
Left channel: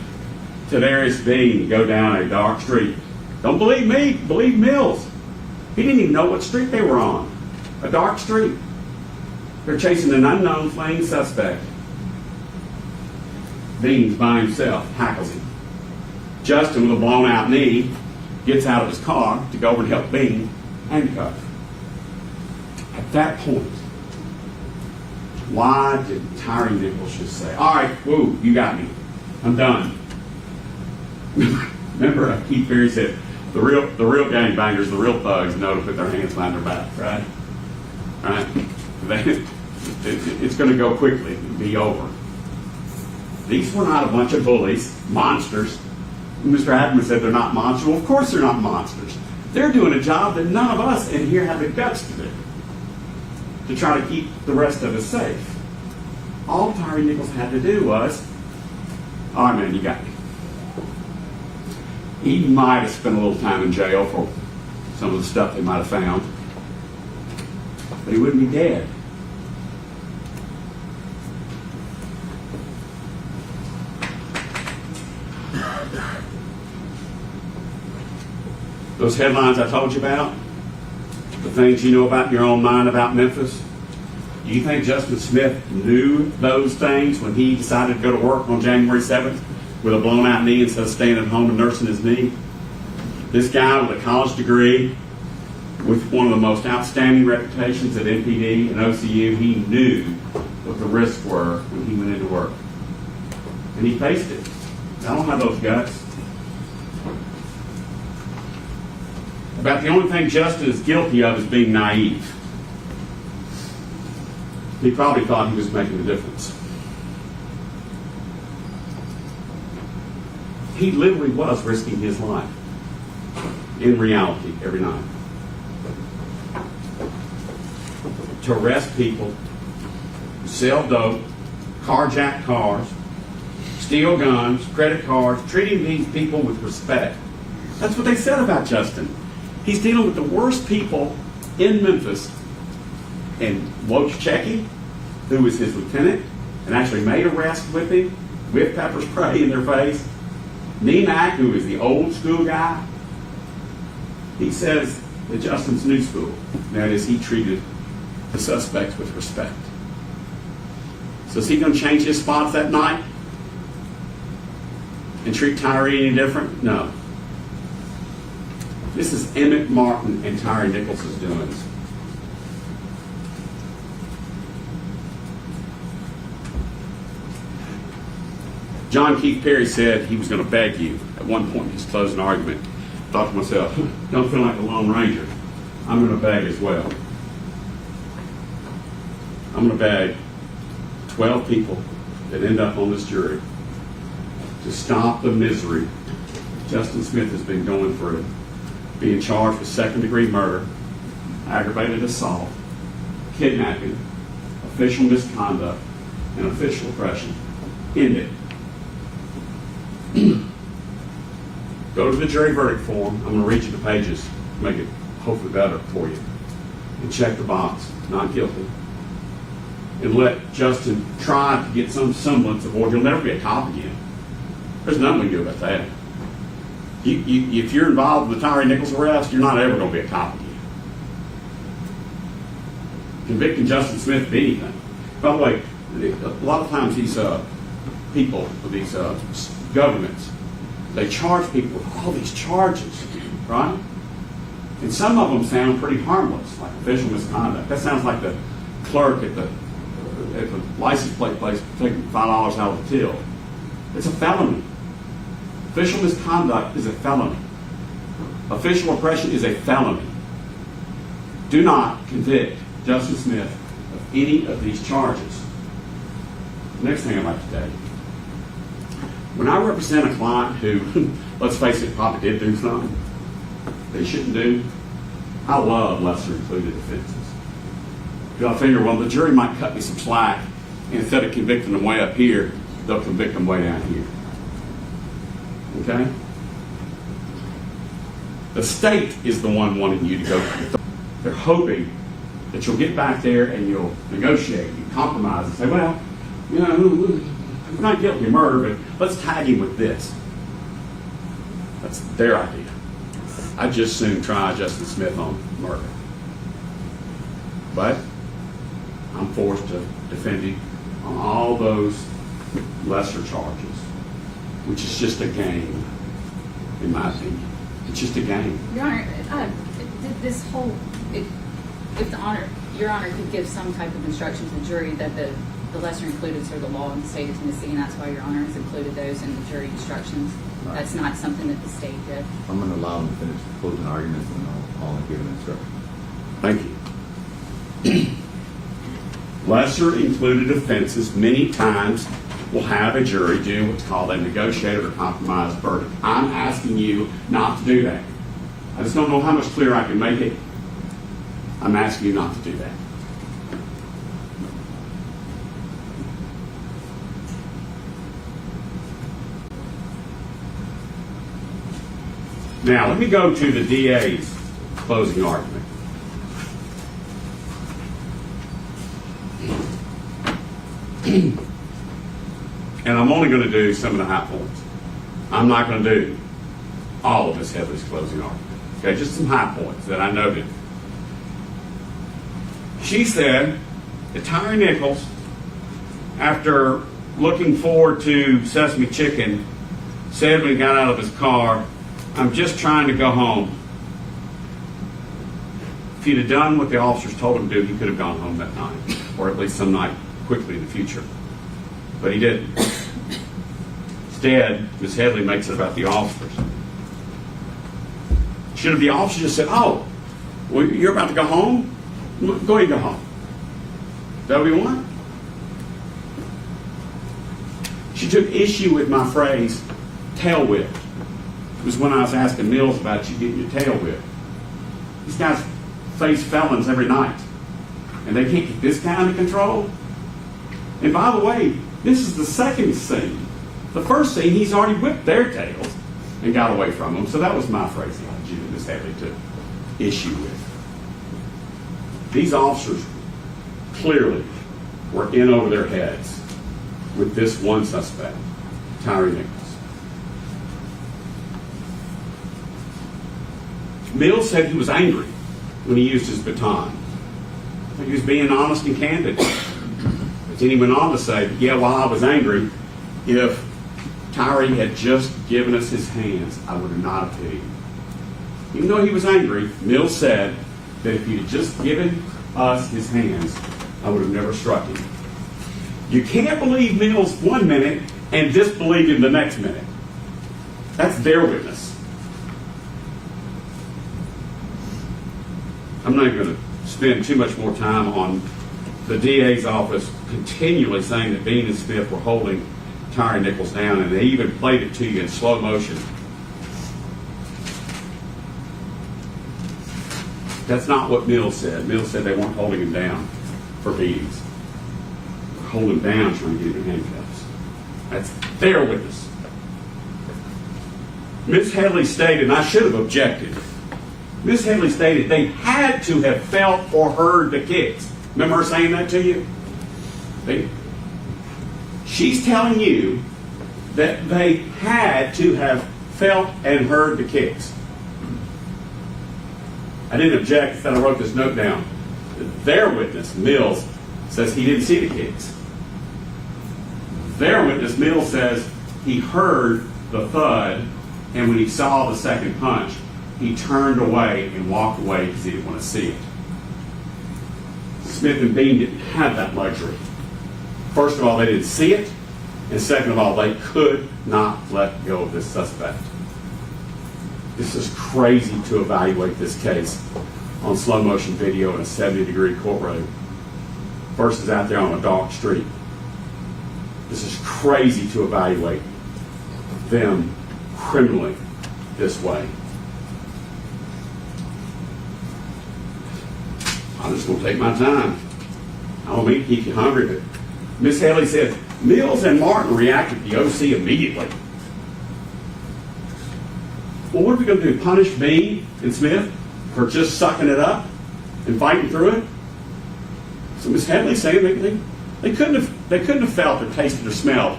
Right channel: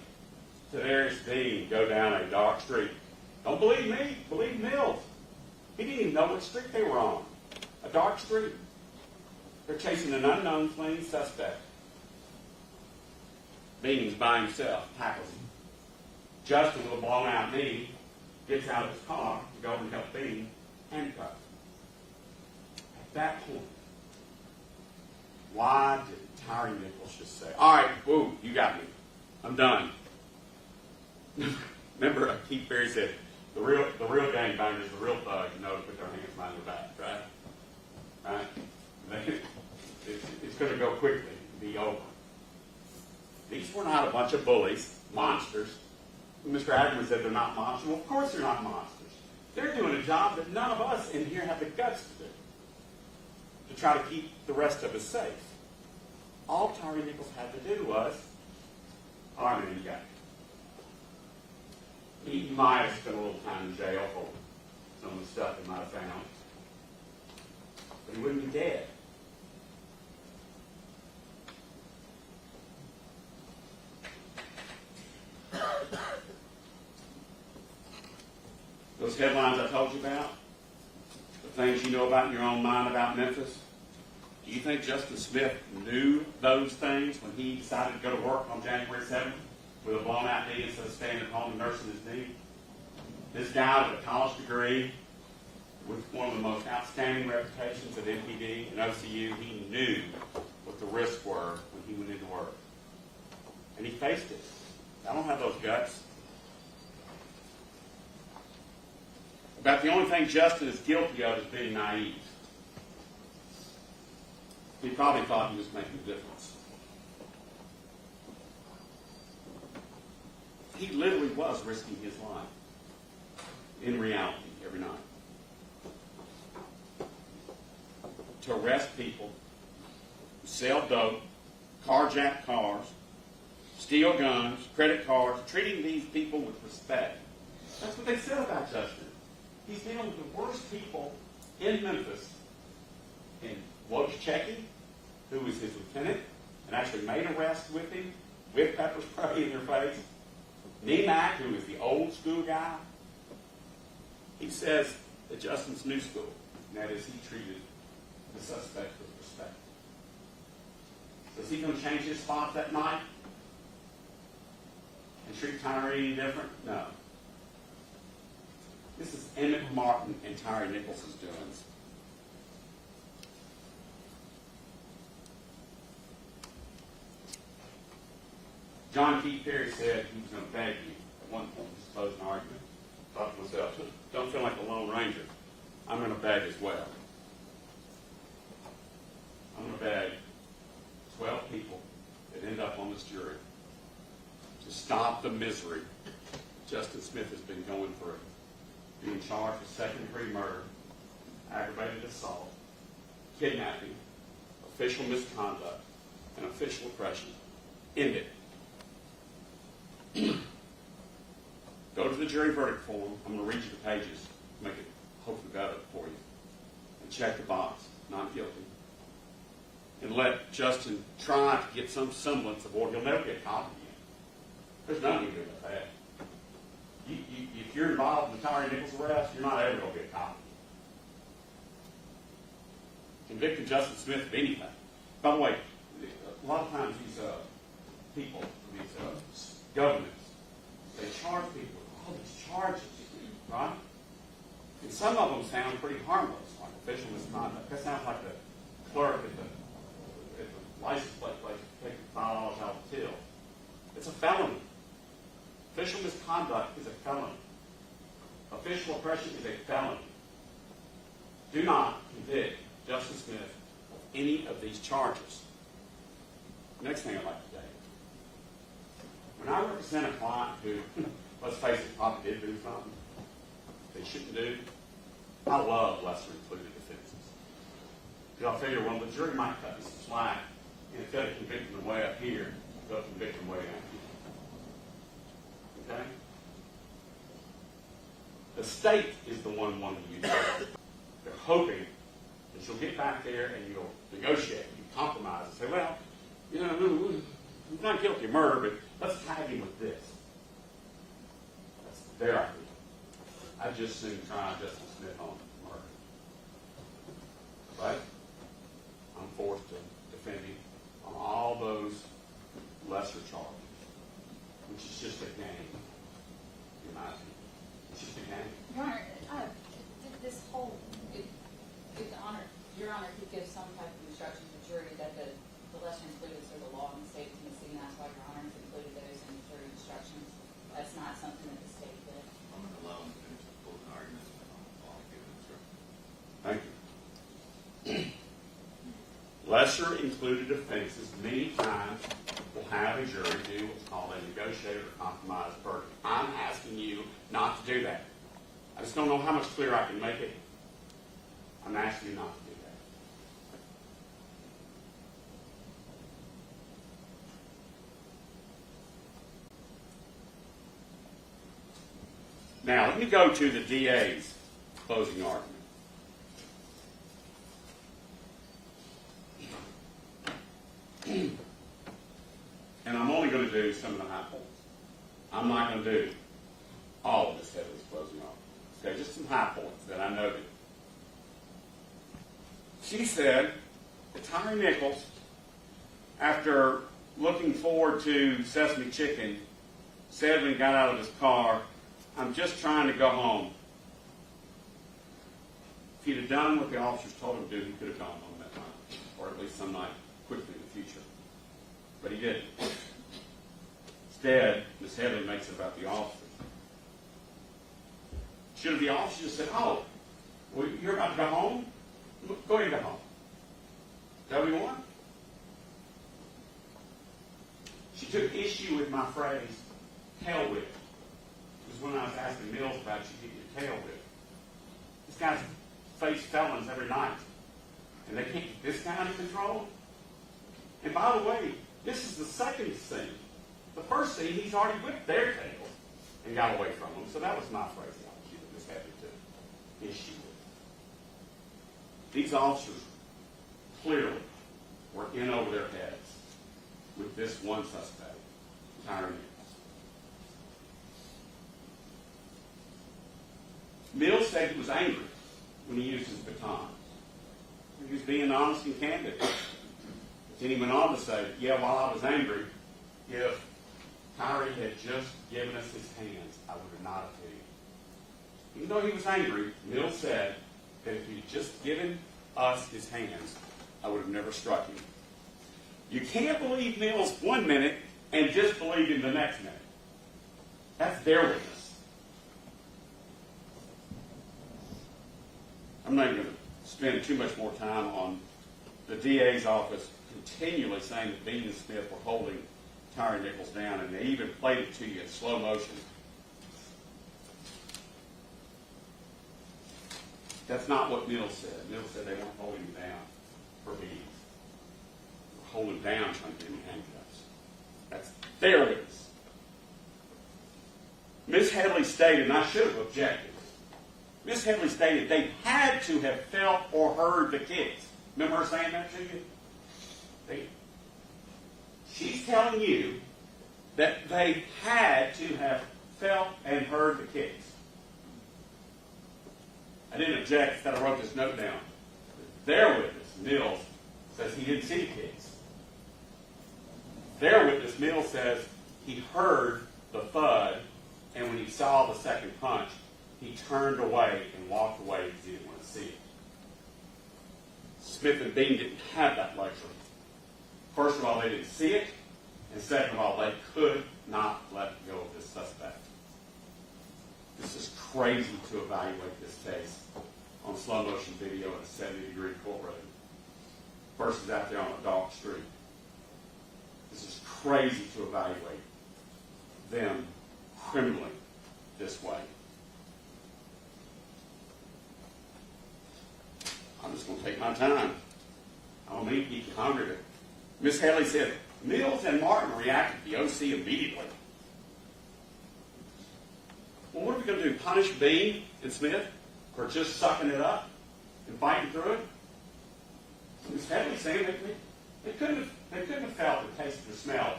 Tadarius Bean go down a dark street. Don't believe me, believe Mills. He didn't even know what street they were on. A dark street. They're chasing an unknown fleeing suspect. Bean's by himself, hackles him. Justin, with a blown out knee, gets out of his car to go over and help Bean handcuff. At that point, why did Tyre Nichols just say, all right, whoa, you got me. I'm done. Remember, Keith Berry said, the real gangbangers, the real thugs know to put their hands behind their back, right? Right? It's going to go quickly and be over. These were not a bunch of bullies, monsters. Mr. Adams said they're not monsters. Well, of course they're not monsters. They're doing a job that none of us in here have the guts to do, to try to keep the rest of us safe. All Tyre Nichols had to do was, all right, man, you got me. He might have spent a little time in jail for some of the stuff they might have found, but he wouldn't be dead. Those headlines I told you about, the things you know about in your own mind about Memphis, do you think Justin Smith knew those things when he decided to go to work on January 7th with a blown out knee instead of staying at home and nursing his knee? This guy with a college degree, with one of the most outstanding reputations at NPD and OCU, he knew what the risks were when he went into work. And he faced it. I don't have those guts. About the only thing Justin is guilty of is being naive. He probably thought he was making a difference. He literally was risking his life in reality every night to arrest people, sell dope, carjack cars, steal guns, credit cards, treating these people with respect. That's what they said about Justin. He's dealing with the worst people in Memphis. And Wojciechowski, who was his lieutenant and actually made arrests with him, with pepper spray in their face. Nenak, who is the old school guy, he says that Justin's new school. That is, he treated the suspects with respect. So is he going to change his spots that night and treat Tyre any different? No. This is Emmett Martin and Tyre Nichols' doings. John Keith Perry said he was going to beg you at one point in his closing argument. I thought to myself, don't feel like a Lone Ranger. I'm going to beg as well. I'm going to beg 12 people that end up on this jury to stop the misery Justin Smith has been going through, being charged with second-degree murder, aggravated assault, kidnapping, official misconduct, and official oppression. End it. Go to the jury verdict form. I'm going to read you the pages, make it hopefully better for you, and check the box, not guilty. And let Justin try to get some semblance of order. He'll never be a cop again. There's nothing we can do about that. If you're involved with the Tyre Nichols arrest, you're not ever going to be a cop again. Convicting Justin Smith of anything. By the way, a lot of times these people, these governments, they charge people with all these charges, right? And some of them sound pretty harmless, like official misconduct. That sounds like the clerk at the license plate place taking $5 out of the till. It's a felony. Official misconduct is a felony. Official oppression is a felony. Do not convict Justin Smith of any of these charges. Next thing I'd like to tell you. When I represent a client who, let's face it, probably did do something they shouldn't do, I love lesser included offenses. Because I figure, well, the jury might cut me some slack, and instead of convicting them way up here, they'll convict them way down here. Okay? The state is the one wanting you to go. They're hoping that you'll get back there and you'll negotiate, you compromise, and say, well, you know, he's not guilty of murder, but let's tag him with this. That's their idea. I'd just soon try Justin Smith on murder. But I'm forced to defend him on all those lesser charges, which is just a game, in my opinion. It's just a game. Your Honor, this whole, if Your Honor could give some type of instruction to the jury that the lesser included are the law in the state of Tennessee, and that's why Your Honor has included those in the jury instructions. Right. That's not something that the state did. I'm going to allow them to finish the closing arguments, and I'll give them instructions. Thank you. Lesser included offenses many times will have a jury do what's called a negotiated or compromised verdict. I'm asking you not to do that. I just don't know how much clearer I can make it. I'm asking you not to do that. Now, let me go to the DA's closing argument. And I'm only going to do some of the high points. I'm not going to do all of Ms. Headley's closing argument. Okay, just some high points that I noted. She said that Tyre Nichols, after looking forward to Sesame Chicken, said when he got out of his car, "I'm just trying to go home." If he'd have done what the officers told him to do, he could have gone home that night, or at least some night quickly in the future. But he didn't. Instead, Ms. Headley makes it about the officers. Should have the officers just said, "Oh, well, you're about to go home? Go ahead and go home." Is that what you want? She took issue with my phrase, tail whipped. It was when I was asking Mills about you getting your tail whipped. These guys face felons every night, and they can't get this guy under control. And by the way, this is the second scene. The first scene, he's already whipped their tails and got away from them. So that was my phraseology that Ms. Headley took issue with. These officers clearly were in over their heads with this one suspect, Tyre Nichols. Mills said he was angry when he used his baton. I think he was being honest and candid. But then he went on to say, yeah, while I was angry, if Tyre had just given us his hands, I would have not appealed. Even though he was angry, Mills said that if he had just given us his hands, I would have never struck him. You can't believe Mills 1 minute and disbelieved him the next minute. That's their witness. I'm not even going to spend too much more time on the DA's office continually saying that Bean and Smith were holding Tyre Nichols down, and they even played it to you in slow motion. That's not what Mills said. Mills said they weren't holding him down for beatings. They were holding him down trying to get him in handcuffs. That's their witness. Ms. Headley stated, and I should have objected, Ms. Headley stated they had to have felt or heard the kicks. Remember her saying that to you? She's telling you that they had to have felt and heard the kicks. I didn't object, instead I wrote this note down. Their witness, Mills, says he didn't see the kicks. Their witness, Mills, says he heard the thud, and when he saw the second punch, he turned away and walked away because he didn't want to see it. Smith and Bean didn't have that luxury. First of all, they didn't see it, and second of all, they could not let go of this suspect. This is crazy to evaluate this case on slow motion video in a 70-degree courtroom versus out there on a dark street. This is crazy to evaluate them criminally this way. I'm just going to take my time. I don't mean to keep you hungry, but Miss Headley says Mills and Martin reacted to the OC immediately. Well, what are we going to do? Punish Bean and Smith for just sucking it up and fighting through it? So Miss Headley saying they couldn't have felt or tasted or smelled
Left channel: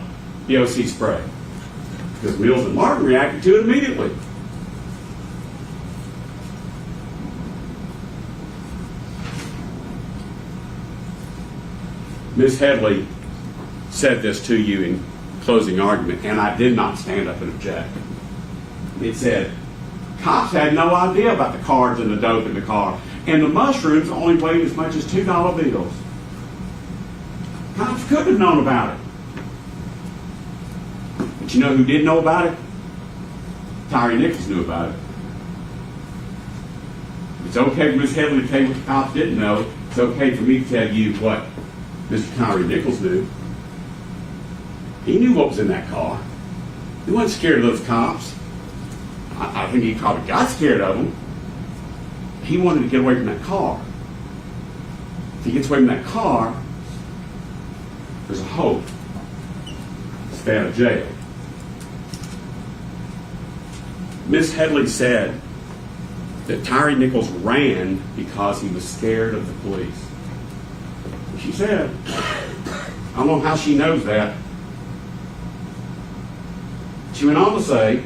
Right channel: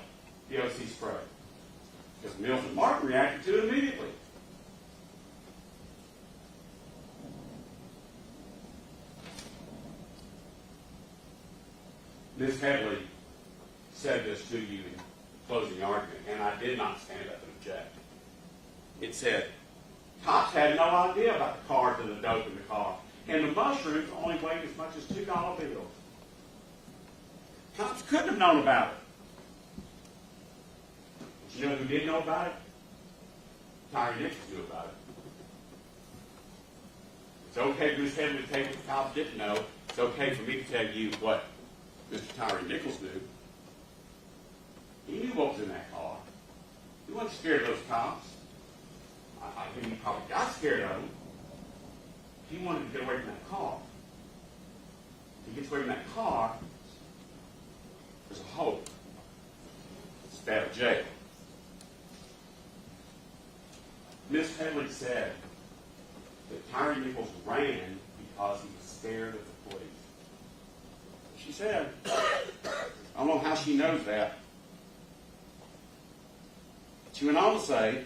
the OC spray because Mills and Martin reacted to it immediately. Ms. Headley said this to you in closing argument, and I did not stand up and object. It said, cops had no idea about the cards and the dope in the car, and the mushrooms only weighed as much as $2 bills. Cops couldn't have known about it. But you know who did know about it? Tyre Nichols knew about it. It's okay for Ms. Headley to tell you what the cops didn't know. It's okay for me to tell you what Mr. Tyre Nichols knew. He knew what was in that car. He wasn't scared of those cops. I think he probably got scared of them. He wanted to get away from that car. If he gets away from that car, there's a hope to stay out of jail. Miss Headley said that Tyre Nichols ran because he was scared of the police. She said, I don't know how she knows that. She went on to say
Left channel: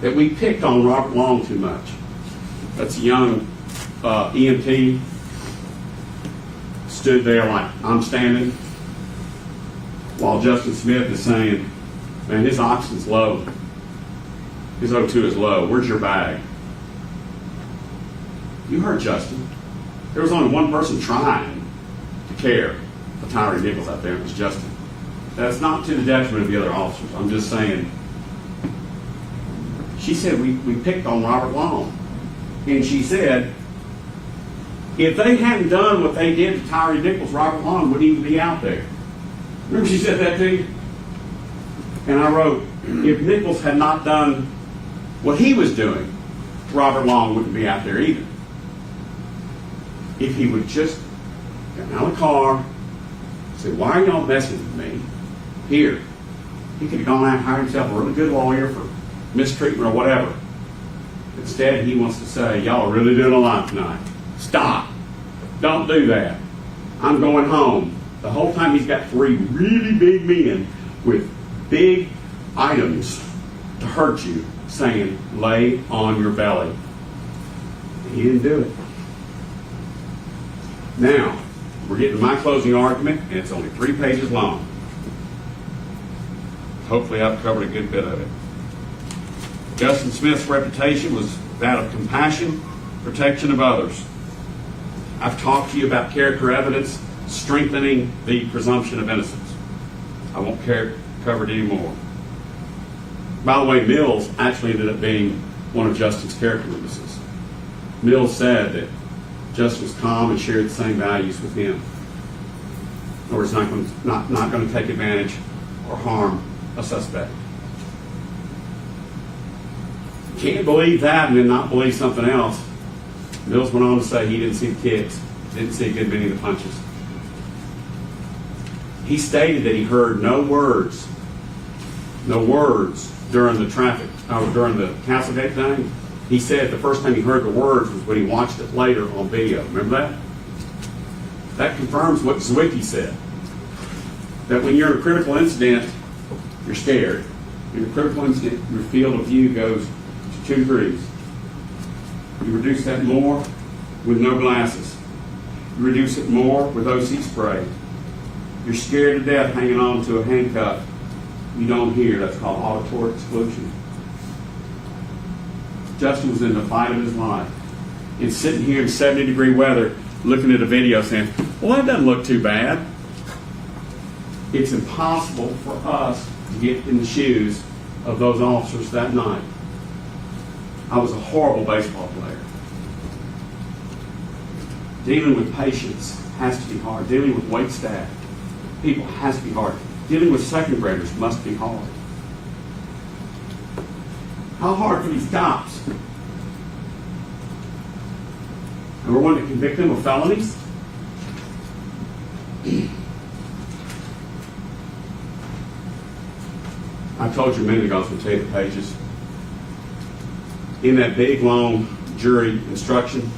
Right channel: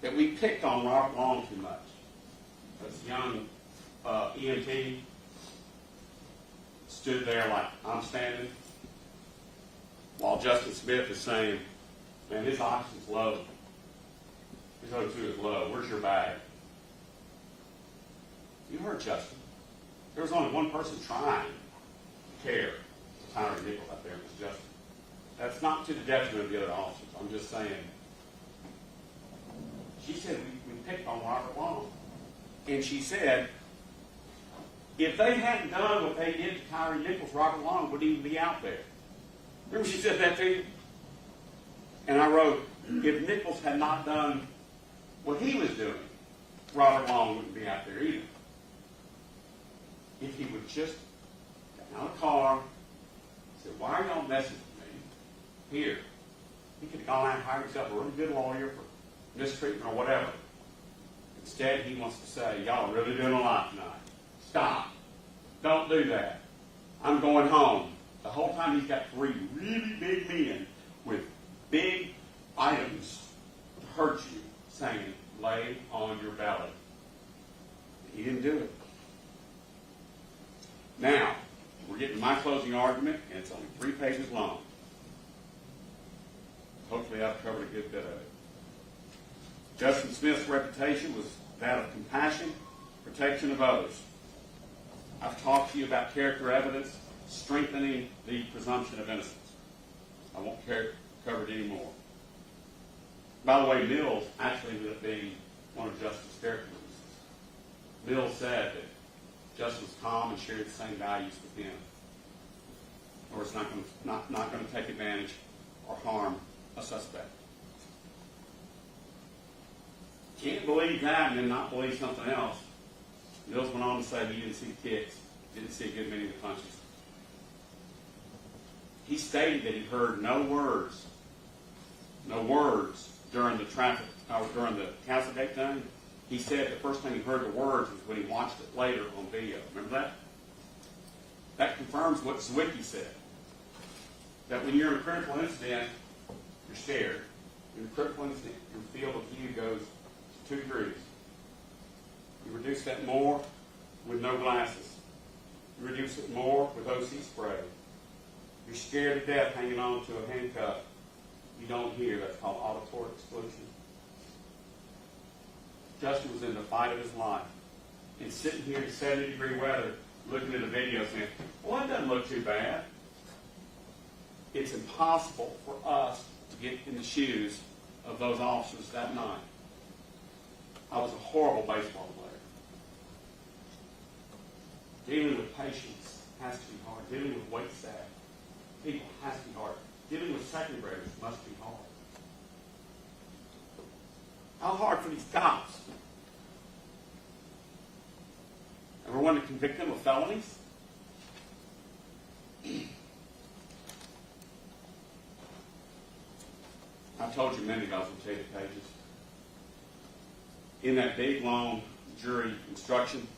that we picked on Robert Long too much. That's a young EMT, stood there like I'm standing, while Justin Smith is saying, man, his oxygen's low. His O2 is low. Where's your bag? You heard Justin. There was only one person trying to care for Tyre Nichols out there, and it was Justin. That's not to the detriment of the other officers. I'm just saying, she said we picked on Robert Long. And she said, if they hadn't done what they did to Tyre Nichols, Robert Long wouldn't even be out there. Remember she said that to you? And I wrote, if Nichols had not done what he was doing, Robert Long wouldn't be out there either. If he would just get out of the car, say, why are y'all messing with me? Here. He could have gone out and hired himself a really good lawyer for mistreatment or whatever. Instead, he wants to say, y'all are really doing a lot tonight. Stop. Don't do that. I'm going home. The whole time he's got three really big men with big items to hurt you, saying, lay on your belly. He didn't do it. Now, we're getting to my closing argument, and it's only 3 pages long. Hopefully I've covered a good bit of it. Justin Smith's reputation was that of compassion, protection of others. I've talked to you about character evidence strengthening the presumption of innocence. I won't covered anymore. By the way, Mills actually ended up being one of Justin's character witnesses. Mills said that Justin was calm and shared the same values with him. In other words, not going to take advantage or harm a suspect. Can't believe that and then not believe something else. Mills went on to say he didn't see the kicks, didn't see a good many of the punches. He stated that he heard no words during the during the Castlegate thing. He said the first time he heard the words was when he watched it later on video. Remember that? That confirms what Zwicky said. That when you're in a critical incident, you're scared. In a critical incident, your field of view goes to 2 degrees. You reduce that more with no glasses. You reduce it more with OC spray. You're scared to death hanging on to a handcuff. You don't hear. That's called auditory exclusion. Justin was in the fight of his life. And sitting here in 70-degree weather, looking at a video saying, well, that doesn't look too bad. It's impossible for us to get in the shoes of those officers that night. I was a horrible baseball player. Dealing with patients has to be hard. Dealing with wait staff, people has to be hard. Dealing with second graders must be hard. How hard for these cops? And we're wanting to convict them of felonies? I told you a minute ago I was going to tell you the pages. In that big, long jury instruction,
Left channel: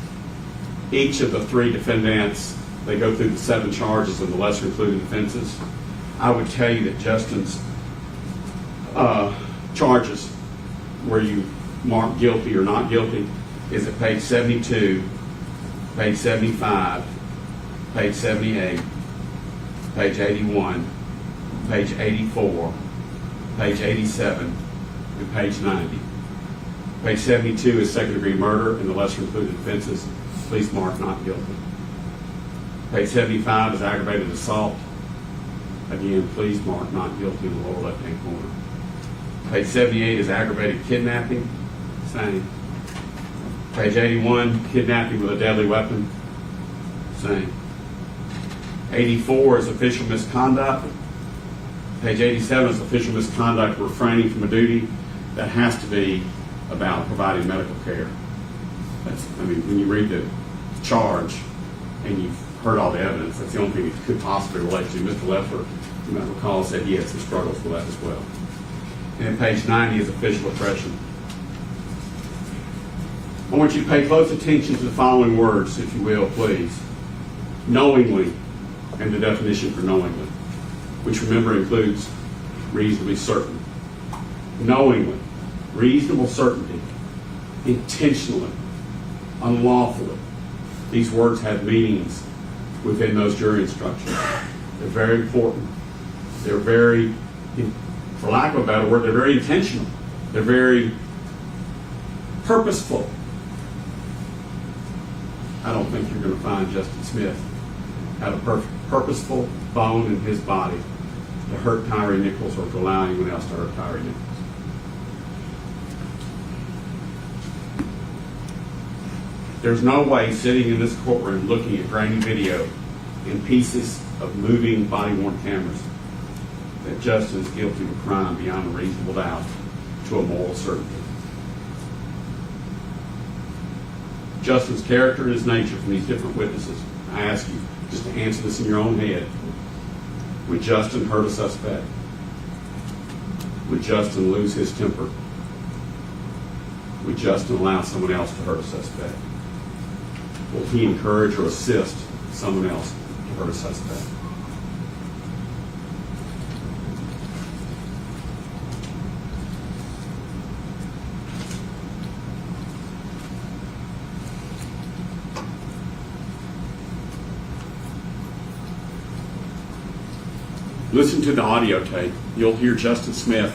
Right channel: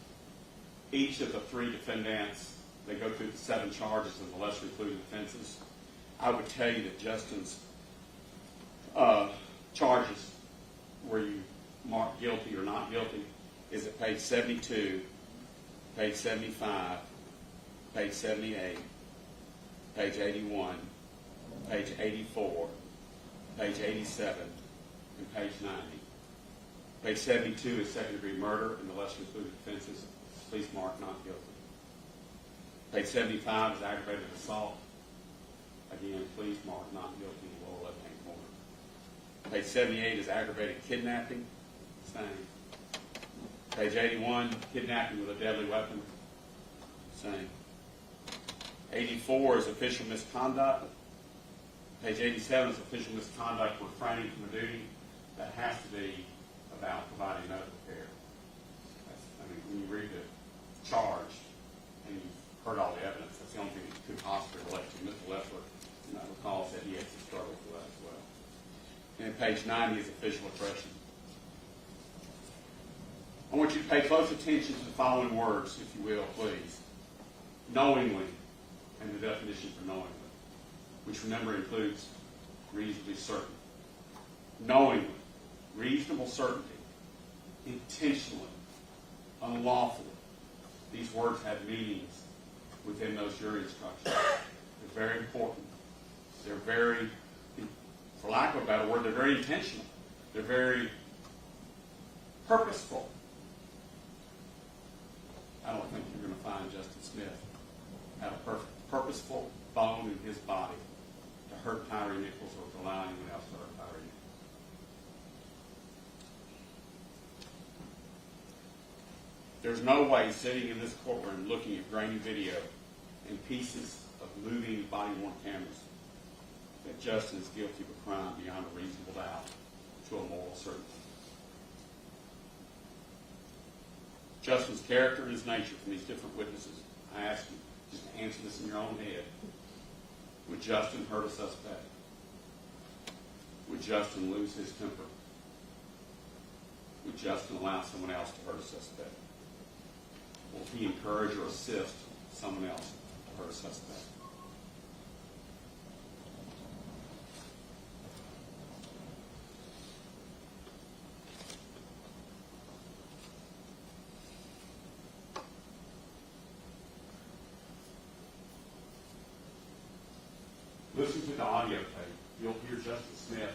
each of the 3 defendants, they go through the 7 charges of the lesser included offenses. I would tell you that Justin's charges, where you mark guilty or not guilty, is at page 72, page 75, page 78, page 81, page 84, page 87, and page 90. Page 72 is second-degree murder and the lesser included offenses. Please mark not guilty. Page 75 is aggravated assault. Again, please mark not guilty in the lower left-hand corner. Page 78 is aggravated kidnapping. Same. Page 81, kidnapping with a deadly weapon. Same. 84 is official misconduct. Page 87 is official misconduct refraining from a duty. That has to be about providing medical care. When you read the charge and you've heard all the evidence, that's the only thing it could possibly relate to. Mr. Leffler, you might recall, said he had some struggles with that as well. And then page 90 is official oppression. I want you to pay close attention to the following words, if you will, please. Knowingly, and the definition for knowingly, which remember includes reasonably certain. Knowingly, reasonable certainty, intentionally, unlawfully. These words have meanings within those jury instructions. They're very important. They're very, for lack of a better word, they're very intentional. They're very purposeful. I don't think you're going to find Justin Smith had a purposeful bone in his body to hurt Tyre Nichols or to allow anyone else to hurt Tyre Nichols. There's no way sitting in this courtroom looking at grainy video and pieces of moving body-worn cameras that Justin is guilty of a crime beyond a reasonable doubt to a moral certainty. Justin's character and his nature from these different witnesses. I ask you just to answer this in your own head. Would Justin hurt a suspect? Would Justin lose his temper? Would Justin allow someone else to hurt a suspect? Will he encourage or assist someone else to hurt a suspect? Listen to the audio tape. You'll hear Justin Smith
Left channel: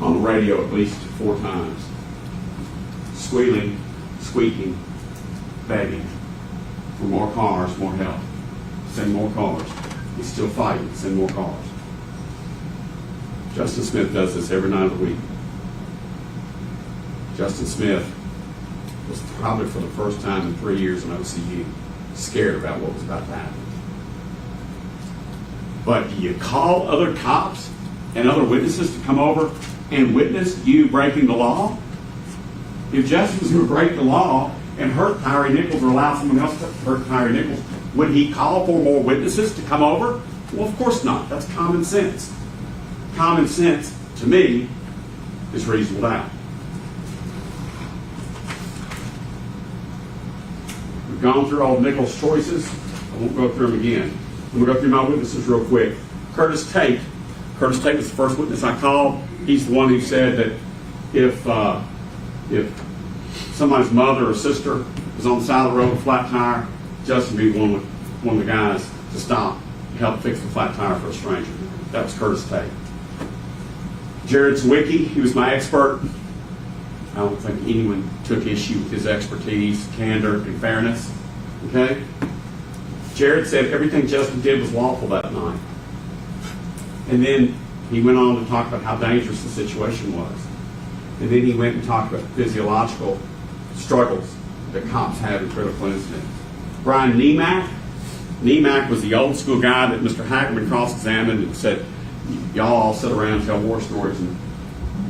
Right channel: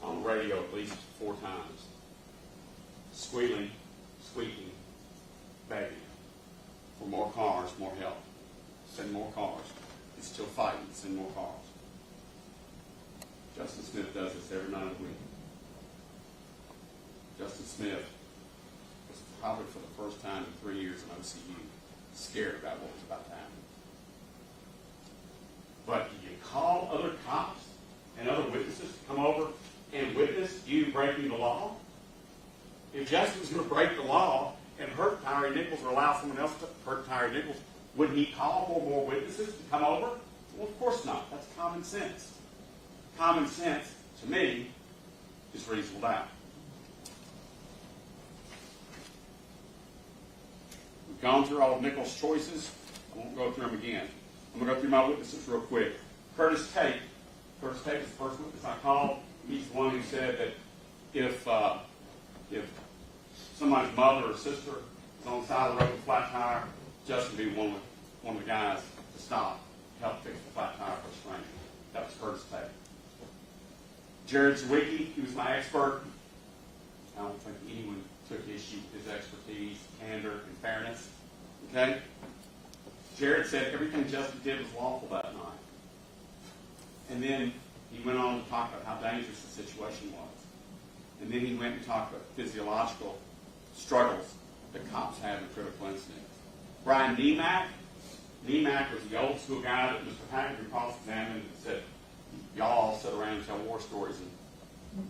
on the radio at least 4 times, squealing, squeaking, begging for more cars, more help. Send more cars. He's still fighting. Send more cars. Justin Smith does this every night of the week. Justin Smith was probably for the first time in 3 years in OCU scared about what was about to happen. But do you call other cops and other witnesses to come over and witness you breaking the law? If Justin was going to break the law and hurt Tyre Nichols or allow someone else to hurt Tyre Nichols, would he call for more witnesses to come over? Well, of course not. That's common sense. Common sense, to me, is reasonable doubt. We've gone through all of Nichols' choices. I won't go through them again. I'm going to go through my witnesses real quick. Curtis Tate. Curtis Tate was the first witness I called. He's the one who said that if somebody's mother or sister was on the side of the road with a flat tire, Justin would be one of the guys to stop and help fix the flat tire for a stranger. That was Curtis Tate. Jared Zwicky, he was my expert. I don't think anyone took issue with his expertise, candor, and fairness. Okay? Jared said everything Justin did was lawful that night. And then he went on to talk about how dangerous the situation was. And then he went and talked about physiological struggles that cops have in critical incidents. Brian Nemack was the old school guy that Mr. Hagerman cross-examined and said, y'all all sit around and tell war stories, and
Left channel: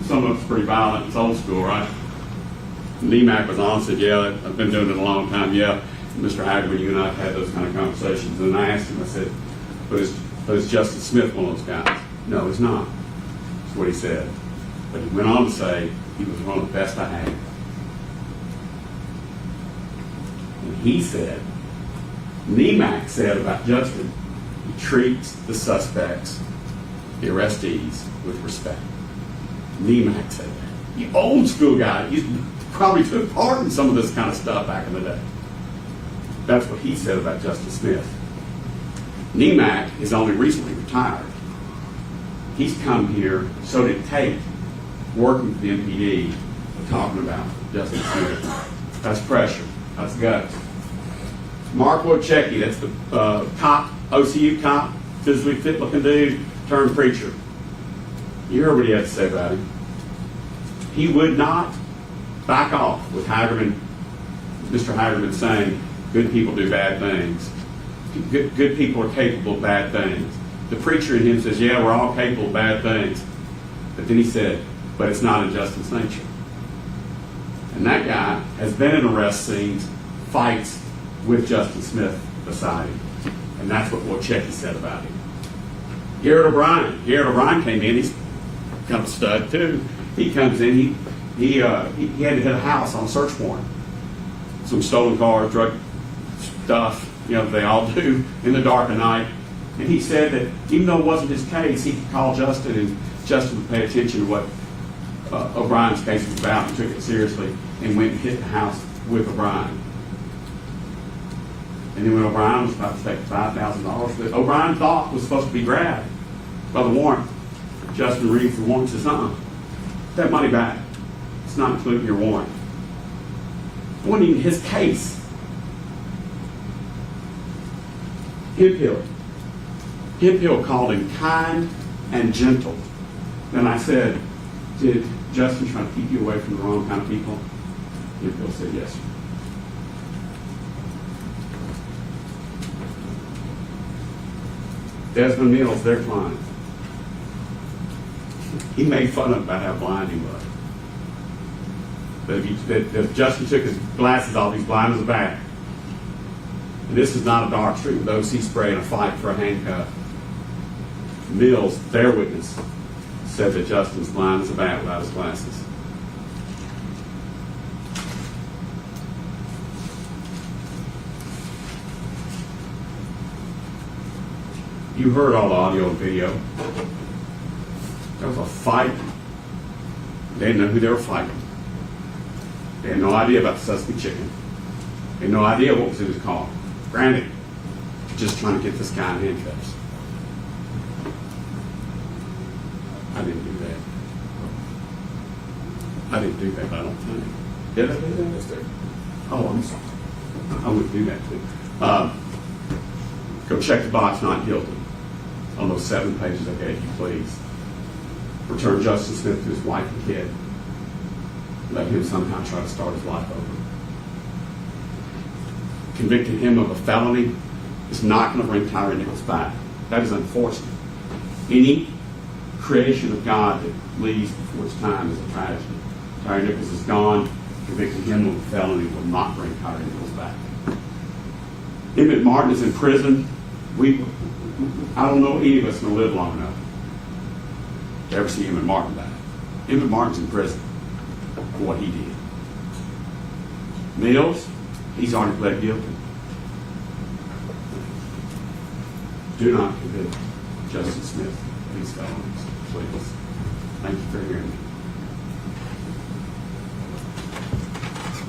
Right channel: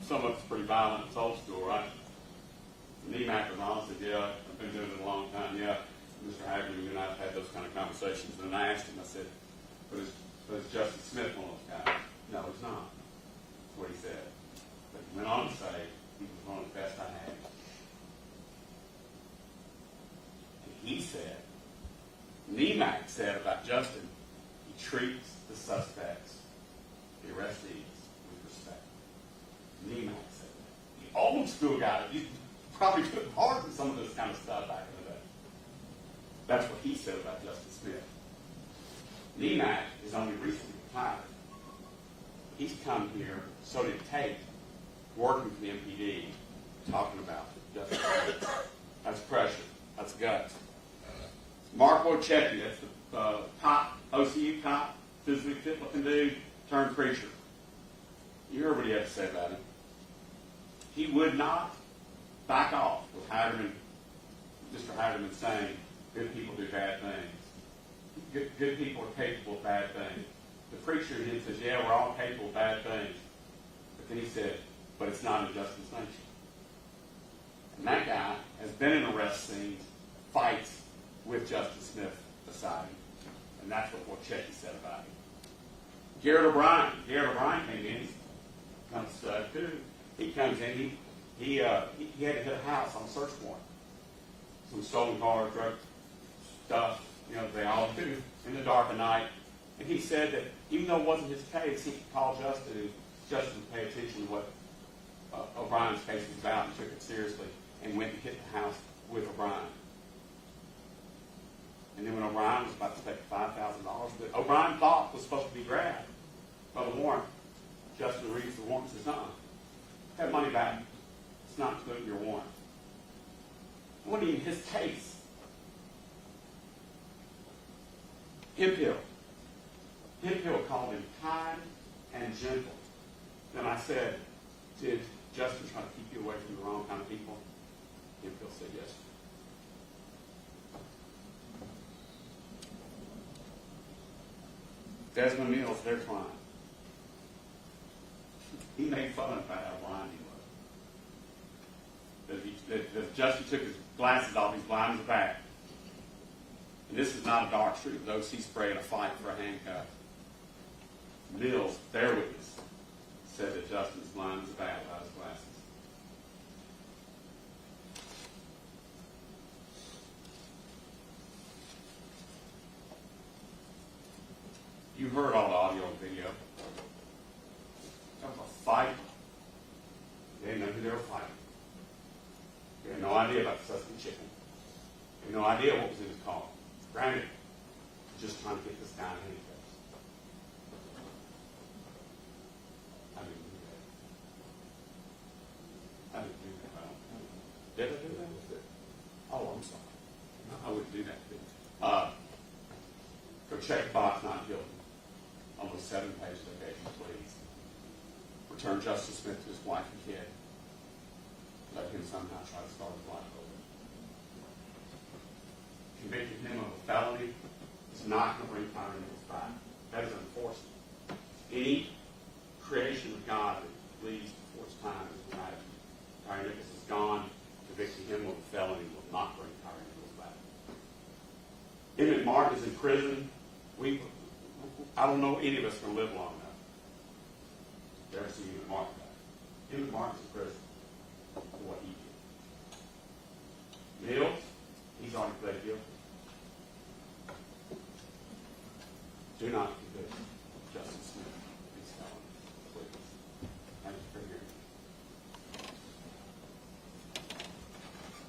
some of it's pretty violent. It's old school, right? Nemack was on and said, yeah, I've been doing it a long time. Yeah, Mr. Hagerman, you and I have had those kind of conversations. And I asked him, I said, but is Justin Smith one of those guys? No, he's not. That's what he said. But he went on to say he was one of the best I had. And he said, Nemack said about Justin, he treats the suspects, the arrestees, with respect. Nemack said that. The old school guy, he probably took part in some of this kind of stuff back in the day. That's what he said about Justin Smith. Nemack is only recently retired. He's come here, so did Tate, working for the MPD, talking about Justin Smith. That's pressure. That's guts. Mark Wojcicki, that's the cop, OCU cop, physically fit looking dude, turned preacher. You heard what he had to say about him. He would not back off with Hagerman, Mr. Hagerman saying, good people do bad things. Good people are capable of bad things. The preacher in him says, yeah, we're all capable of bad things. But then he said, but it's not in Justin's nature. And that guy has been in arrest scenes, fights with Justin Smith beside him. And that's what Wojcicki said about him. Garrett O'Brien came in. He's kind of a stud too. He comes in. He had to hit a house on a search warrant. Some stolen cars, drug stuff, they all do in the dark of night. And he said that even though it wasn't his case, he could call Justin and Justin would pay attention to what O'Brien's case was about and took it seriously and went and hit the house with O'Brien. And then when O'Brien was about to take $5,000 that O'Brien thought was supposed to be grabbed by the warrant, Justin reads the warrant and says, that money back. It's not included in your warrant. It wasn't even his case. Hemphill called him kind and gentle. And I said, did Justin try to keep you away from the wrong kind of people? Hemphill said, yes, sir. Desmond Mills, their client. He made fun of about how blind he was. But if Justin took his glasses off, he's blind as a bat. And this is not a dark street with OC spray and a fight for a handcuff. Mills, their witness, said that Justin's blind as a bat without his glasses. You heard all the audio and video. There was a fight. They didn't know who they were fighting. They had no idea about the Sesame chicken. They had no idea what was in his car. Granted, just trying to get this guy in handcuffs. I didn't do that. I didn't do that, I don't think. Did I do that? Yes, sir. Oh, I'm sorry. I wouldn't do that too. Go check the box, not guilty. On those 7 pages I gave you, please. return Justin Smith to his wife and kid, let him somehow try to start his life over. Convicting him of a felony is not going to bring Tyre Nichols back. That is unfortunate. Any creation of God that leaves before its time is a tragedy. Tyre Nichols is gone. Convicting him of a felony will not bring Tyre Nichols back. Emmett Martin is in prison. I don't know any of us going to live long enough to ever see Emmett Martin back. Emmett Martin's in prison for what he did. Mills, he's already pled guilty. Do not convict Justin Smith of these felonies, please. Thank you for hearing me.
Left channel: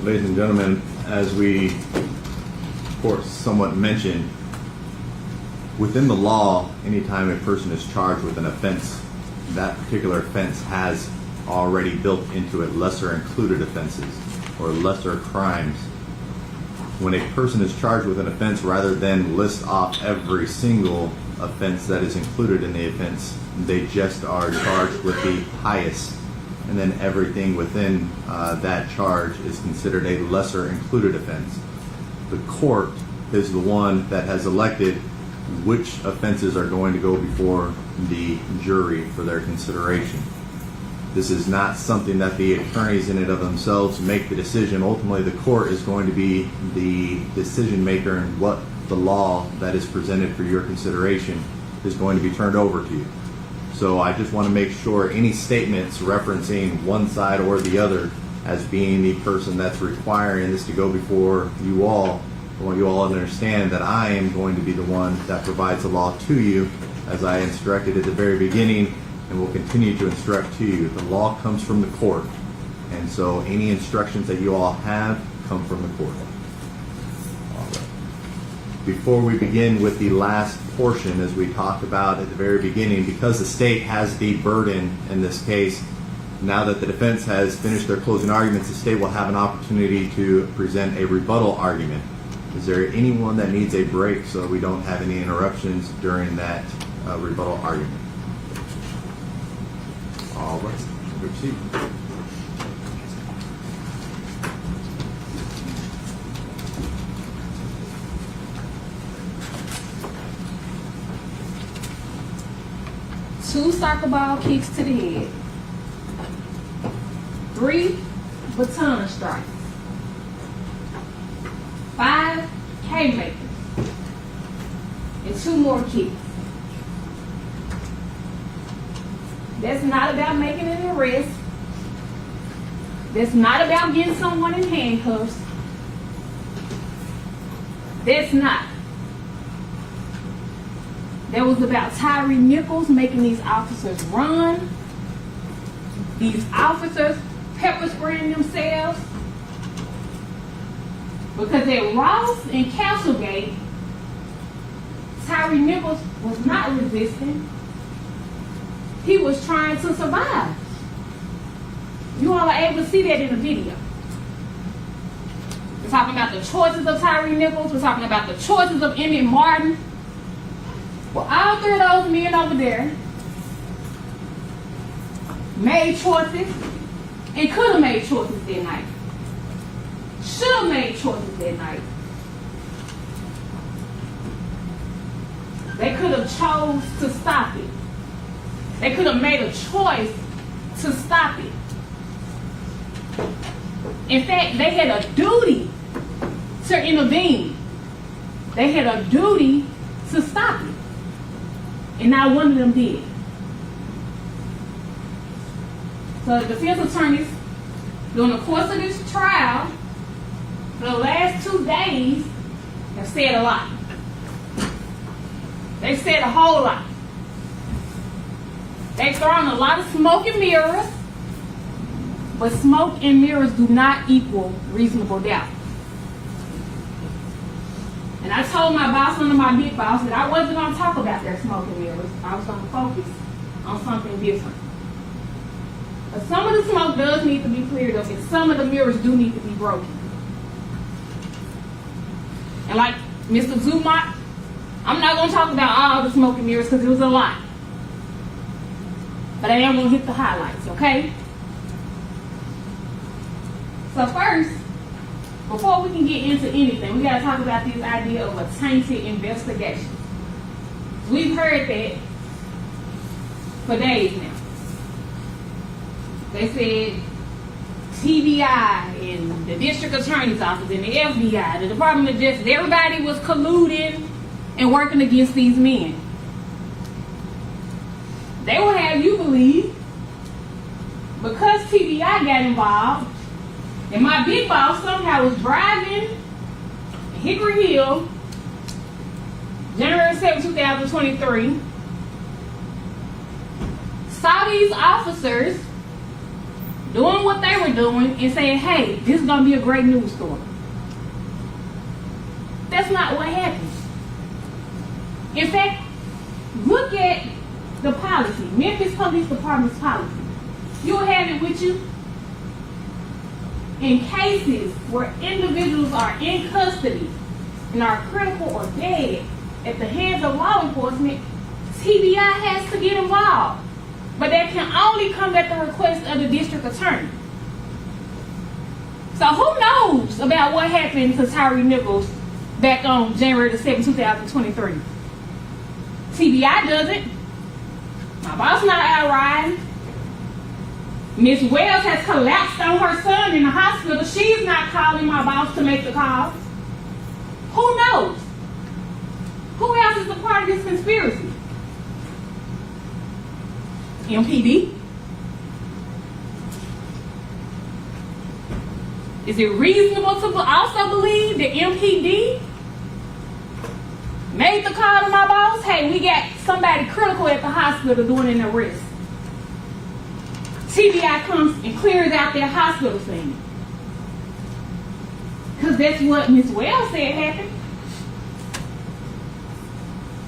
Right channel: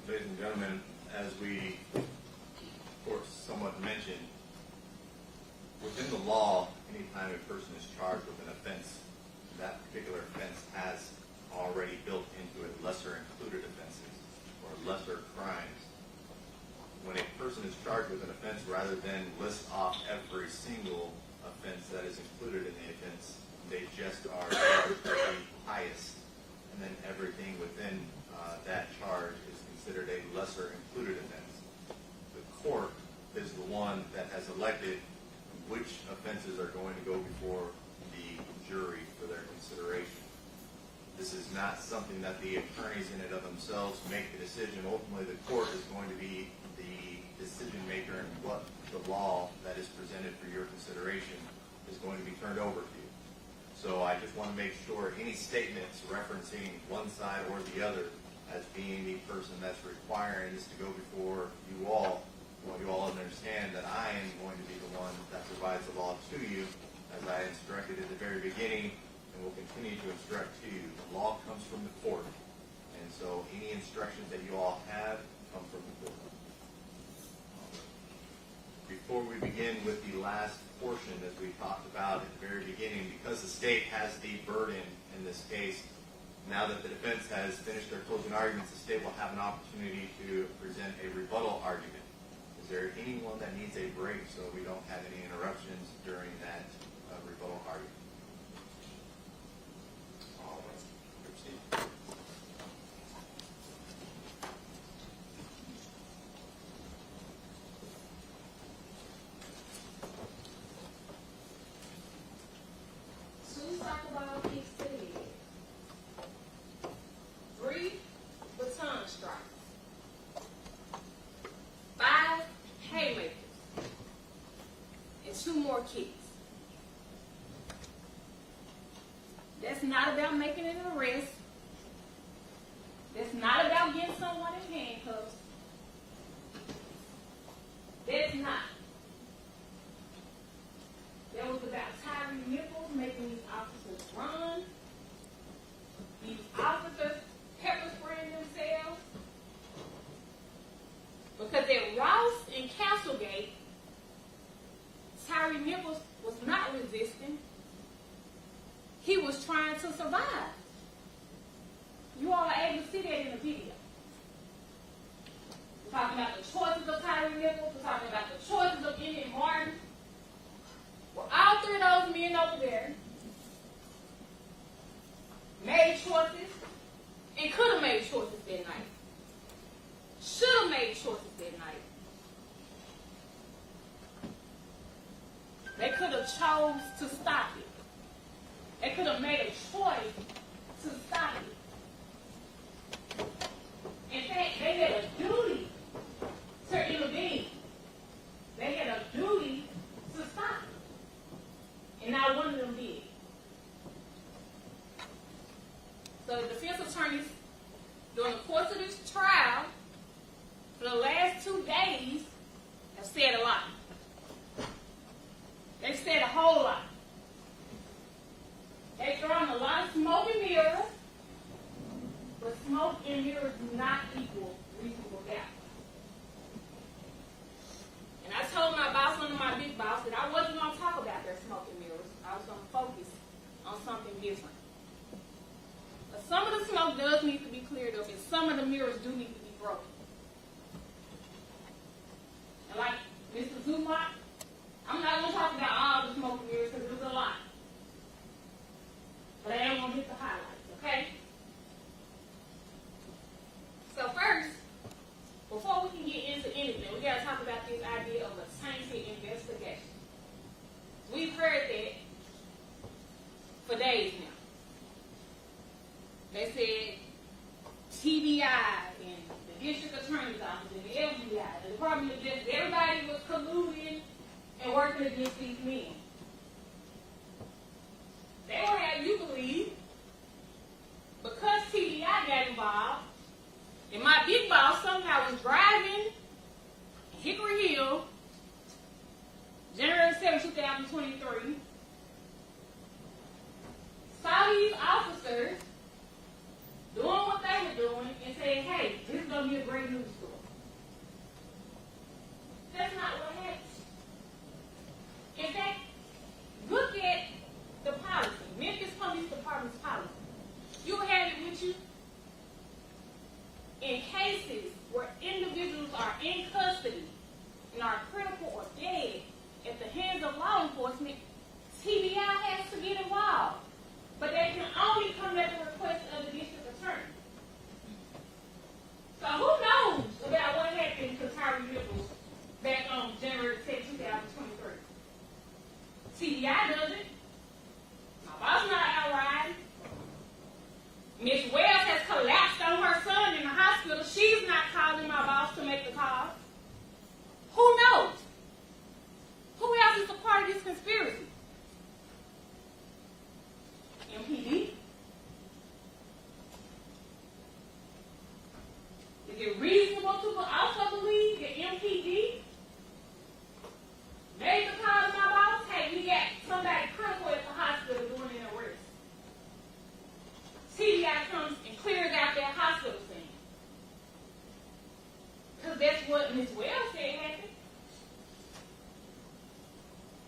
Ladies and gentlemen, as we, of course, somewhat mentioned, within the law, anytime a person is charged with an offense, that particular offense has already built into it lesser included offenses or lesser crimes. When a person is charged with an offense, rather than list off every single offense that is included in the offense, they just are charged with the highest, and then everything within that charge is considered a lesser included offense. The court is the one that has elected which offenses are going to go before the jury for their consideration. This is not something that the attorneys in and of themselves make the decision. Ultimately, the court is going to be the decision maker, and what the law that is presented for your consideration is going to be turned over to you. So I just want to make sure any statements referencing one side or the other as being the person that's requiring this to go before you all, I want you all to understand that I am going to be the one that provides the law to you, as I instructed at the very beginning and will continue to instruct to you. The law comes from the court, and so any instructions that you all have come from the court. All right. Before we begin with the last portion, as we talked about at the very beginning, because the state has the burden in this case, now that the defense has finished their closing arguments, the state will have an opportunity to present a rebuttal argument. Is there anyone that needs a break so we don't have any interruptions during that rebuttal argument? All right, proceed. Two soccer ball kicks to the head, 3 baton strikes, 5 haymakers, and 2 more kicks. That's not about making an arrest. That's not about getting someone in handcuffs. That's not. That was about Tyre Nichols making these officers run. These officers pepper spraying themselves. Because at Ross and Castlegate, Tyre Nichols was not resisting. He was trying to survive. You all are able to see that in the video. We're talking about the choices of Tyre Nichols. We're talking about the choices of Emmett Martin. Well, all 3 of those men over there made choices and could have made choices that night. Should have made choices that night. They could have chose to stop it. They could have made a choice to stop it. In fact, they had a duty to intervene. They had a duty to stop it. And not one of them did. So the defense attorneys, during the course of this trial, for the last 2 days, have said a lot. They've said a whole lot. They've thrown a lot of smoke and mirrors, but smoke and mirrors do not equal reasonable doubt. And I told my boss, one of my big boss, that I wasn't going to talk about their smoke and mirrors. I was going to focus on something different. But some of the smoke does need to be cleared up, and some of the mirrors do need to be broken. And like Mr. Zumot, I'm not going to talk about all the smoke and mirrors because it was a lot. but I am gonna hit the highlights, okay? So first, before we can get into anything, we gotta talk about this idea of a tainted investigation. We've heard that for days now. They said TBI and the district attorney's office and the FBI, the Department of Justice, everybody was colluding and working against these men. They will have you believe because TBI got involved and my big boss somehow was driving Hickory Hill, January 7, 2023, saw these officers doing what they were doing and saying, hey, this is going to be a great news story. That's not what happened. In fact, look at the policy, Memphis Police Department's policy. You'll have it with you. In cases where individuals are in custody and are critical or dead at the hands of law enforcement, TBI has to get involved. But that can only come at the request of the district attorney. So who knows about what happened to Tyre Nichols back on January 7, 2023? TBI doesn't. My boss not out riding. Miss Wells has collapsed on her son in the hospital. She's not calling my boss to make the call. Who knows? Who else is a part of this conspiracy? MPD? Is it reasonable to also believe that MPD made the call to my boss? Hey, we got somebody critical at the hospital doing an arrest. TBI comes and clears out their hospital scene. Because that's what Ms. Wells said happened.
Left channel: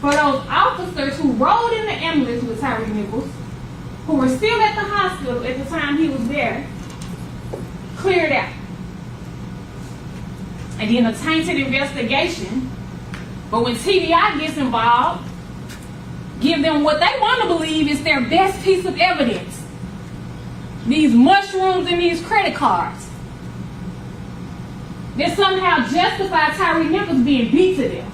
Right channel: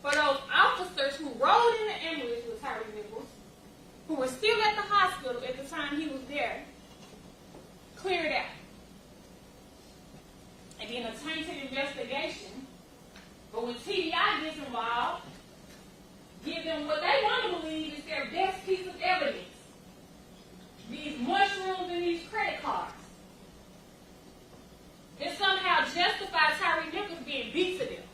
For those officers who rode in the ambulance with Tyre Nichols, who were still at the hospital at the time he was there, cleared out. And then a tainted investigation. But when TBI gets involved, give them what they want to believe is their best piece of evidence. These mushrooms and these credit cards. That somehow justify Tyre Nichols being beat to death.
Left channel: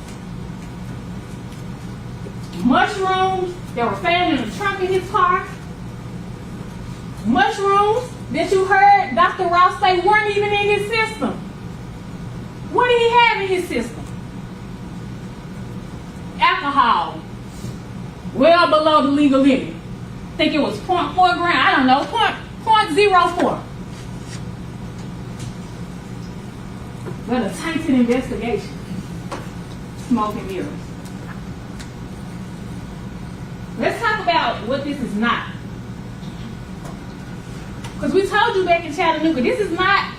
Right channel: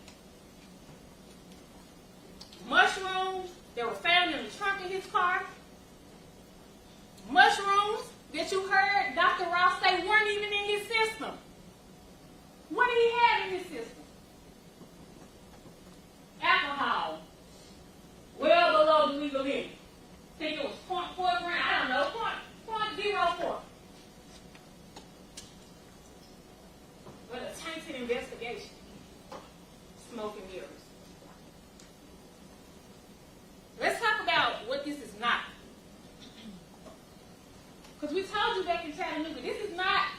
Mushrooms that were found in the trunk of his car. Mushrooms that you heard Dr. Ross say weren't even in his system. What did he have in his system? Alcohol. Well below the legal limit. I think it was 0.4 grams. I don't know. 0.04. But a tainted investigation. Smoke and mirrors. Let's talk about what this is not. Because we told you back in Chattanooga, this is not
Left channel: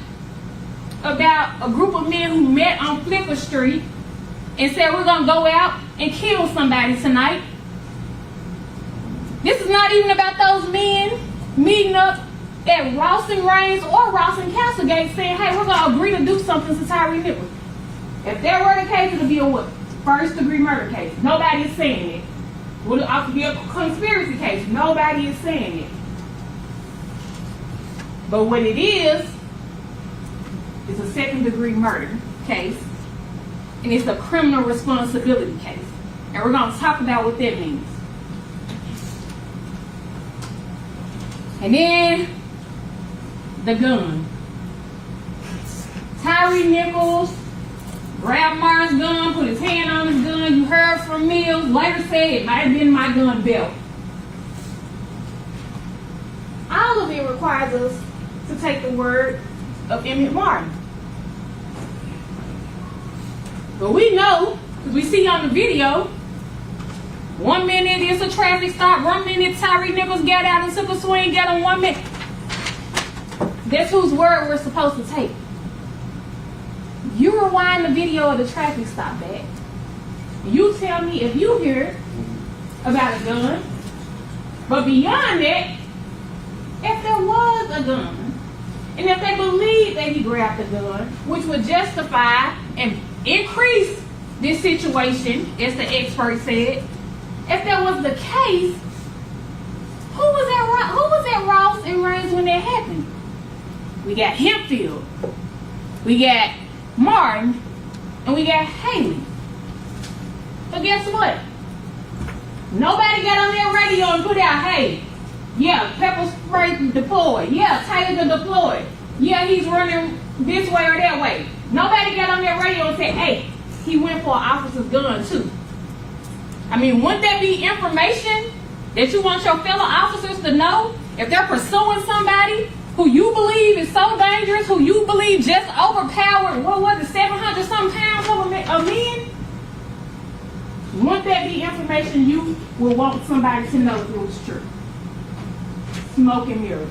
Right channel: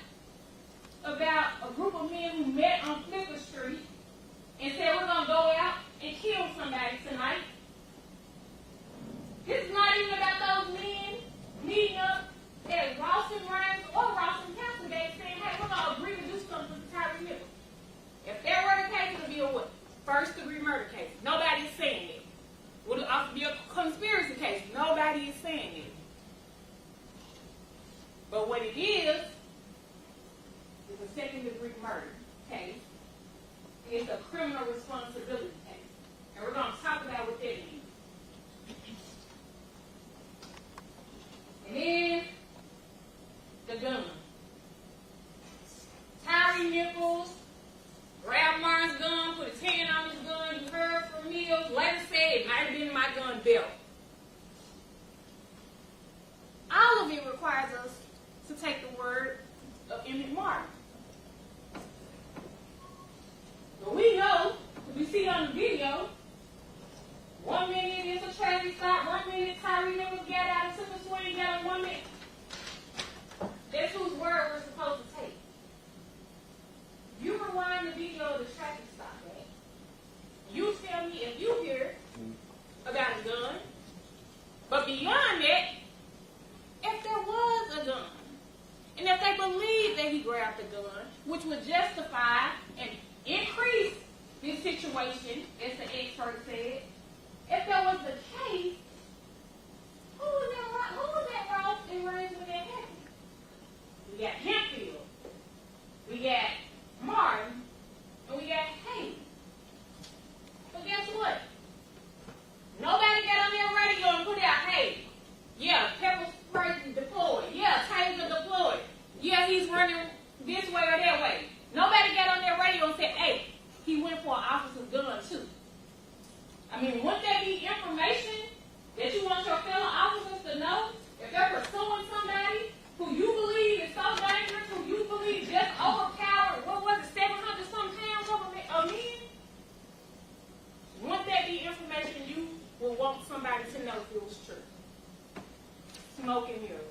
about a group of men who met on Flipper Street and said we're going to go out and kill somebody tonight. This is not even about those men meeting up at Ross and Raines or Ross and Castlegate saying, hey, we're going to agree to do something to Tyre Nichols. If that were the case, it would be a what? First degree murder case. Nobody is saying it. Would it also be a conspiracy case? Nobody is saying it. But what it is a second degree murder case, and it's a criminal responsibility case. And we're going to talk about what that means. And then the gun. Tyre Nichols grabbed Martin's gun, put his hand on his gun. You heard from Mills, later said it might have been my gun belt. All of it requires us to take the word of Emmett Martin. But we know, because we see on the video, 1 minute it's a traffic stop, 1 minute Tyre Nichols got out and took a swing, got him 1 minute. That's whose word we're supposed to take. You rewind the video of the traffic stop back. You tell me if you hear about a gun, but beyond that, if there was a gun, and if they believe that he grabbed the gun, which would justify and increase this situation, as the expert said, if that was the case, who was at when that happened. We got Hempfield, we got Martin, and we got Haley. But guess what? Nobody got on their radio and put out, hey, yeah, pepper spray deployed. Yeah, Taser deployed. Yeah, he's running this way or that way. Nobody got on their radio and said, hey, he went for an officer's gun too. I mean, wouldn't that be information that you want your fellow officers to know? If they're pursuing somebody who you believe is so dangerous, who you believe just overpowered, what was it, 700 some pounds of men? Wouldn't that be information you would want somebody to know if it was true? Smoke and mirrors.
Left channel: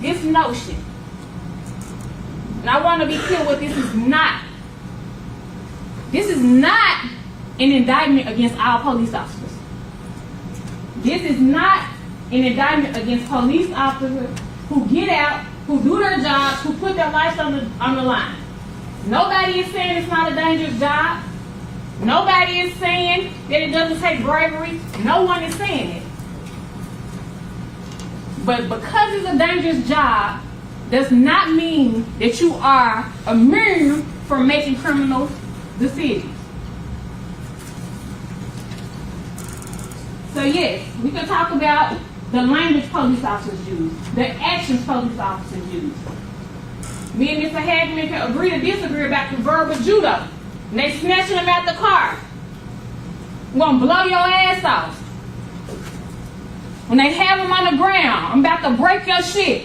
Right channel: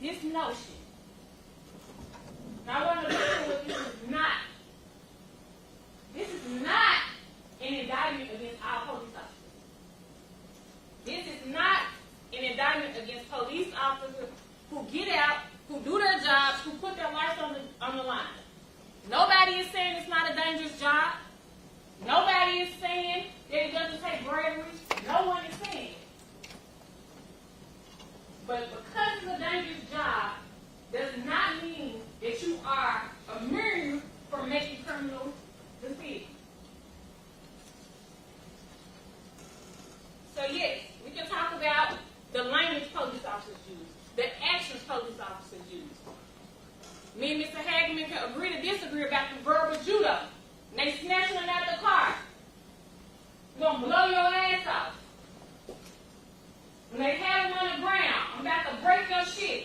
This notion, and I want to be clear what this is not. This is not an indictment against all police officers. This is not an indictment against police officers who get out, who do their jobs, who put their lives on the line. Nobody is saying it's not a dangerous job. Nobody is saying that it doesn't take bravery. No one is saying it. But because it's a dangerous job, does not mean that you are immune from making criminal decisions. So yes, we can talk about the language police officers use, the actions police officers use. Me and Mr. Hagman can agree to disagree about the verbal judo. And they snatching them out the car. I'm gonna blow your ass off. When they have them on the ground, I'm about to break your shit.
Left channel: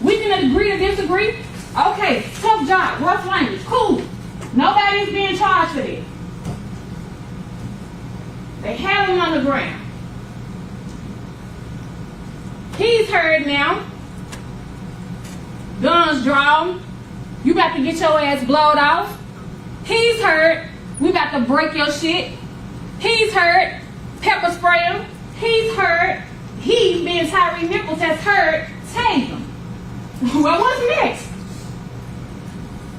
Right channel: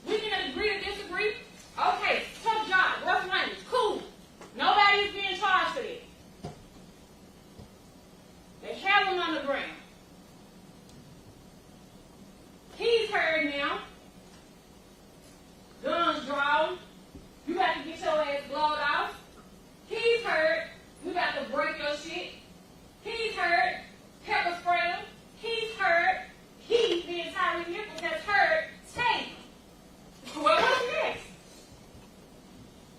We can agree to disagree. Okay, tough job, rough language, cool. Nobody is being charged for that. They have him on the ground. He's hurt now. Guns drawn. You about to get your ass blowed off. He's hurt. We about to break your shit. He's hurt. Pepper spray him. He's hurt. He, being Tyre Nichols, has hurt. Take him. Well, what's next?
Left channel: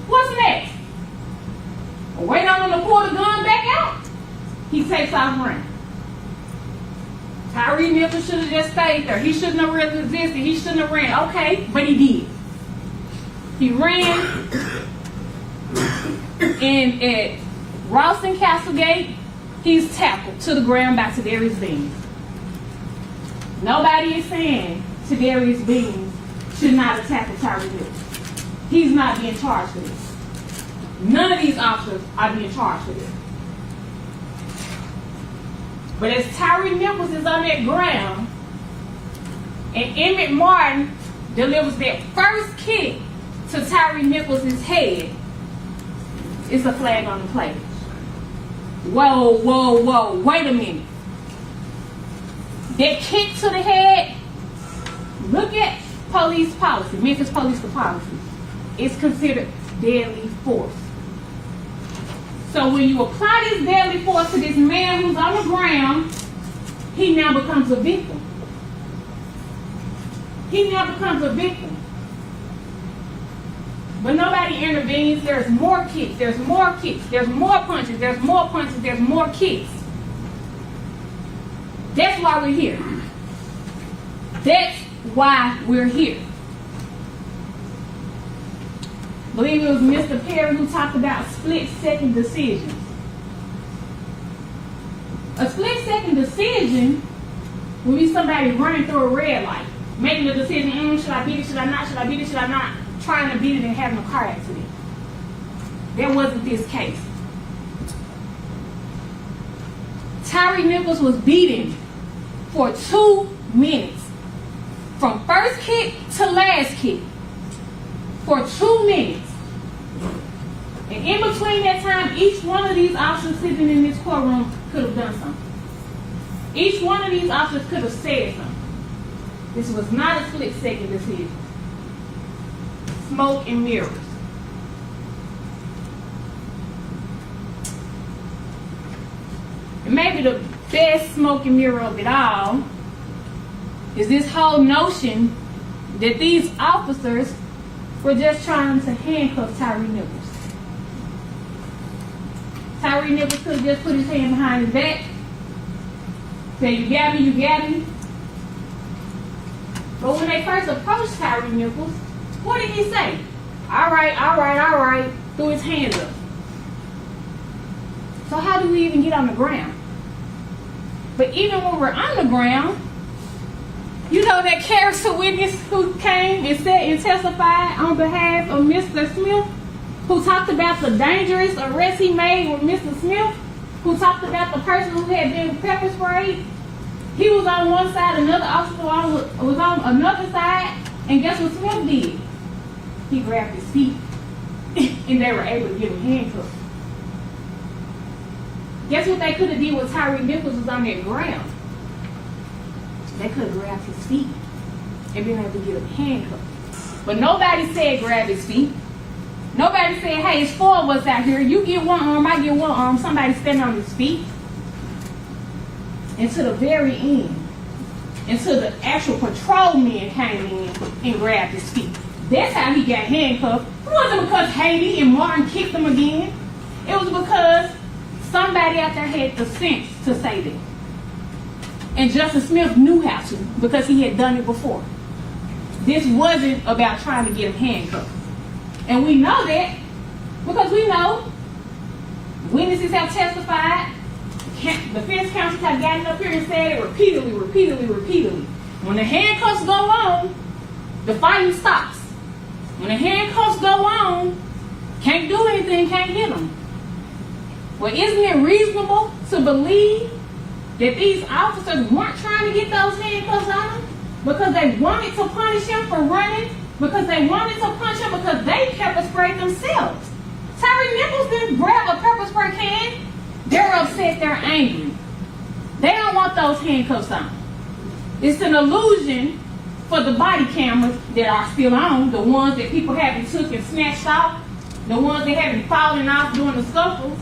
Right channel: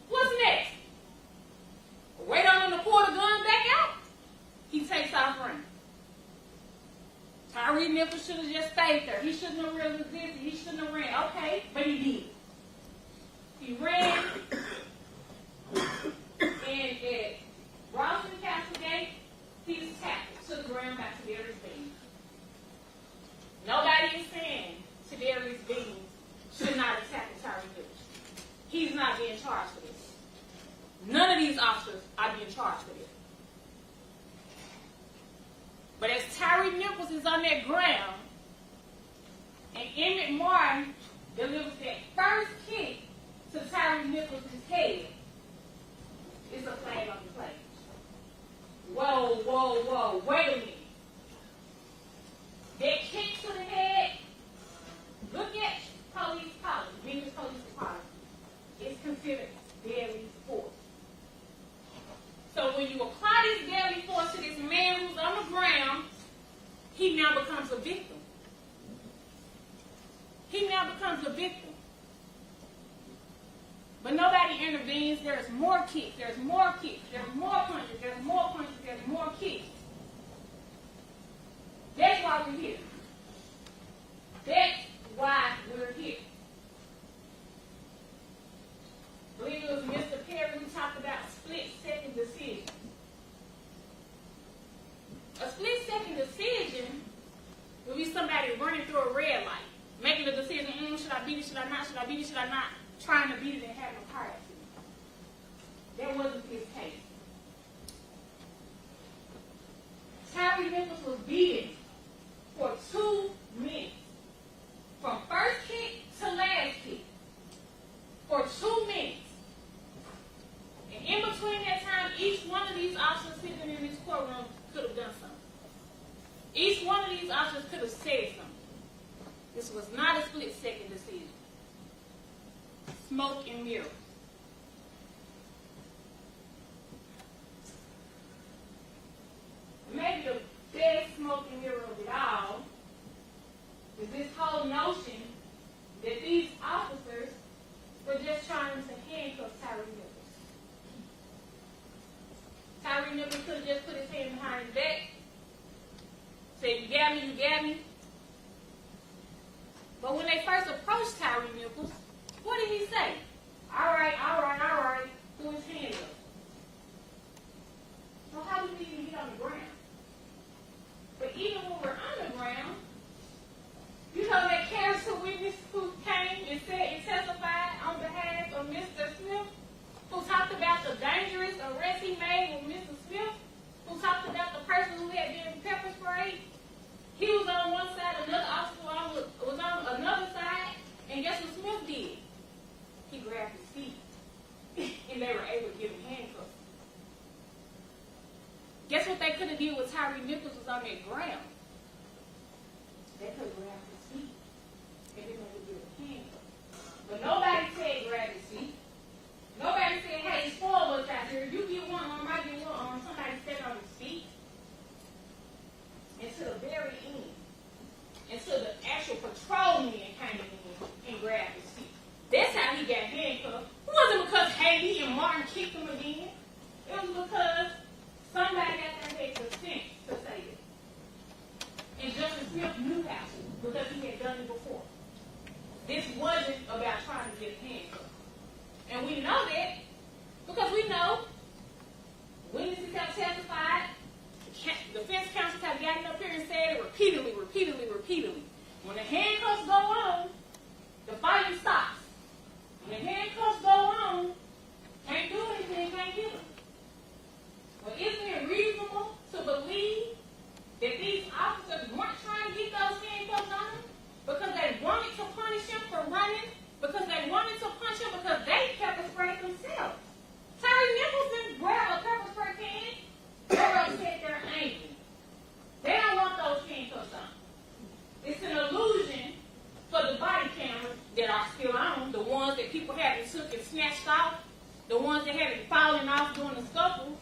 What's next? Wait on him to pull the gun back out. He takes off running. Tyre Nichols should have just stayed there. He shouldn't have resisted. He shouldn't have ran. Okay, but he did. He ran. And at Ralston Castlegate, he's tackled to the ground by Tadarius Beans. Nobody is saying Tadarius Beans should not have tackled Tyre Nichols. He's not being charged for this. None of these officers are being charged for this. But as Tyre Nichols is on that ground, and Emmett Martin delivers that first kick to Tyre Nichols' head, it's a flag on the play. Whoa, whoa, whoa, wait a minute. That kick to the head, look at police policy, Memphis Police Policy. It's considered deadly force. So when you apply this deadly force to this man who's on the ground, he now becomes a victim. He now becomes a victim. But nobody intervenes. There's more kicks. There's more kicks. There's more punches. There's more punches. There's more kicks. That's why we're here. That's why we're here. I believe it was Mr. Perry who talked about split-second decisions. A split-second decision will be somebody running through a red light, making the decision, should I beat it, should I not, should I beat it, should I not, trying to beat it and having a car accident. That wasn't this case. Tyre Nichols was beaten for 2 minutes. From first kick to last kick. For 2 minutes. And in between that time, each one of these officers sitting in this courtroom could have done something. Each one of these officers could have said something. This was not a split-second decision. Smoke and mirrors. And maybe the best smoke and mirror of it all is this whole notion that these officers were just trying to handcuff Tyre Nichols. Tyre Nichols could have just put his hand behind his back Say, you got me, you got me. But when they first approached Tyre Nichols, what did he say? All right, all right, all right. Threw his hands up. So how do we even get on the ground? But even when we're on the ground, you know that character witness who came and said and testified on behalf of Mr. Smith, who talked about the dangerous arrest he made with Mr. Smith, who talked about the person who had been pepper sprayed. He was on one side, another officer was on another side, and guess what Smith did? He grabbed his feet, and they were able to get him handcuffed. Guess what they could have did when Tyre Nichols was on that ground? They could have grabbed his feet and been able to get him handcuffed. But nobody said grab his feet. Nobody said, hey, it's four of us out here. You get one arm, I get one arm. Somebody stand on his feet. And to the very end, until the actual patrolman came in and grabbed his feet. That's how he got handcuffed. It wasn't because Haley and Martin kicked him again. It was because somebody out there had the sense to say that. And Justice Smith knew how to because he had done it before. This wasn't about trying to get him handcuffed. And we know that because we know witnesses have testified, defense counsel have gotten up here and said it repeatedly. When the handcuffs go on, the fighting stops. When the handcuffs go on, can't do anything, can't hit them. Well, isn't it reasonable to believe that these officers weren't trying to get those handcuffs on him because they wanted to punish him for running, because they wanted to punch him because they pepper sprayed themselves? Tyre Nichols didn't grab a pepper spray can. They're upset, they're angry. They don't want those handcuffs on. It's an illusion for the body cameras that are still on, the ones that people haven't took and snatched off, the ones that haven't fallen off during the scuffle.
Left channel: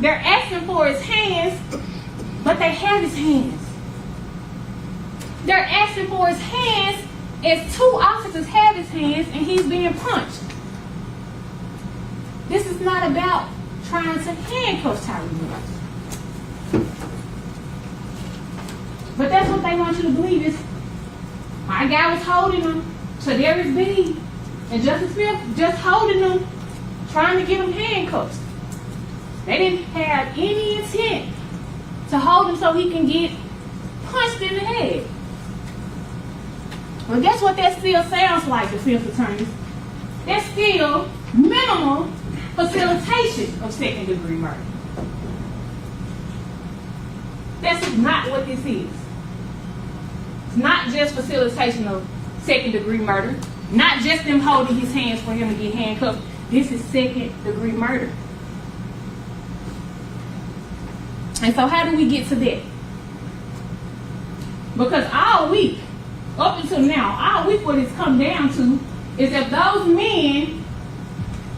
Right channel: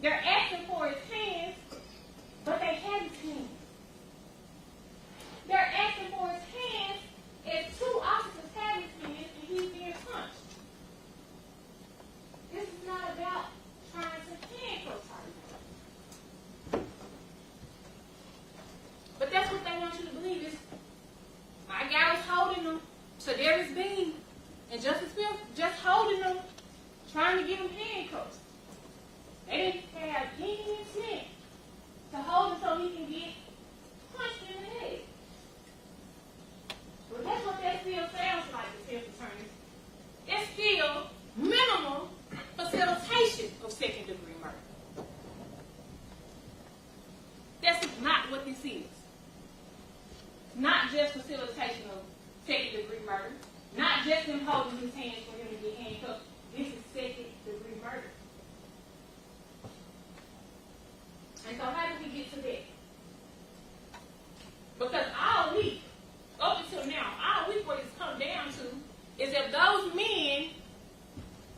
They're asking for his hands, but they have his hands. They're asking for his hands as two officers have his hands and he's being punched. This is not about trying to handcuff Tyre Nichols. But that's what they want you to believe is my guy was holding him, so there is B, and Justice Smith just holding him, trying to get him handcuffed. They didn't have any intent to hold him so he can get punched in the head. Well, guess what that still sounds like, defense attorneys? That's still minimal facilitation of second-degree murder. That's not what this is. It's not just facilitation of second-degree murder, not just them holding his hands for him to get handcuffed. This is second-degree murder. And so how do we get to that? Because all week, up until now, all week what it's come down to is that those men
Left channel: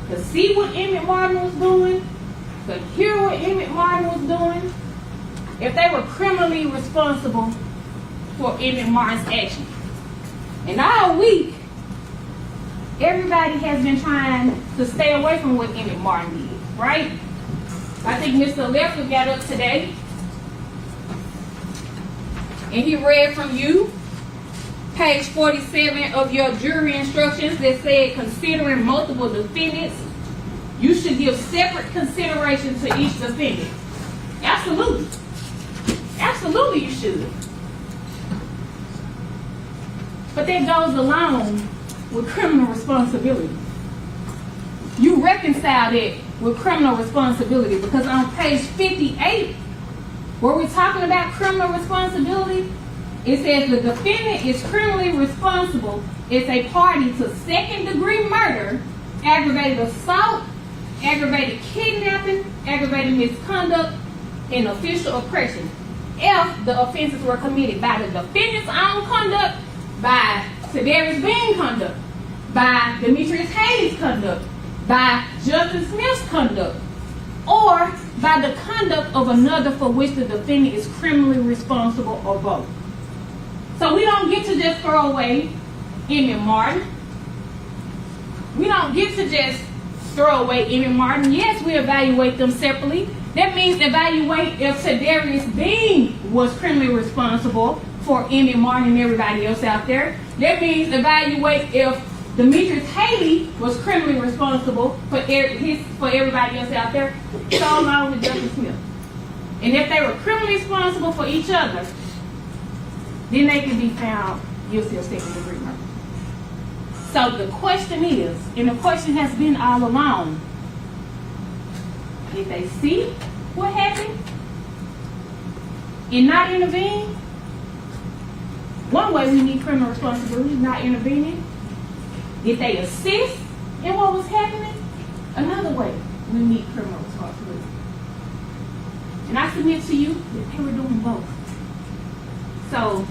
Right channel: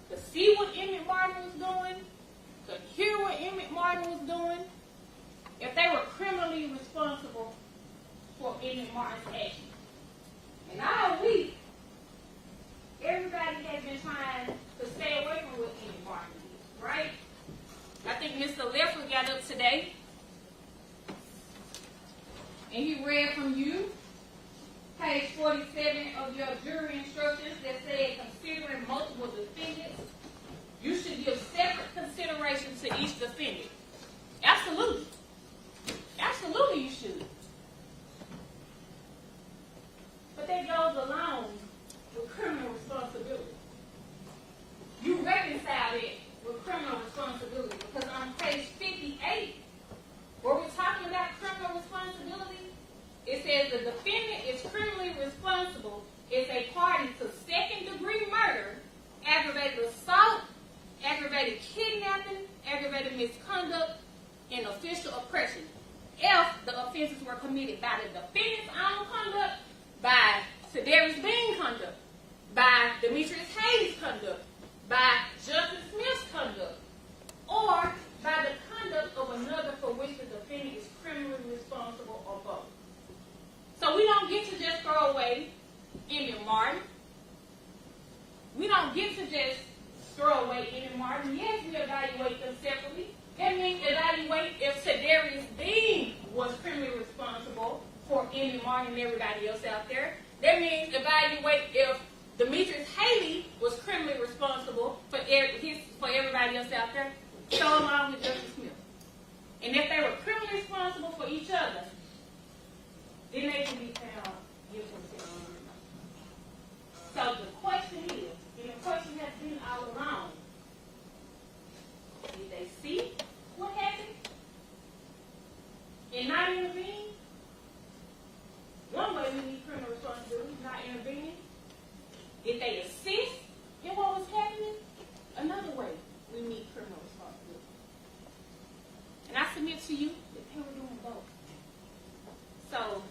could see what Emmett Martin was doing, could hear what Emmett Martin was doing, if they were criminally responsible for Emmett Martin's actions. And all week, everybody has been trying to stay away from what Emmett Martin did, right? I think Mr. Leffler got up today and he read from you page 47 of your jury instructions that said considering multiple defendants, you should give separate consideration to each defendant. Absolutely. Absolutely you should. But that goes along with criminal responsibility. You reconcile that with criminal responsibility because on page 58, where we're talking about criminal responsibility, it says the defendant is criminally responsible as a party to second-degree murder, aggravated assault, aggravated kidnapping, aggravated misconduct, and official oppression if the offenses were committed by the defendant's own conduct, by Sedarius Bean's conduct, by Demetrius Hayes' conduct, by Justice Smith's conduct, or by the conduct of another for which the defendant is criminally responsible or both. So we don't get to just throw away Emmett Martin. We don't get to just throw away Emmett Martin. Yes, we evaluate them separately. That means evaluate if Tadarius Bean was criminally responsible for Emmett Martin and everybody else out there. That means evaluate if Demetrius Haley was criminally responsible for everybody else out there, so along with Justice Smith. And if they were criminally responsible for each other, then they can be found guilty of second-degree murder. So the question is, and the question has been all along, if they see what happened and not intervene, one way we need criminal responsibility, not intervening. If they assist in what was happening, another way we need criminal responsibility. And I submit to you that they were doing both. So,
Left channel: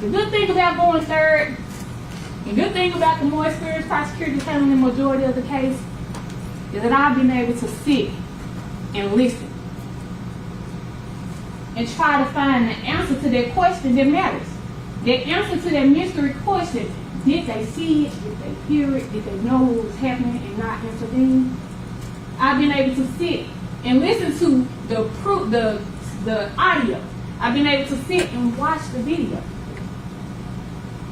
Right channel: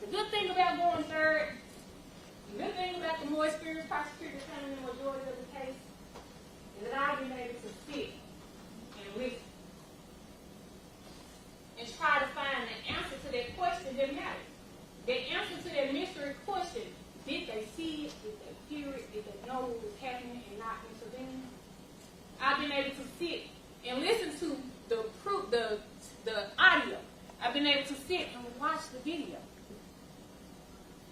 the good thing about going third, the good thing about the more experienced prosecutors handling the majority of the case, is that I've been able to sit and listen and try to find the answer to that question that matters. The answer to that mystery question: did they see it? Did they hear it? Did they know what was happening and not intervene? I've been able to sit and listen to the audio. I've been able to sit and watch the video.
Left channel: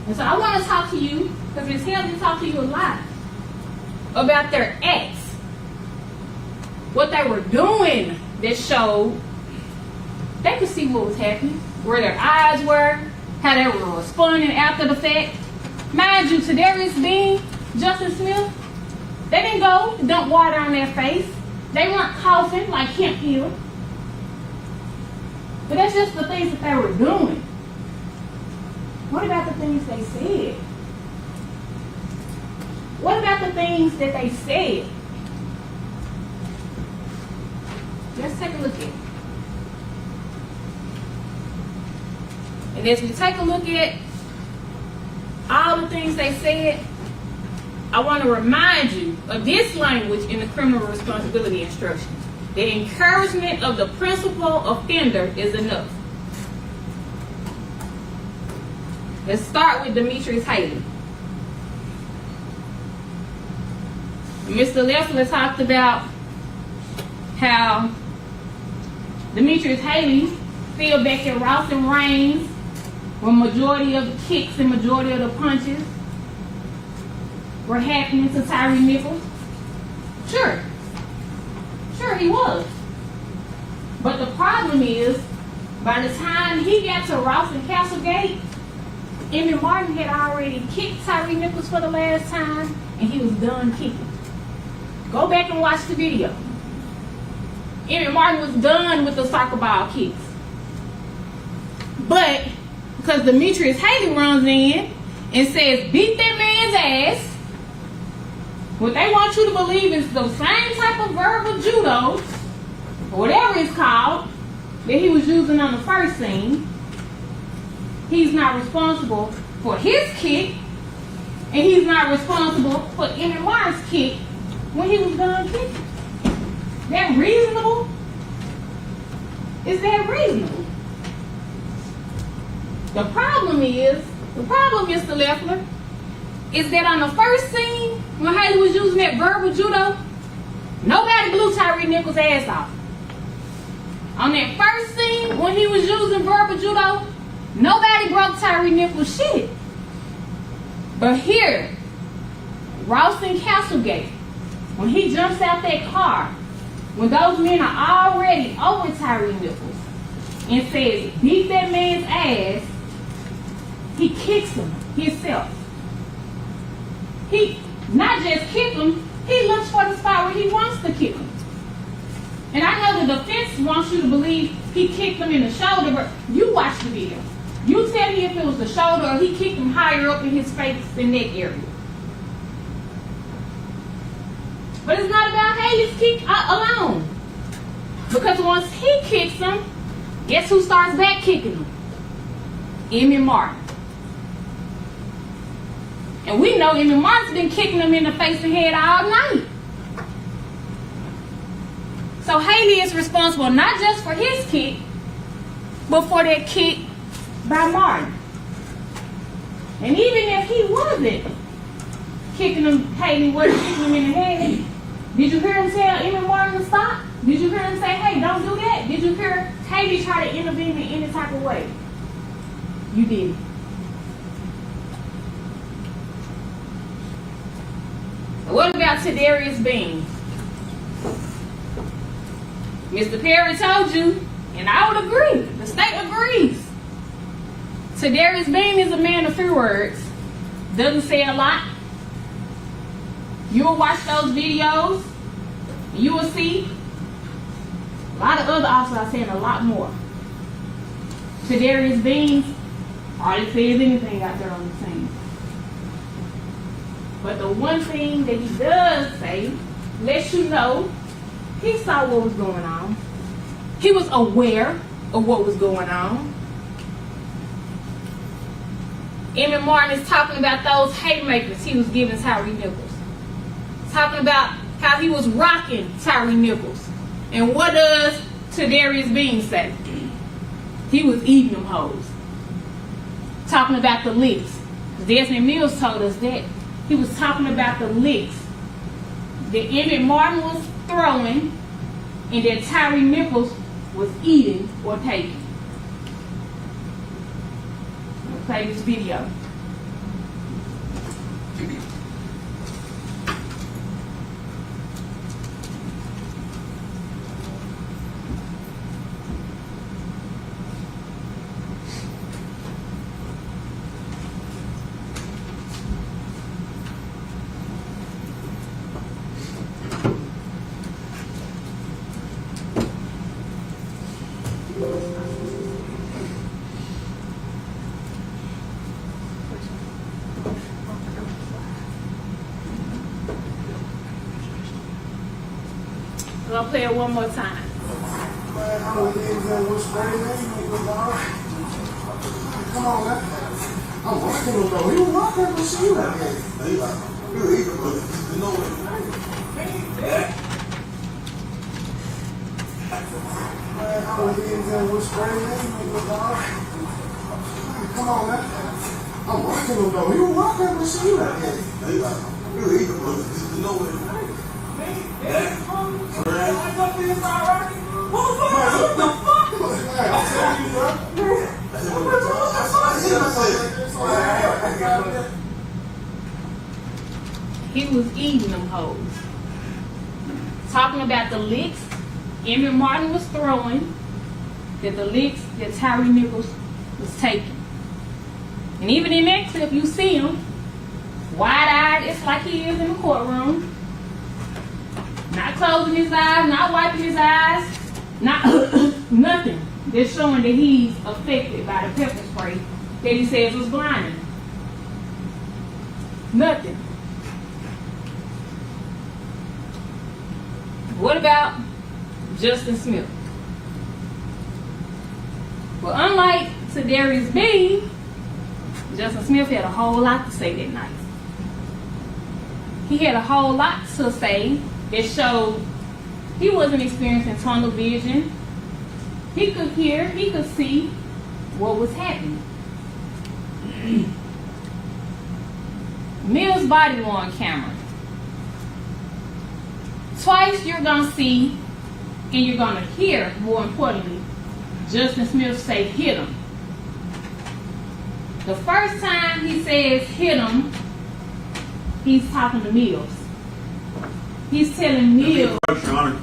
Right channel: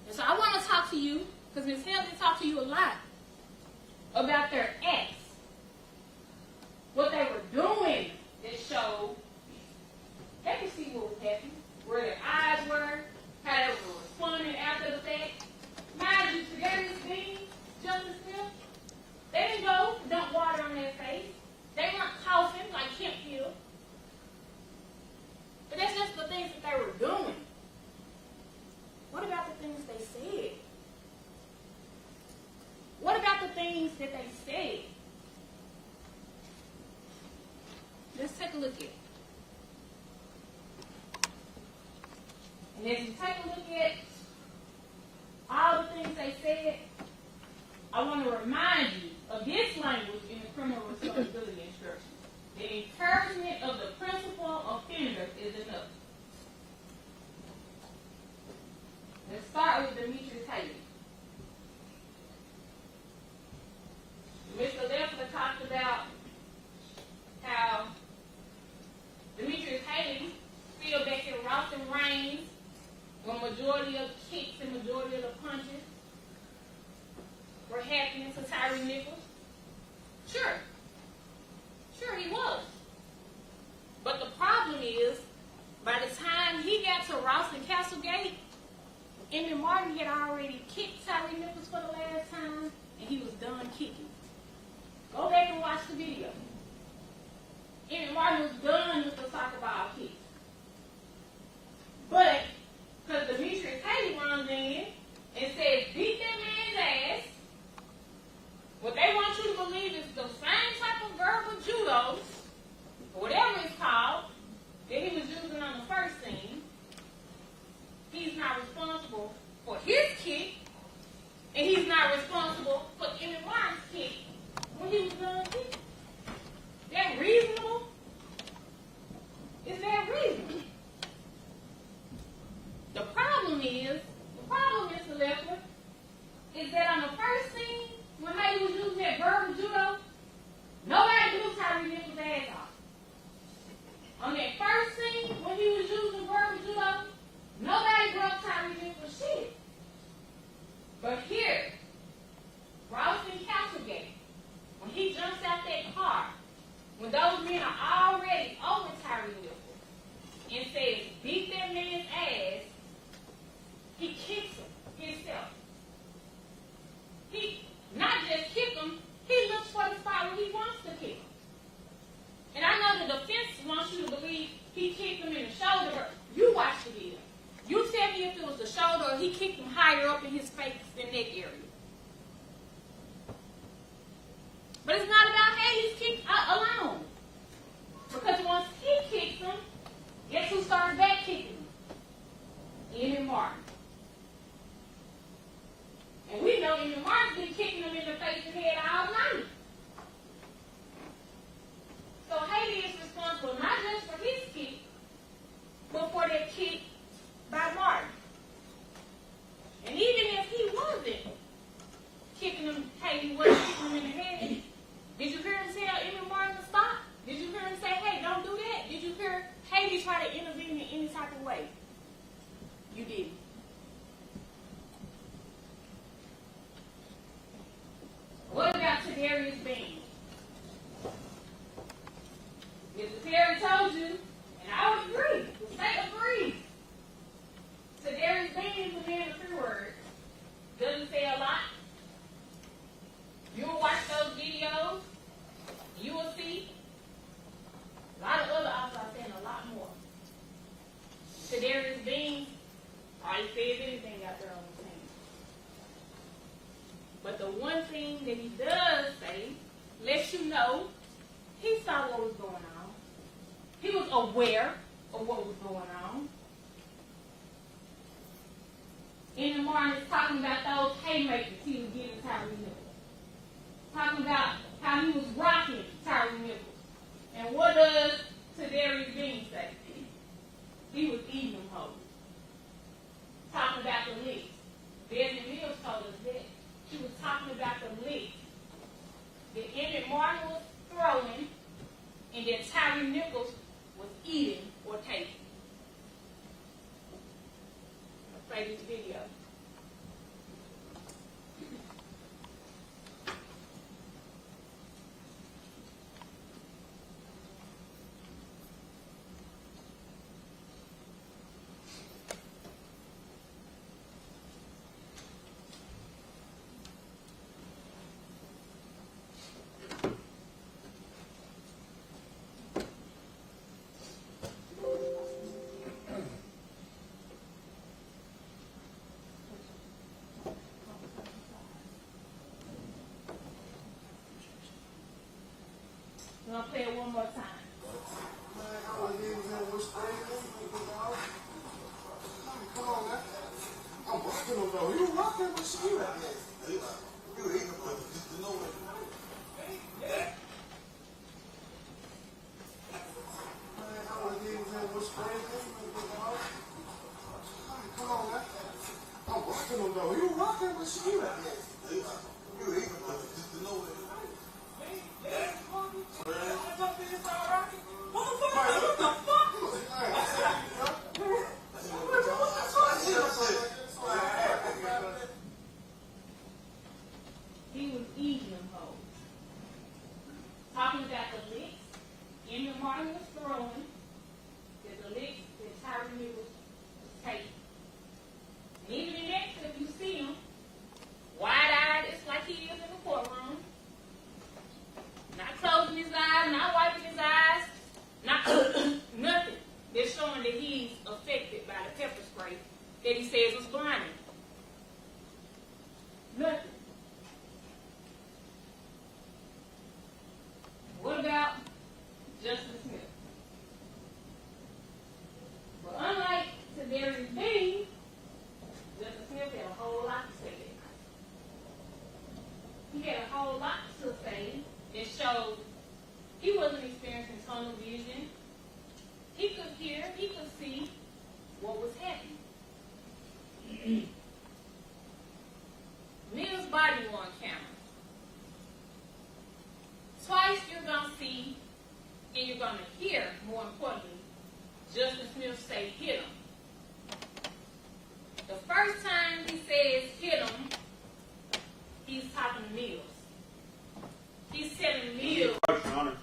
And so I want to talk to you, because it's helped me talk to you a lot, about their acts. What they were doing that showed they could see what was happening, where their eyes were, how they were responding after the fact. Mind you, Tadarius Bean, Justice Smith, they didn't go dump water on their face. They weren't coughing like Kemp Hill. But that's just the things that they were doing. What about the things they said? What about the things that they said? Let's take a look at it. And as we take a look at all the things they said, I want to remind you of this language in the criminal responsibility instructions. The encouragement of the principal offender is enough. Let's start with Demetrius Haley. Mr. Leffler talked about how Demetrius Haley fell back at Ross and Raines, where majority of the kicks and majority of the punches were happening to Tyre Nichols. Sure, he was. But the problem is, by the time he got to Ross and Castlegate, Emmett Martin had already kicked Tyre Nichols for the last time, and he was done kicking. Go back and watch the video. Emmett Martin was done with the soccer ball kicks. But because Demetrius Haley runs in and says, beat that man's ass, what they want you to believe is the same type of verbal judo, or whatever it's called, that he was using on the first scene. He's not responsible for his kick, and he's not responsible for Emmett Martin's kick when he was done kicking. That reasonable? Is that reasonable? The problem, Mr. Leffler, is that on the first scene, when Haley was using that verbal judo, nobody blew Tyre Nichols' ass off. On that first scene, when he was using verbal judo, nobody broke Tyre Nichols' shit. But here, Ross and Castlegate, when he jumps out that car, when those men are already over Tyre Nichols and says, beat that man's ass, he kicks him himself. He not just kick him, he looks for the spot where he wants to kick him. And I know the defense wants you to believe he kicked him in the shoulder, but you watch the video. You tell me if it was the shoulder or he kicked him higher up in his face and neck area. But it's not about Haley's kick alone. Because once he kicks him, guess who starts back kicking him? Emmett Martin. And we know Emmett Martin's been kicking him in the face and head all night. So Haley is responsible not just for his kick, but for that kick by Martin. And even if he wasn't, kicking him, Haley wasn't kicking him in the head. Did you hear him tell Emmett Martin to stop? Did you hear him say, hey, don't do that? Did you hear Haley try to intervene in any type of way? You did. What about Tadarius Bean? Mr. Perry told you, and I would agree, the state agrees. Tadarius Bean is a man of few words, doesn't say a lot. You'll watch those videos, you will see a lot of other officers are saying a lot more. Tadarius Bean hardly says anything out there on the scene. But the one thing that he does say lets you know he saw what was going on. He was aware of what was going on. Emmett Martin is talking about those haymakers he was giving Tyre Nichols. Talking about how he was rocking Tyre Nichols. And what does Tadarius Bean say? He was eating them hoes. Talking about the licks. Desmond Mills told us that. He was talking about the licks that Emmett Martin was throwing and that Tyre Nichols was eating or taking. I'm going to play this video. I'll play it one more time. Man, I don't think that was crazy. Come on, man. I'm rocking him though. He was rocking him, but see you out there. You eating, but you know what? Man, I don't think that was crazy. Come on, man. I'm rocking him though. He was rocking him, but see you out there. You eating, but you know what? He was eating them hoes. Talking about the licks Emmett Martin was throwing, that the licks that Tyre Nichols was taking. And even in that clip, you see him wide-eyed, it's like he is in the courtroom. Not closing his eyes, not wiping his eyes, not nothing. They're showing that he's affected by the pepper spray that he says was blinding. Nothing. What about Justin Smith? Well, unlike Tadarius Bean, Justin Smith had a whole lot to say that night. He had a whole lot to say that showed he wasn't experiencing tunnel vision. He could hear, he could see what was happening. Mills' body-worn camera. Twice you're going to see, and you're going to hear, more importantly, Justin Smith say, hit him. The first time he says, hit him, he's talking to Mills. He's telling Mills. Your Honor.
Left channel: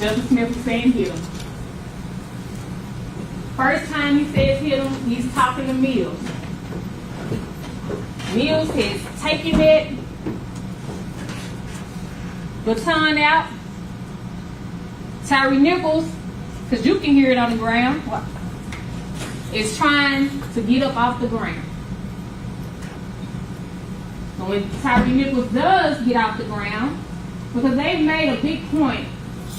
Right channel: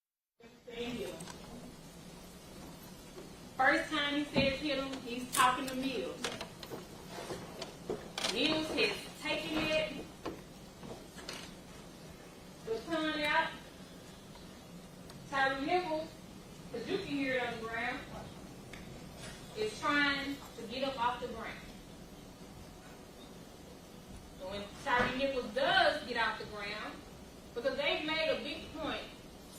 Justice Smith was saying hit him. First time he says hit him, he's talking to Mills. Mills has taken that baton out. Tyre Nichols, because you can hear it on the ground, is trying to get up off the ground. So when Tyre Nichols does get off the ground, because they made a big point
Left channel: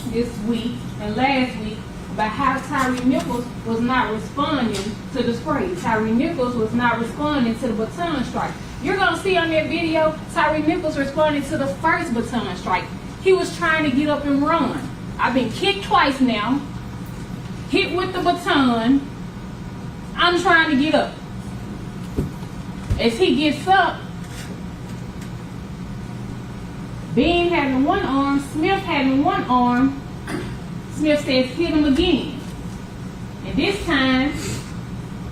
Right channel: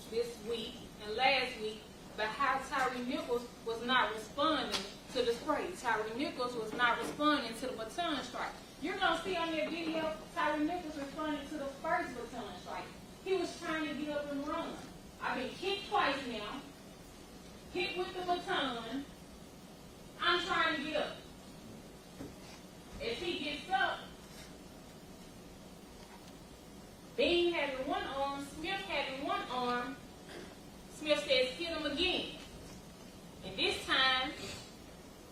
this week and last week about how Tyre Nichols was not responding to the spray. Tyre Nichols was not responding to the baton strike. You're going to see on that video, Tyre Nichols responded to the first baton strike. He was trying to get up and run. I've been kicked twice now, hit with the baton. I'm trying to get up. As he gets up, Bean having one arm, Smith having one arm, Smith says hit him again. And this time,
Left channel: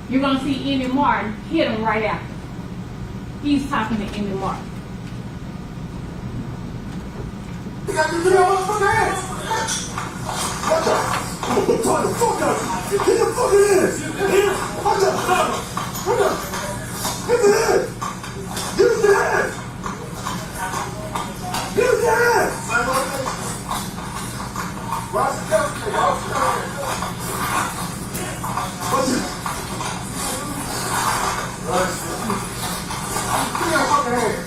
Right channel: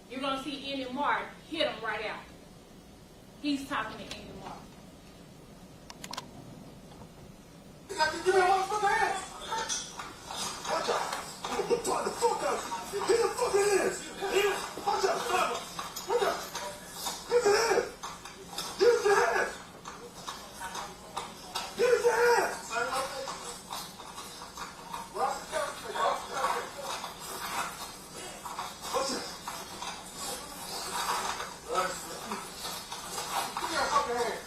you're going to see Emmett Martin hit him right after. He's talking to Emmett Martin. You got to get your motherfucking ass. Watch out. I'm gonna try the fuck out. Get your fucking ass. Watch out. Watch out. Get the ass. Get the ass. Get the ass. Watch it. Watch it. Get your fucking ass.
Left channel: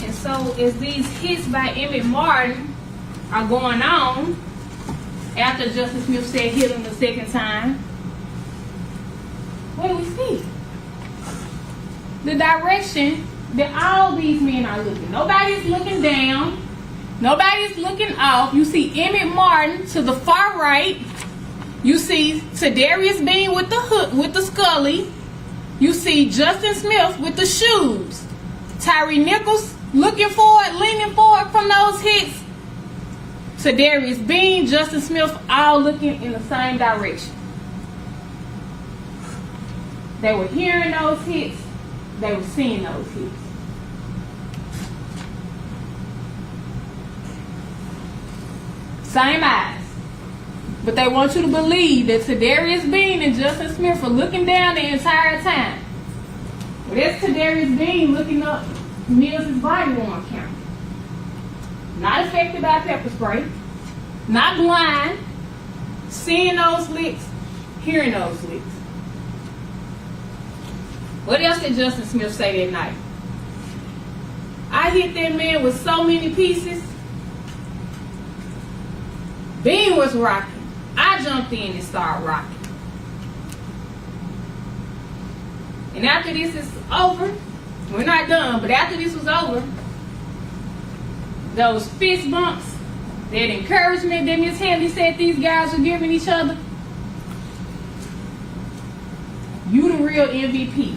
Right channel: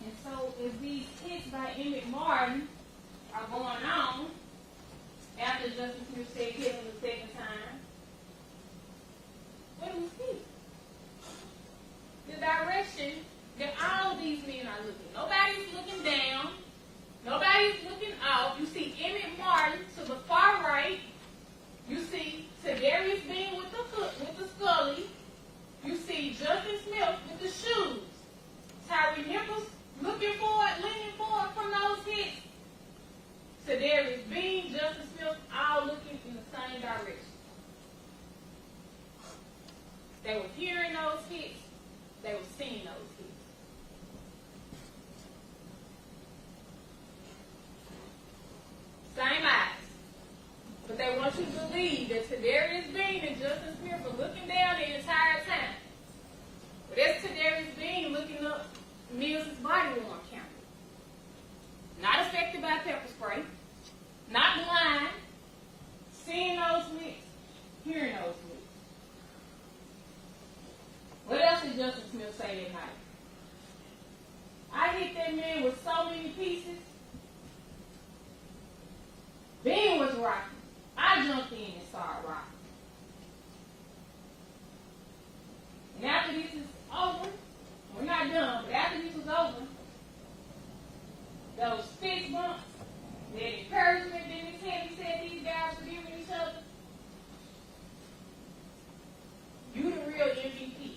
And so as these hits by Emmett Martin are going on, after Justice Smith said hit him the second time, what do we see? The direction that all these men are looking. Nobody's looking down. Nobody's looking off. You see Emmett Martin to the far right. You see Tadarius Bean with the hook, with the Scully. You see Justin Smith with the shoes. Tyre Nichols looking forward, leaning forward from those hits. Tadarius Bean, Justin Smith, all looking in the same direction. They were hearing those hits. They were seeing those hits. Same eyes. But they want you to believe that Tadarius Bean and Justin Smith are looking down the entire time. But that's Tadarius Bean looking up Mills' body worn camera. Not affected by pepper spray. Not blind. Seeing those licks. Hearing those licks. What else did Justin Smith say that night? I hit that man with so many pieces. Bean was rocking. I jumped in and started rocking. And after this is over, we're not done, but after this was over, those fist bumps, that encouragement that Ms. Haley said these guys were giving each other, you the real MVP.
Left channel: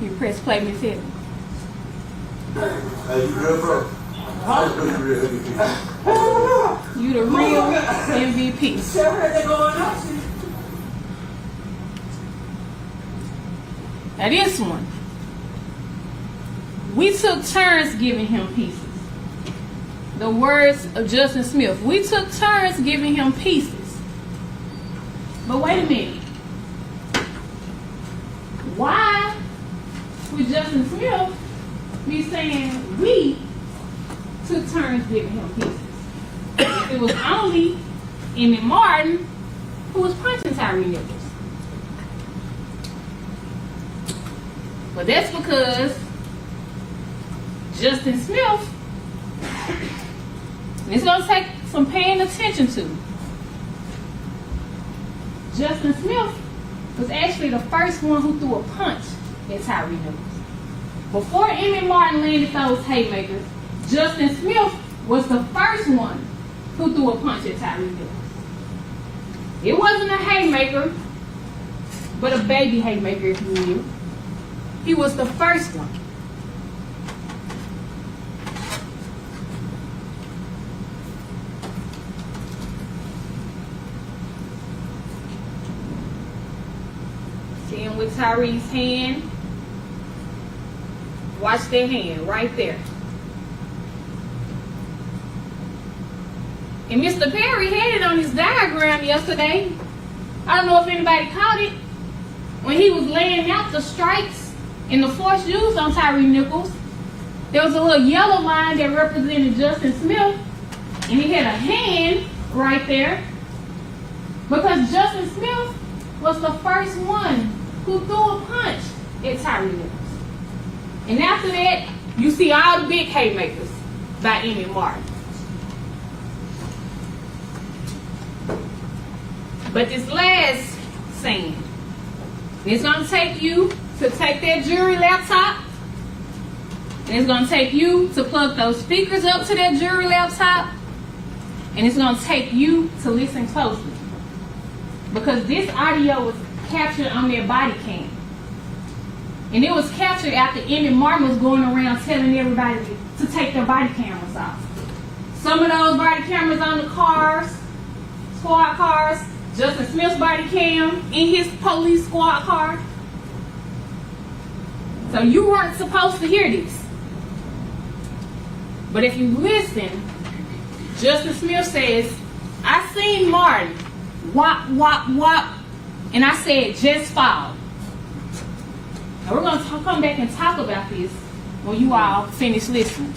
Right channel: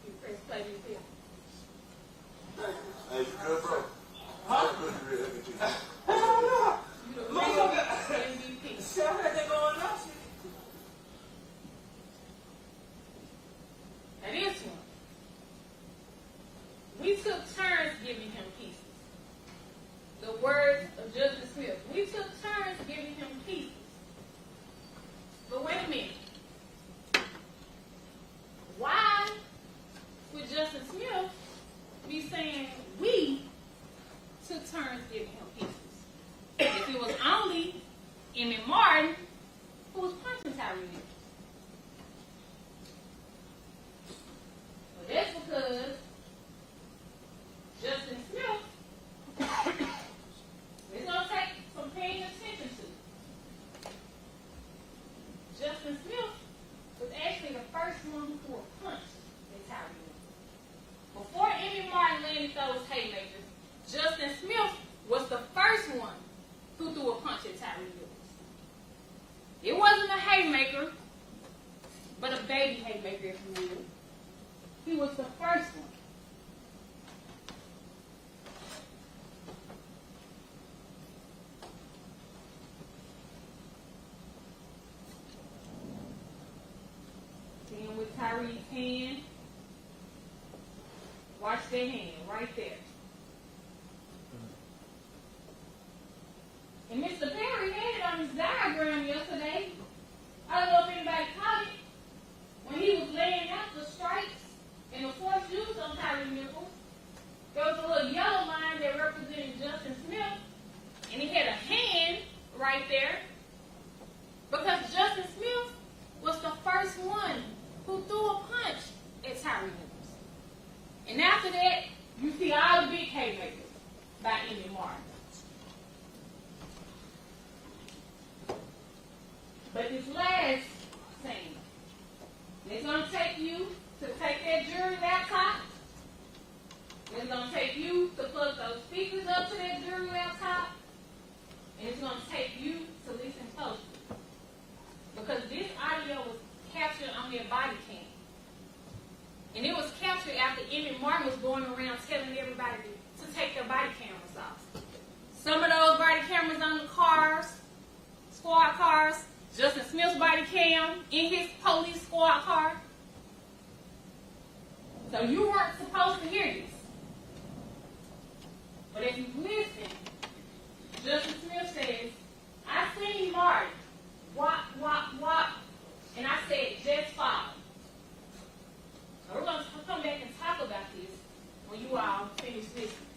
You press play, Ms. Haley. Hey, you good, bro? You the real MVP. Now this one, we took turns giving him pieces. The words of Justin Smith. We took turns giving him pieces. But wait a minute. Why would Justin Smith be saying we took turns giving him pieces? It was only Emmett Martin who was punching Tyre Nichols. But that's because Justin Smith, and it's going to take some paying attention to. Justin Smith was actually the first one who threw a punch at Tyre Nichols. Before Emmett Martin landed those haymakers, Justin Smith was the first one who threw a punch at Tyre Nichols. It wasn't a haymaker, but a baby haymaker, if you will. He was the first one. See him with Tyrese's hand. Watch their hand right there. And Mr. Perry had it on his diagram yesterday. I don't know if anybody caught it. When he was laying out the strikes and the force used on Tyre Nichols, there was a little yellow line that represented Justin Smith, and he had a hand right there because Justin Smith was the first one who threw a punch at Tyre Nichols. And after that, you see all the big haymakers by Emmett Martin. But this last scene, it's going to take you to take that jury laptop. And it's going to take you to plug those speakers up to that jury laptop. And it's going to take you to listen closely. Because this audio was captured on their body cam. And it was captured after Emmett Martin was going around telling everybody to take their body cameras off. Some of those body cameras on the cars, squad cars, Justin Smith's body cam in his police squad car. So you weren't supposed to hear this. But if you listen, Justin Smith says, I seen Martin, whop, whop, whop, and I said, just fall. Now we're going to come back and talk about this when you all finish listening.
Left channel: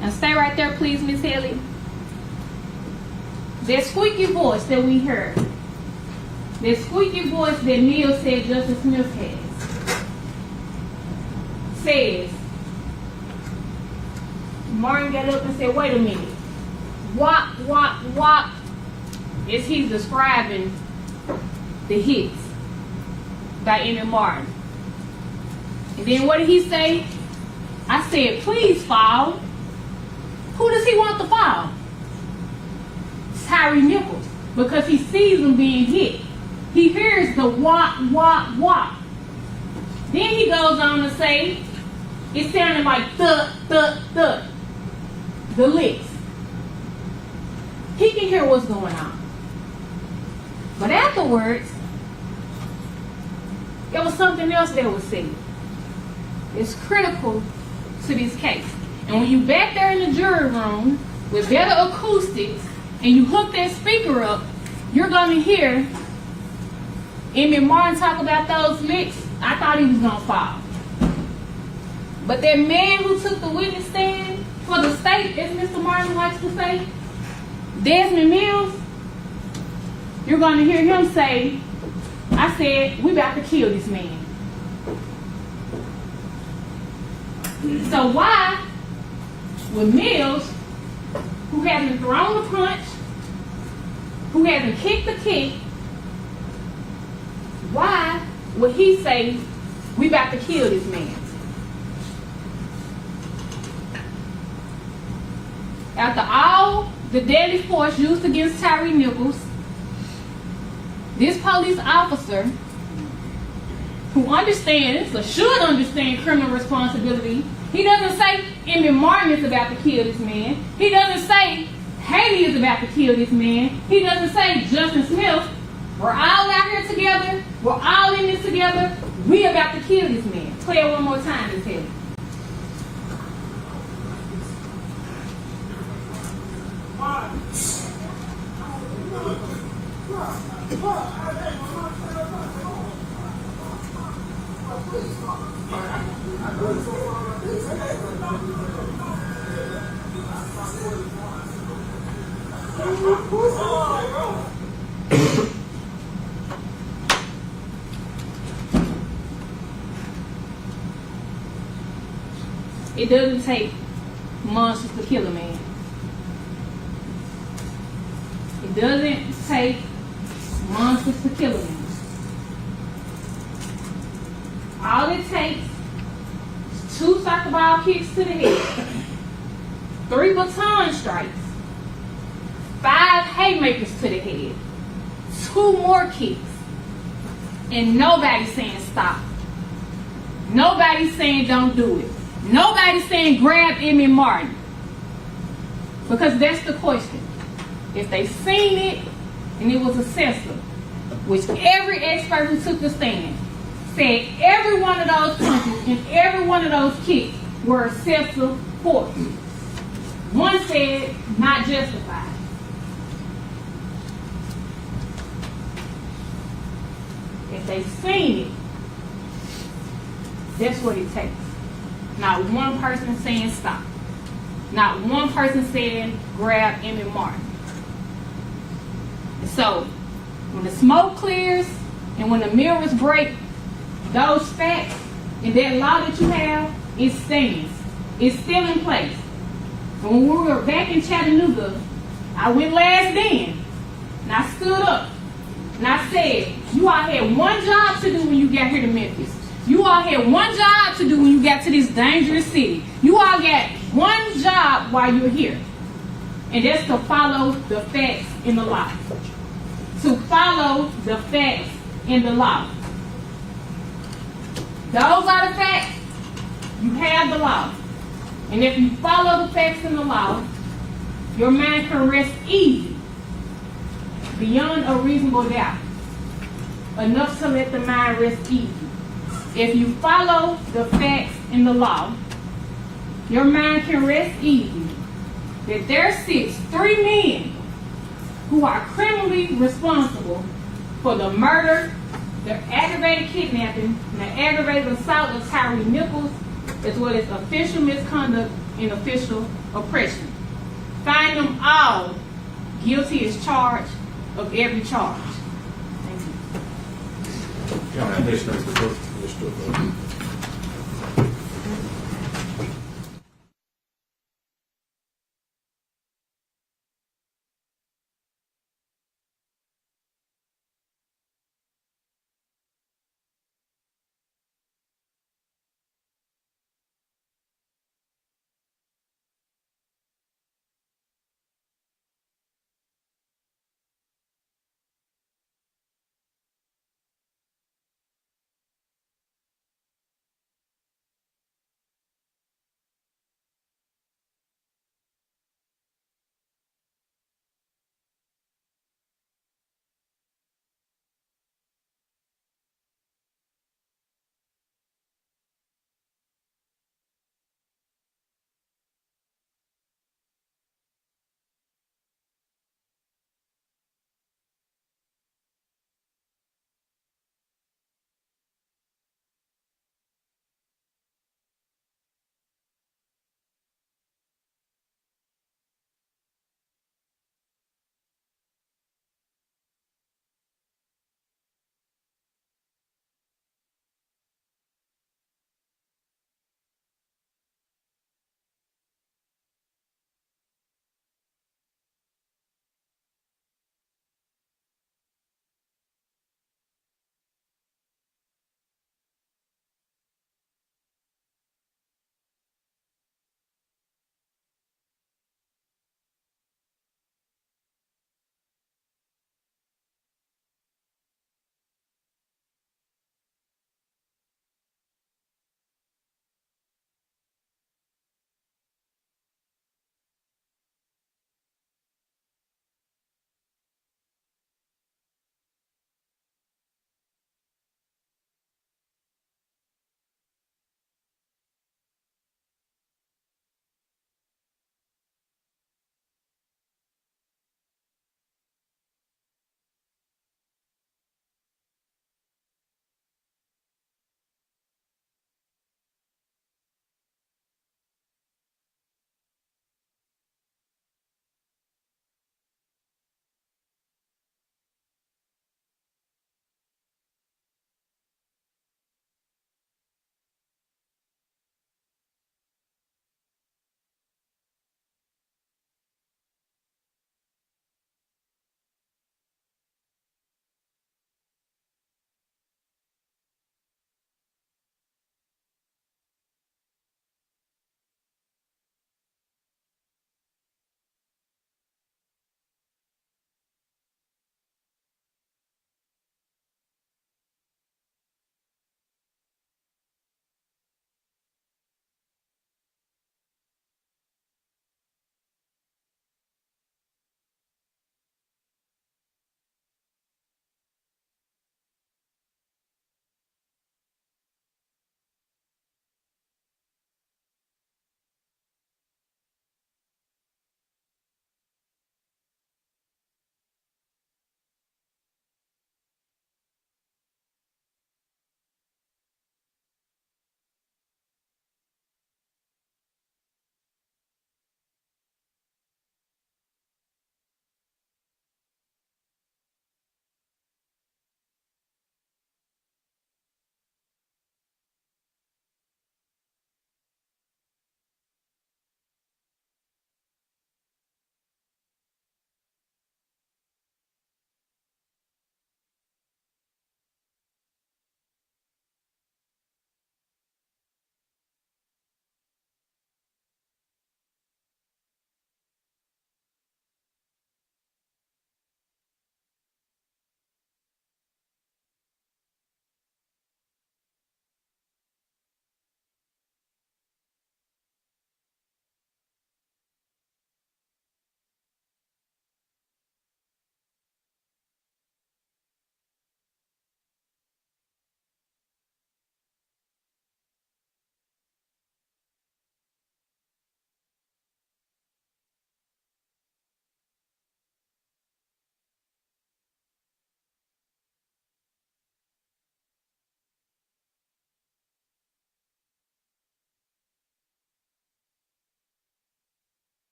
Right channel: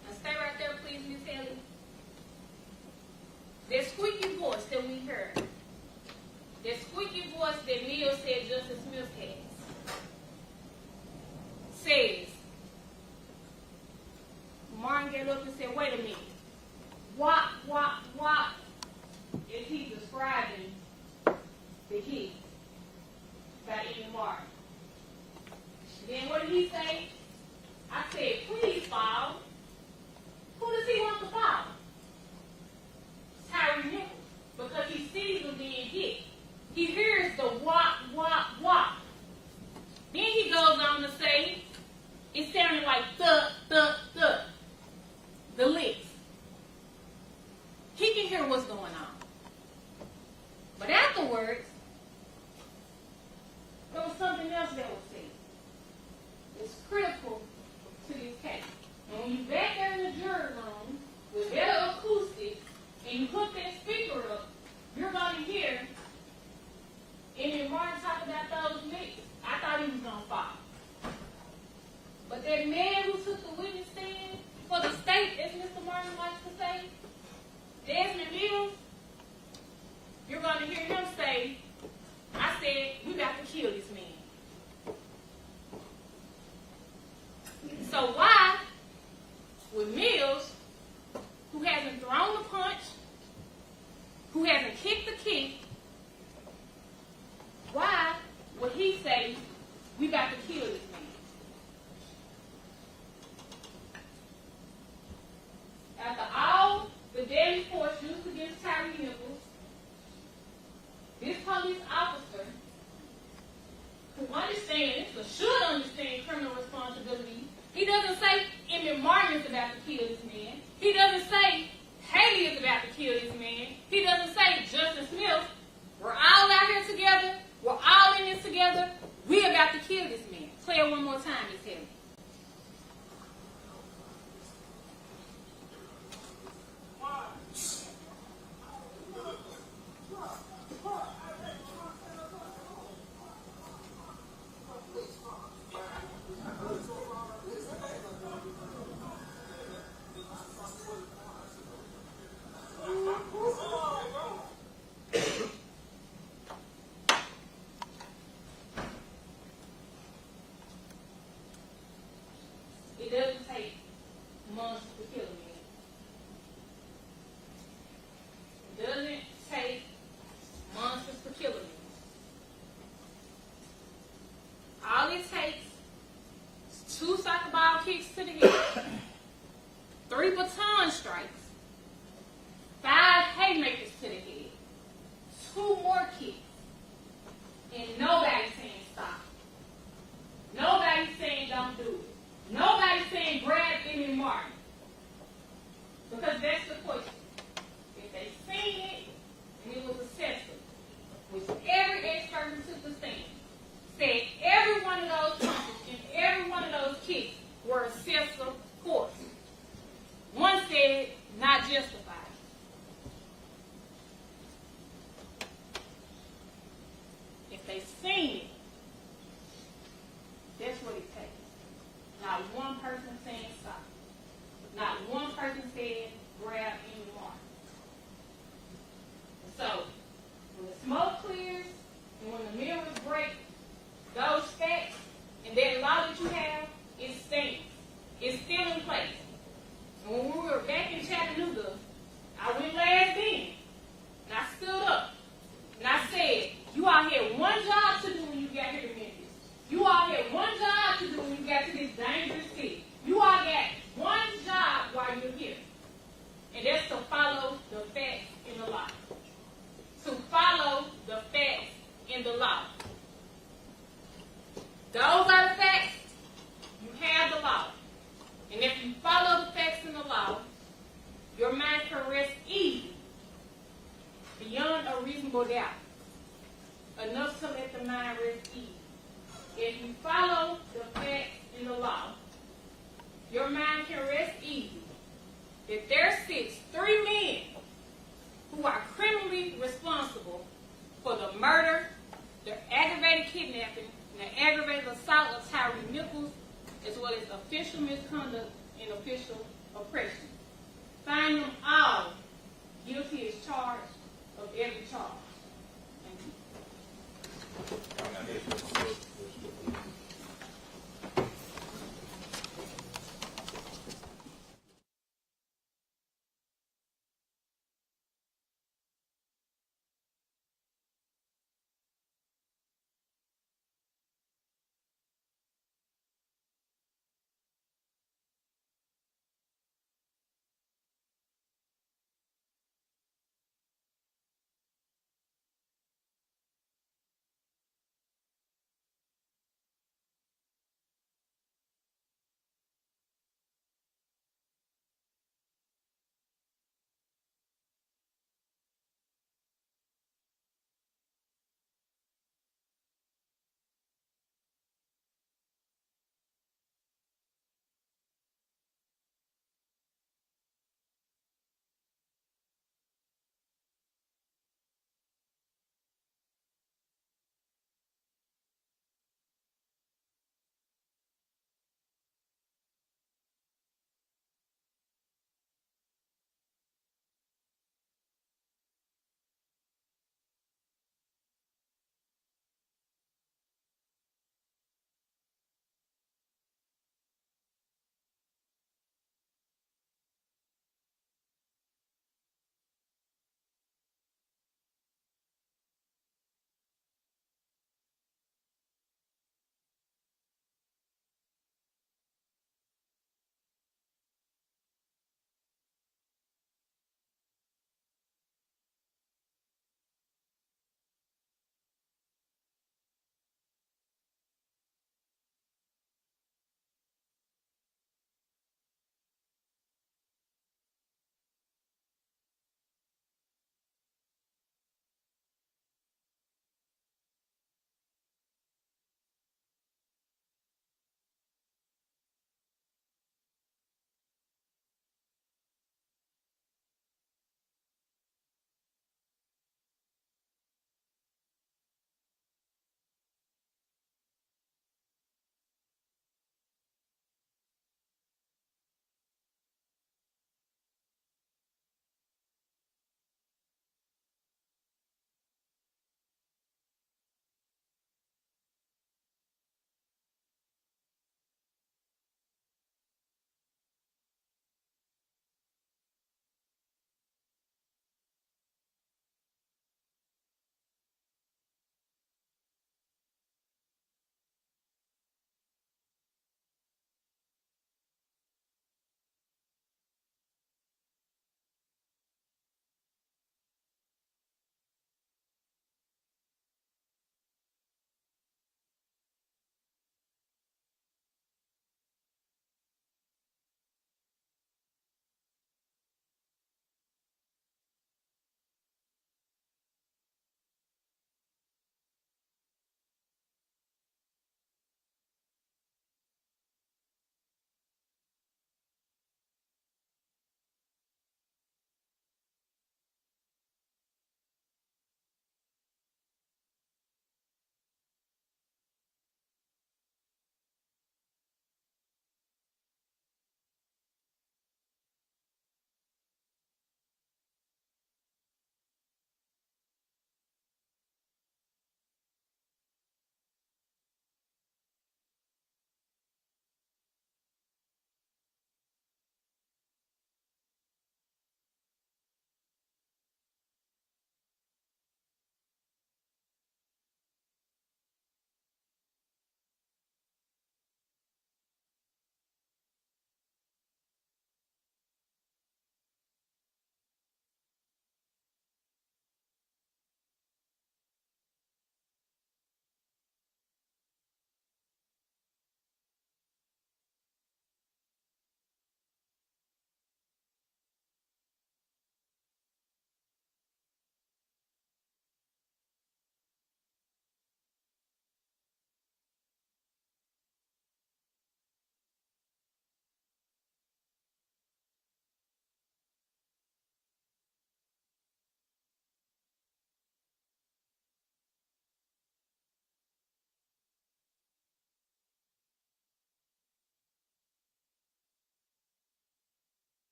Now stay right there, please, Miss Haley. That squeaky voice that we heard, that squeaky voice that Neil said Justin Smith has, says, Martin got up and said, wait a minute. Whop, whop, whop, as he's describing the hits by Emmett Martin. And then what did he say? I said, please fall. Who does he want to fall? Tyre Nichols, because he sees him being hit. He hears the whop, whop, whop. Then he goes on to say, it sounded like thud, thud, thud. The licks. He can hear what's going on. But afterwards, there was something else that was said. It's critical to this case. And when you back there in the jury room with better acoustics and you hook that speaker up, you're going to hear Emmett Martin talk about those licks. I thought he was going to fall. But that man who took the witness stand for the state, as Mr. Martin likes to say, Desmond Mills, you're going to hear him say, I said, we about to kill this man. So why would Mills, who hasn't thrown a punch, who hasn't kicked a kick, why would he say, we about to kill this man? After all the deadly force used against Tyre Nichols, this police officer, who understands or should understand criminal responsibility, he doesn't say Emmett Martin is about to kill this man. He doesn't say Haley is about to kill this man. He doesn't say Justin Smith, we're all out here together, we're all in this together, we about to kill this man. Play it one more time, Miss Haley. It doesn't take monsters to kill a man. It doesn't take monsters to kill them. All it takes is 2 soccer ball kicks to the head, 3 baton strikes, 5 haymakers to the head, 2 more kicks, and nobody's saying stop. Nobody's saying don't do it. Nobody's saying grab Emmy Martin. Because that's the question. If they seen it and it was excessive, which every expert who took the stand said every one of those punches and every one of those kicks were excessive force. One said not justified. If they seen it, that's what it takes. Not one person saying stop. Not one person saying grab Emmy Martin. So, when the smoke clears and when the mirrors break, those facts and that law that you have, it stands. It's still in place. And when we were back in Chattanooga, I went last then, and I stood up, and I said, you all had one job to do when you got here to Memphis. You all had one job to do when you got to this dangerous city. You all got one job while you're here. And that's to follow the facts in the law. To follow the facts in the law. Those are the facts. You have the law. And if you follow the facts in the law, your mind can rest easy, beyond a reasonable doubt. Enough to let the mind rest easy. If you follow the facts in the law, your mind can rest easy that there sits 3 men who are criminally responsible for the murder, the aggravated kidnapping, and the aggravated assault of Tyre Nichols, as well as official misconduct and official oppression. Find them all guilty as charged of every charge. Thank you.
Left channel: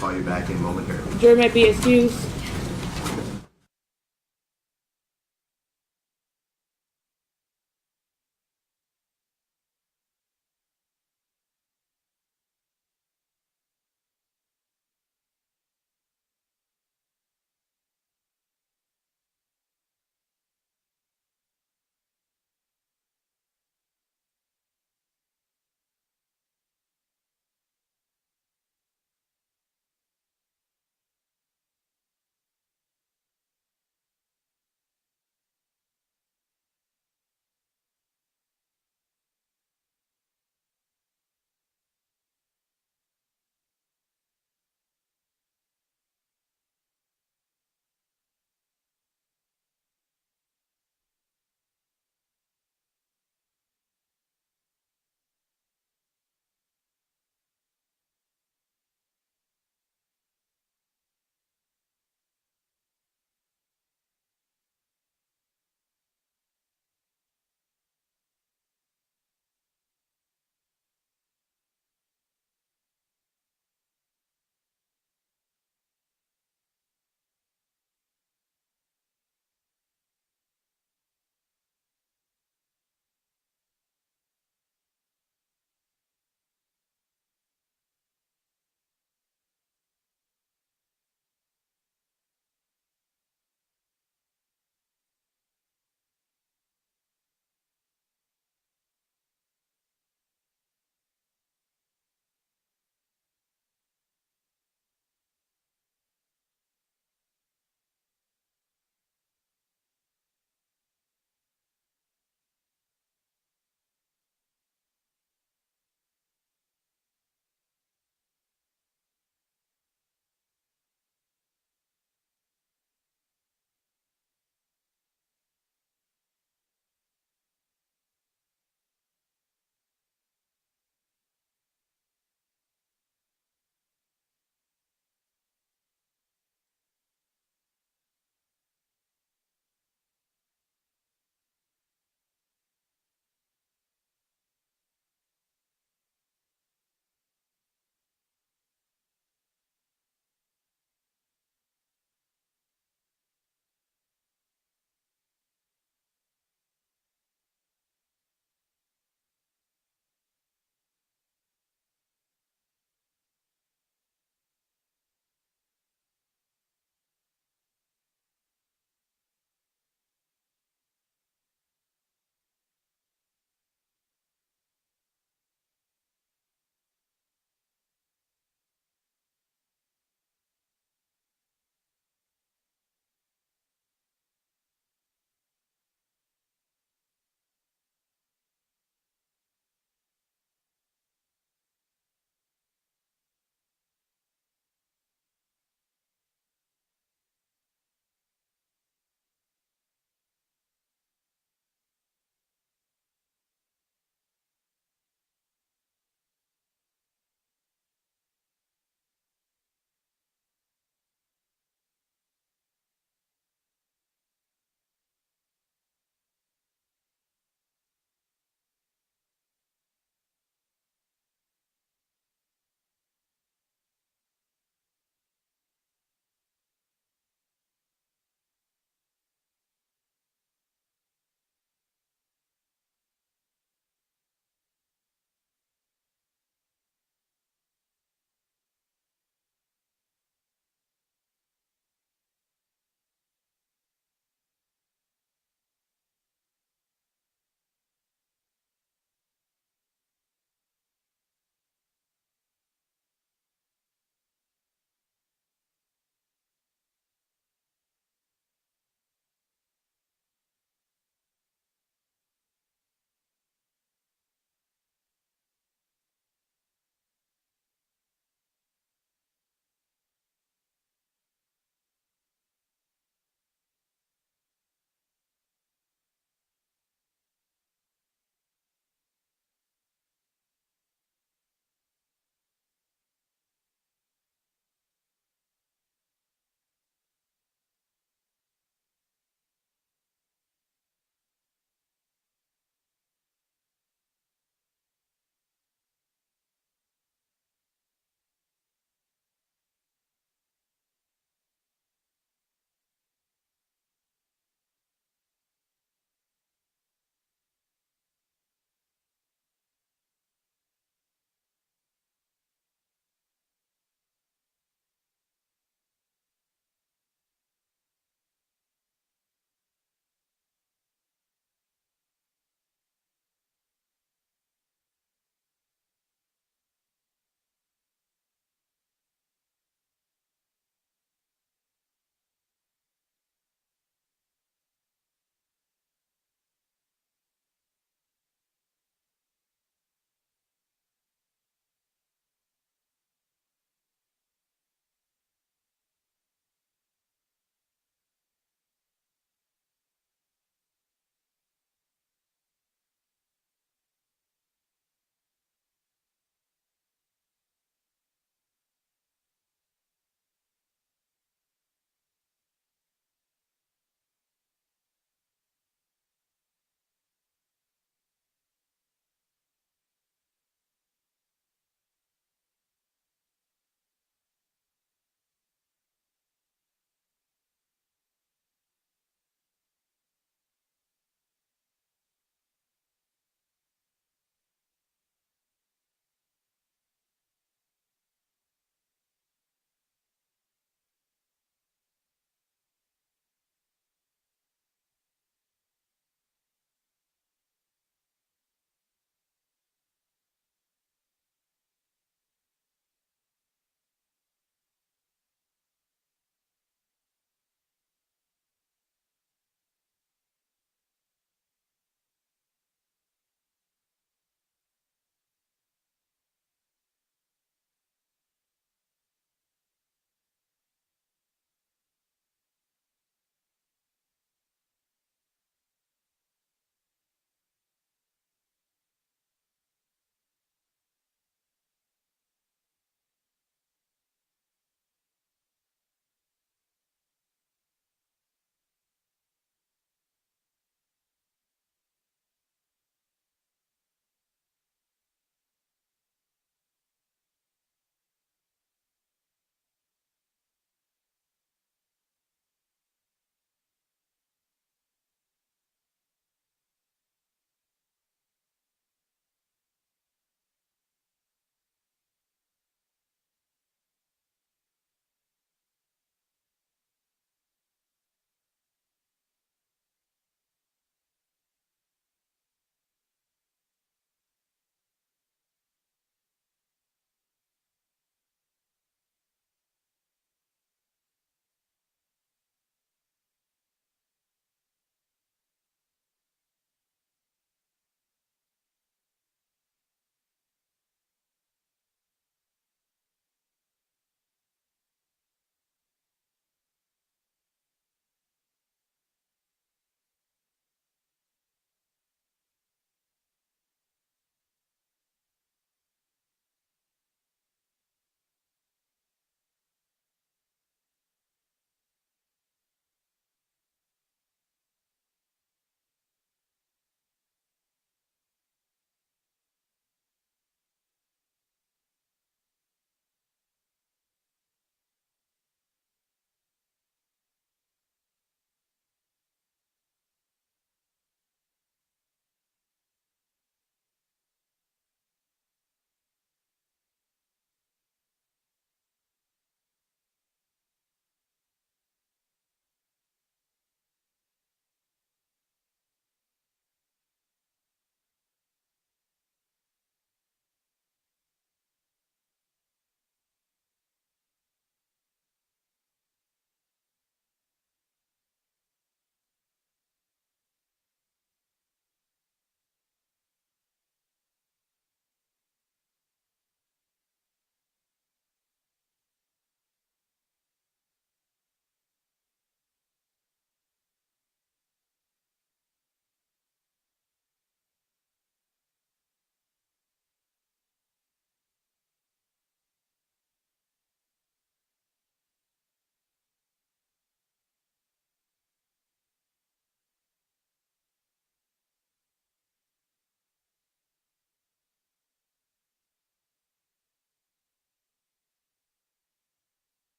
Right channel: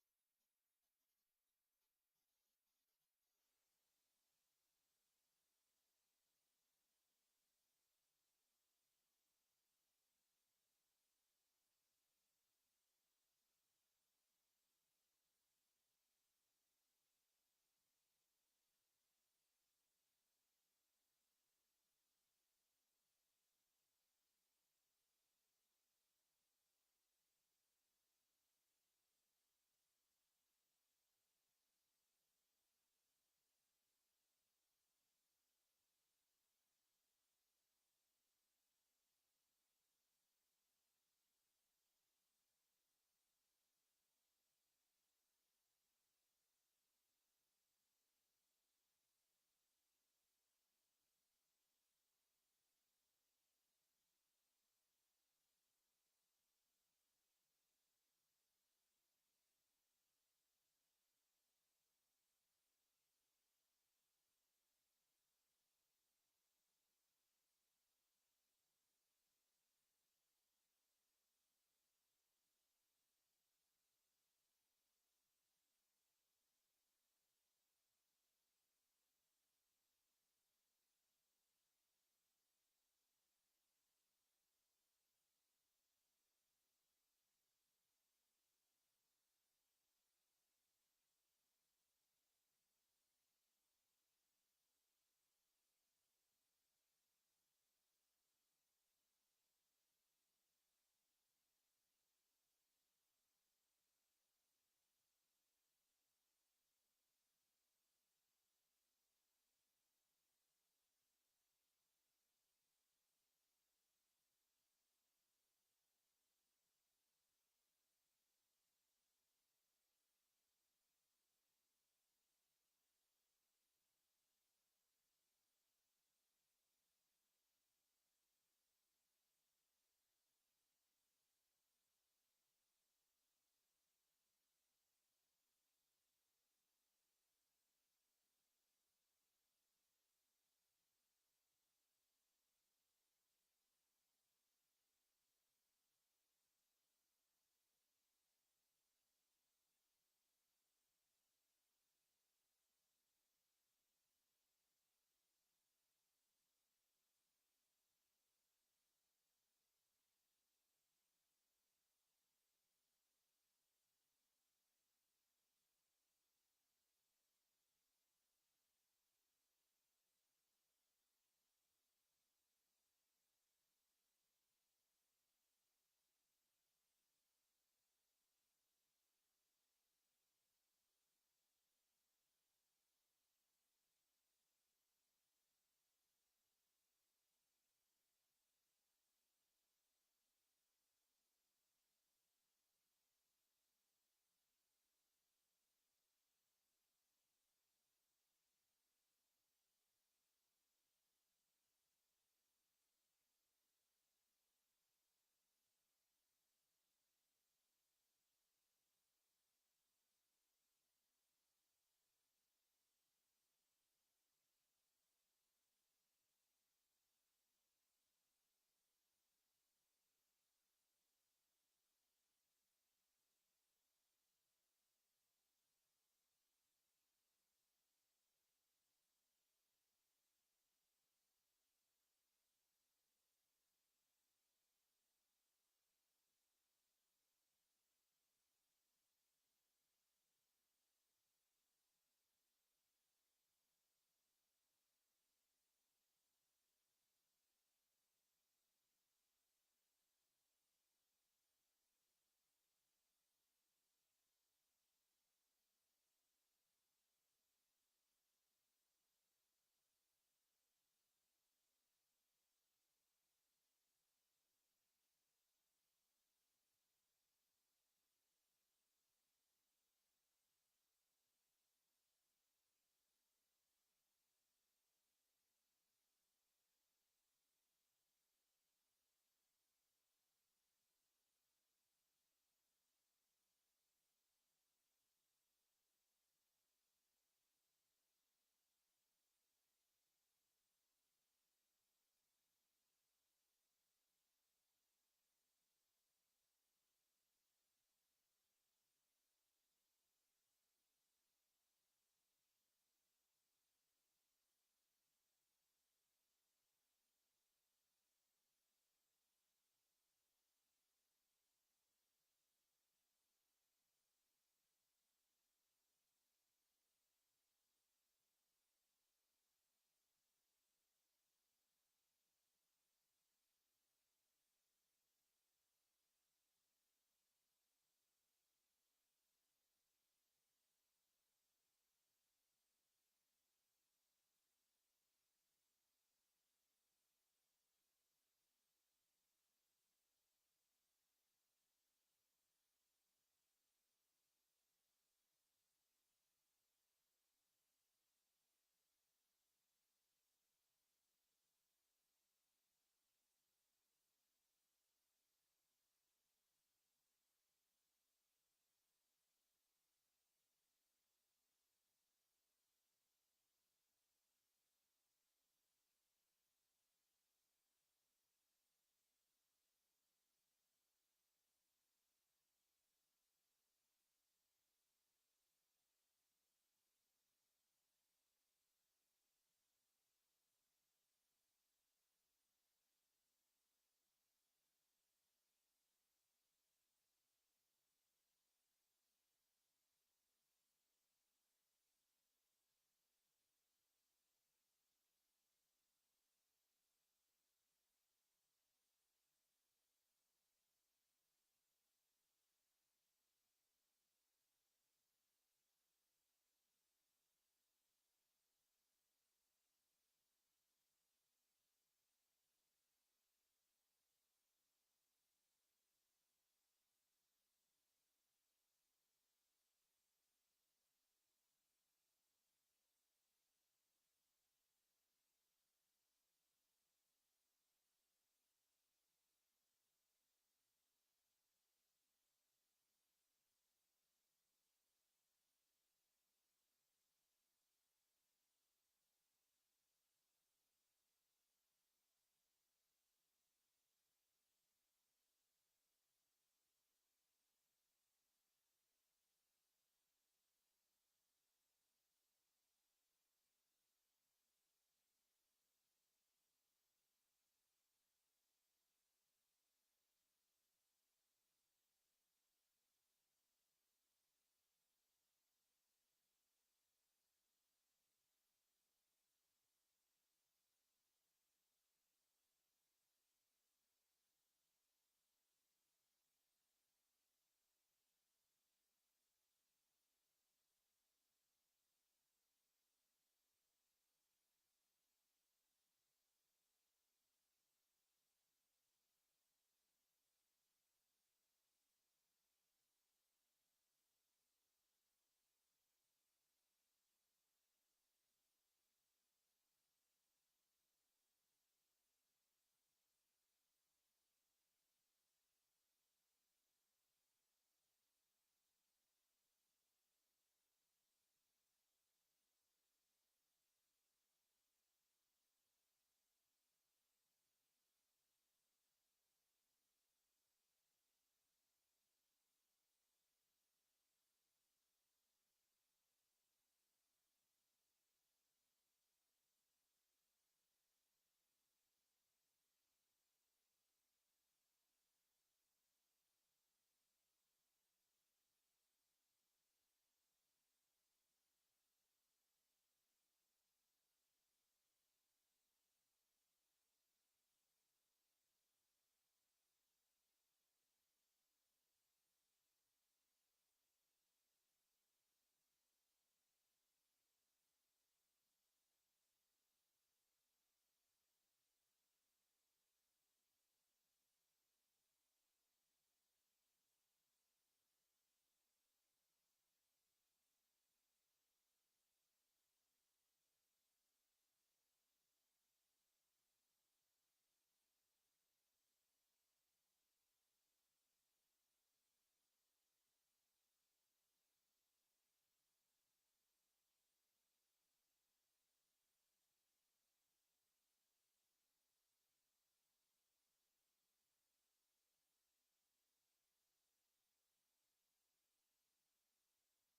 call you back in momentarily. Jury may be excused.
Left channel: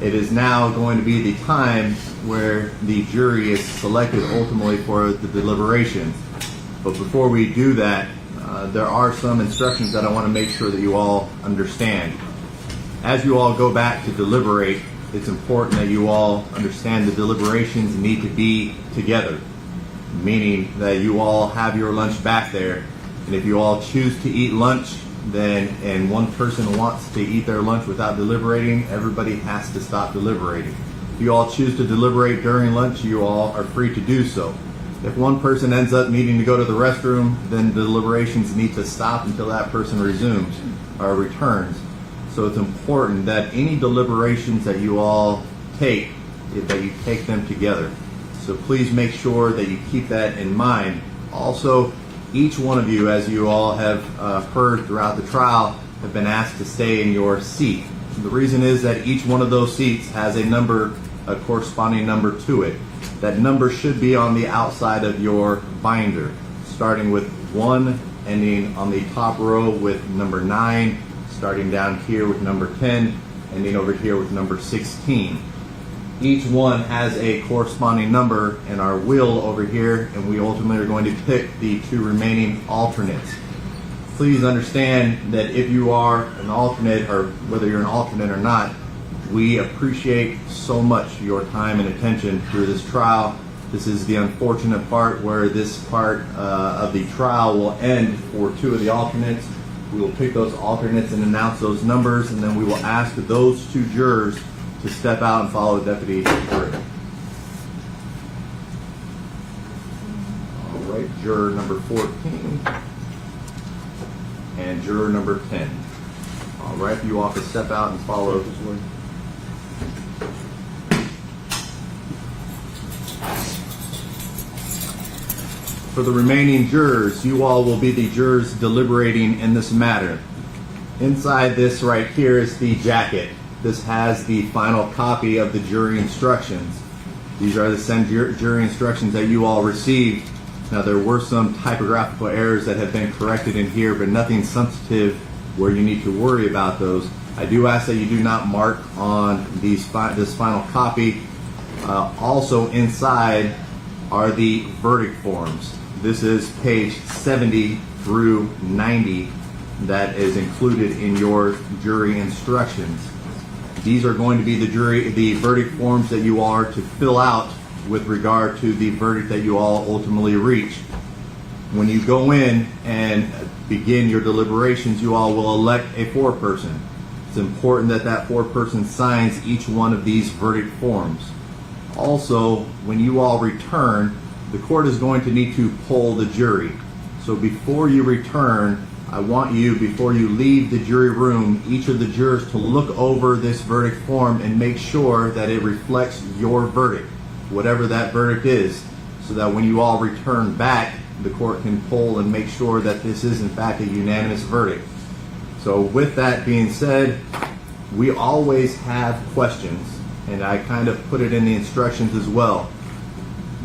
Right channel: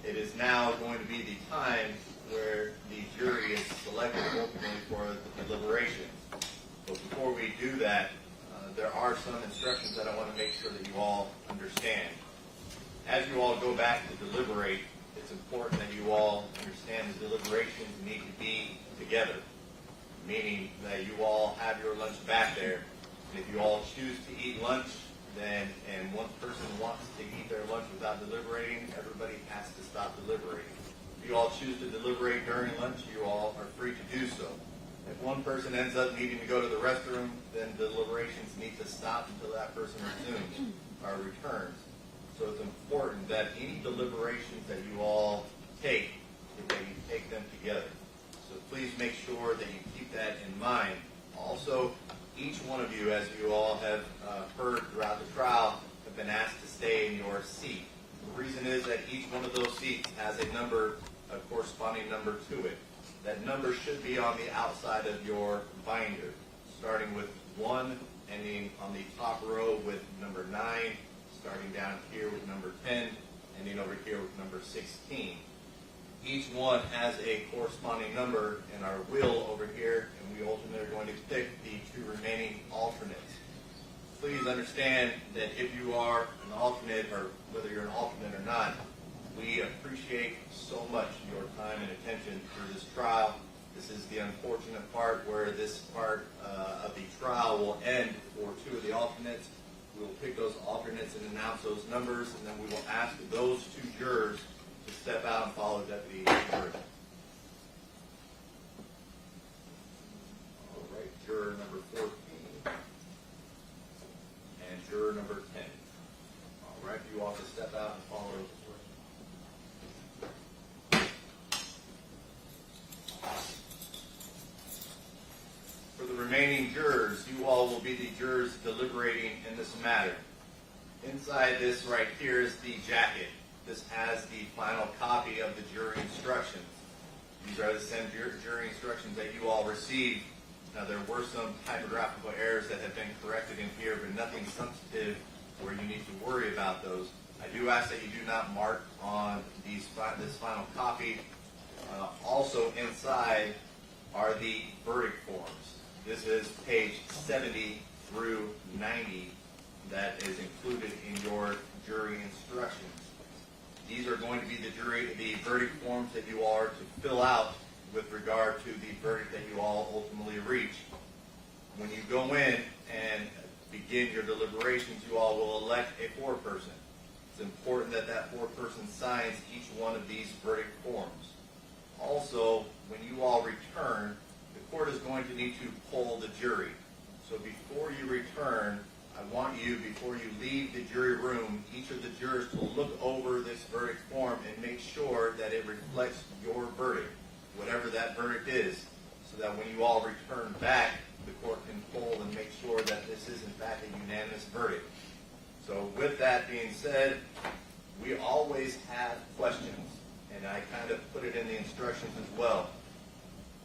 it is now going to be the time where the jury is selected ultimately for the deliberations. But before we do that, there are some instructions that I want to make sure that you all understand. As you all go back to deliberate, it's important that you all understand the deliberations need to be together, meaning that you all have your lunch back there, and if you all choose to eat lunch, and one person wants to eat their lunch without deliberating, everybody has to stop deliberating. If you all choose to deliberate during lunch, you all are free to do so. If one person ends up needing to go to the restroom, then deliberations need to stop until that person resumes or returns. So it's important that any deliberations that you all take, that you take them together. So please make sure that you keep that in mind. Also, each one of you, as you all have heard throughout the trial, have been asked to stay in your seat. The reason is that each one of those seats has a number, a corresponding number to it. That number should be on the outside of your binder, starting with 1, ending on the top row with number 9, starting down here with number 10, ending over here with number 16. Each one has a corresponding number in our wheel over here, and we ultimately are going to pick the 2 remaining alternates. Please understand that if you are an alternate, or whether you're an alternate or not, we appreciate so much your time and attention through this trial. This is the unfortunate part where this part of the trial will end for 2 of the alternates. We will pick those alternates and announce those numbers, and then we will ask those 2 jurors to step out and follow Deputy Drury. All right, juror number 14 and juror number 10. All right, you all can step out and follow. For the remaining jurors, you all will be the jurors deliberating in this matter. Inside this right here is the jacket. This has the final copy of the jury instructions. These are the same jury instructions that you all received. Now, there were some typographical errors that have been corrected in here, but nothing substantive where you need to worry about those. I do ask that you do not mark on this final copy. Also inside are the verdict forms. This is page 70 through 90 that is included in your jury instructions. These are going to be the verdict forms that you are to fill out with regard to the verdict that you all ultimately reach. When you go in and begin your deliberations, you all will elect a foreperson. It's important that that foreperson signs each one of these verdict forms. Also, when you all return, the court is going to need to poll the jury. So before you return, I want you, before you leave the jury room, each of the jurors to look over this verdict form and make sure that it reflects your verdict, whatever that verdict is, so that when you all return back, the court can poll and make sure that this is in fact a unanimous verdict. So with that being said, we always have questions, and I kind of put it in the instructions as well.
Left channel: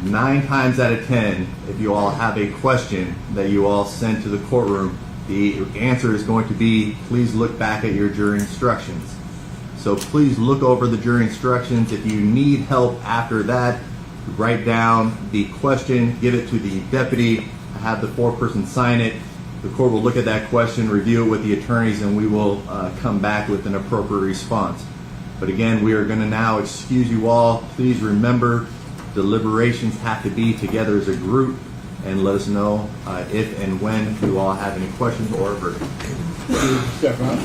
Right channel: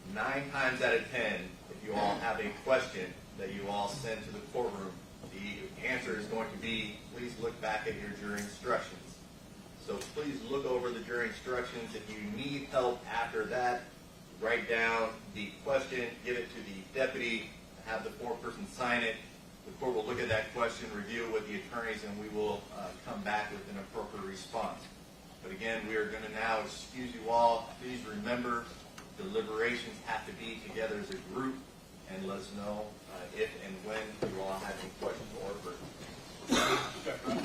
9 times out of 10, if you all have a question that you all send to the courtroom, the answer is going to be, please look back at your jury instructions. So please look over the jury instructions. If you need help after that, write down the question, give it to the deputy, have the foreperson sign it. The court will look at that question, review it with the attorneys, and we will come back with an appropriate response. But again, we are going to now excuse you all. Please remember, deliberations have to be together as a group, and let us know if and when you all have any questions or a verdict. Step up.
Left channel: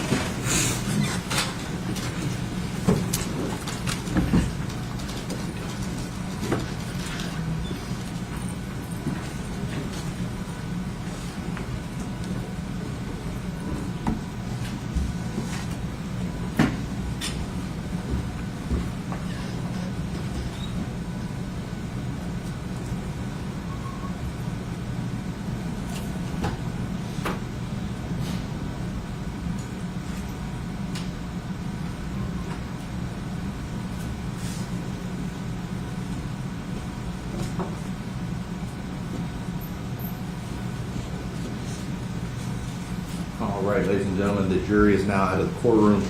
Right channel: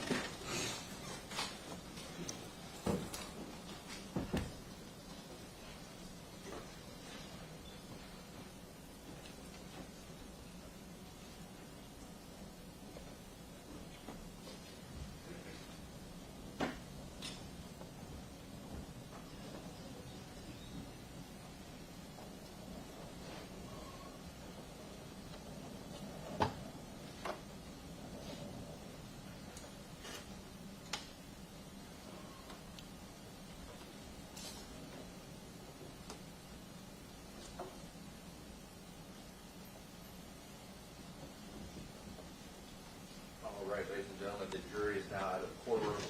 All right, ladies and gentlemen, the jury is now out of the courtroom.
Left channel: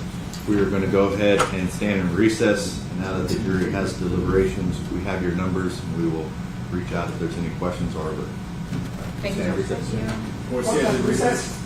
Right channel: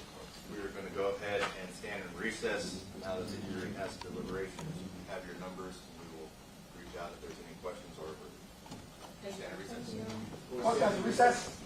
We are going to go ahead and stand in recess. Now that the jury has deliberations, we have your numbers, and we will reach out if there's any questions or. Thank you. Stand in recess. Recess.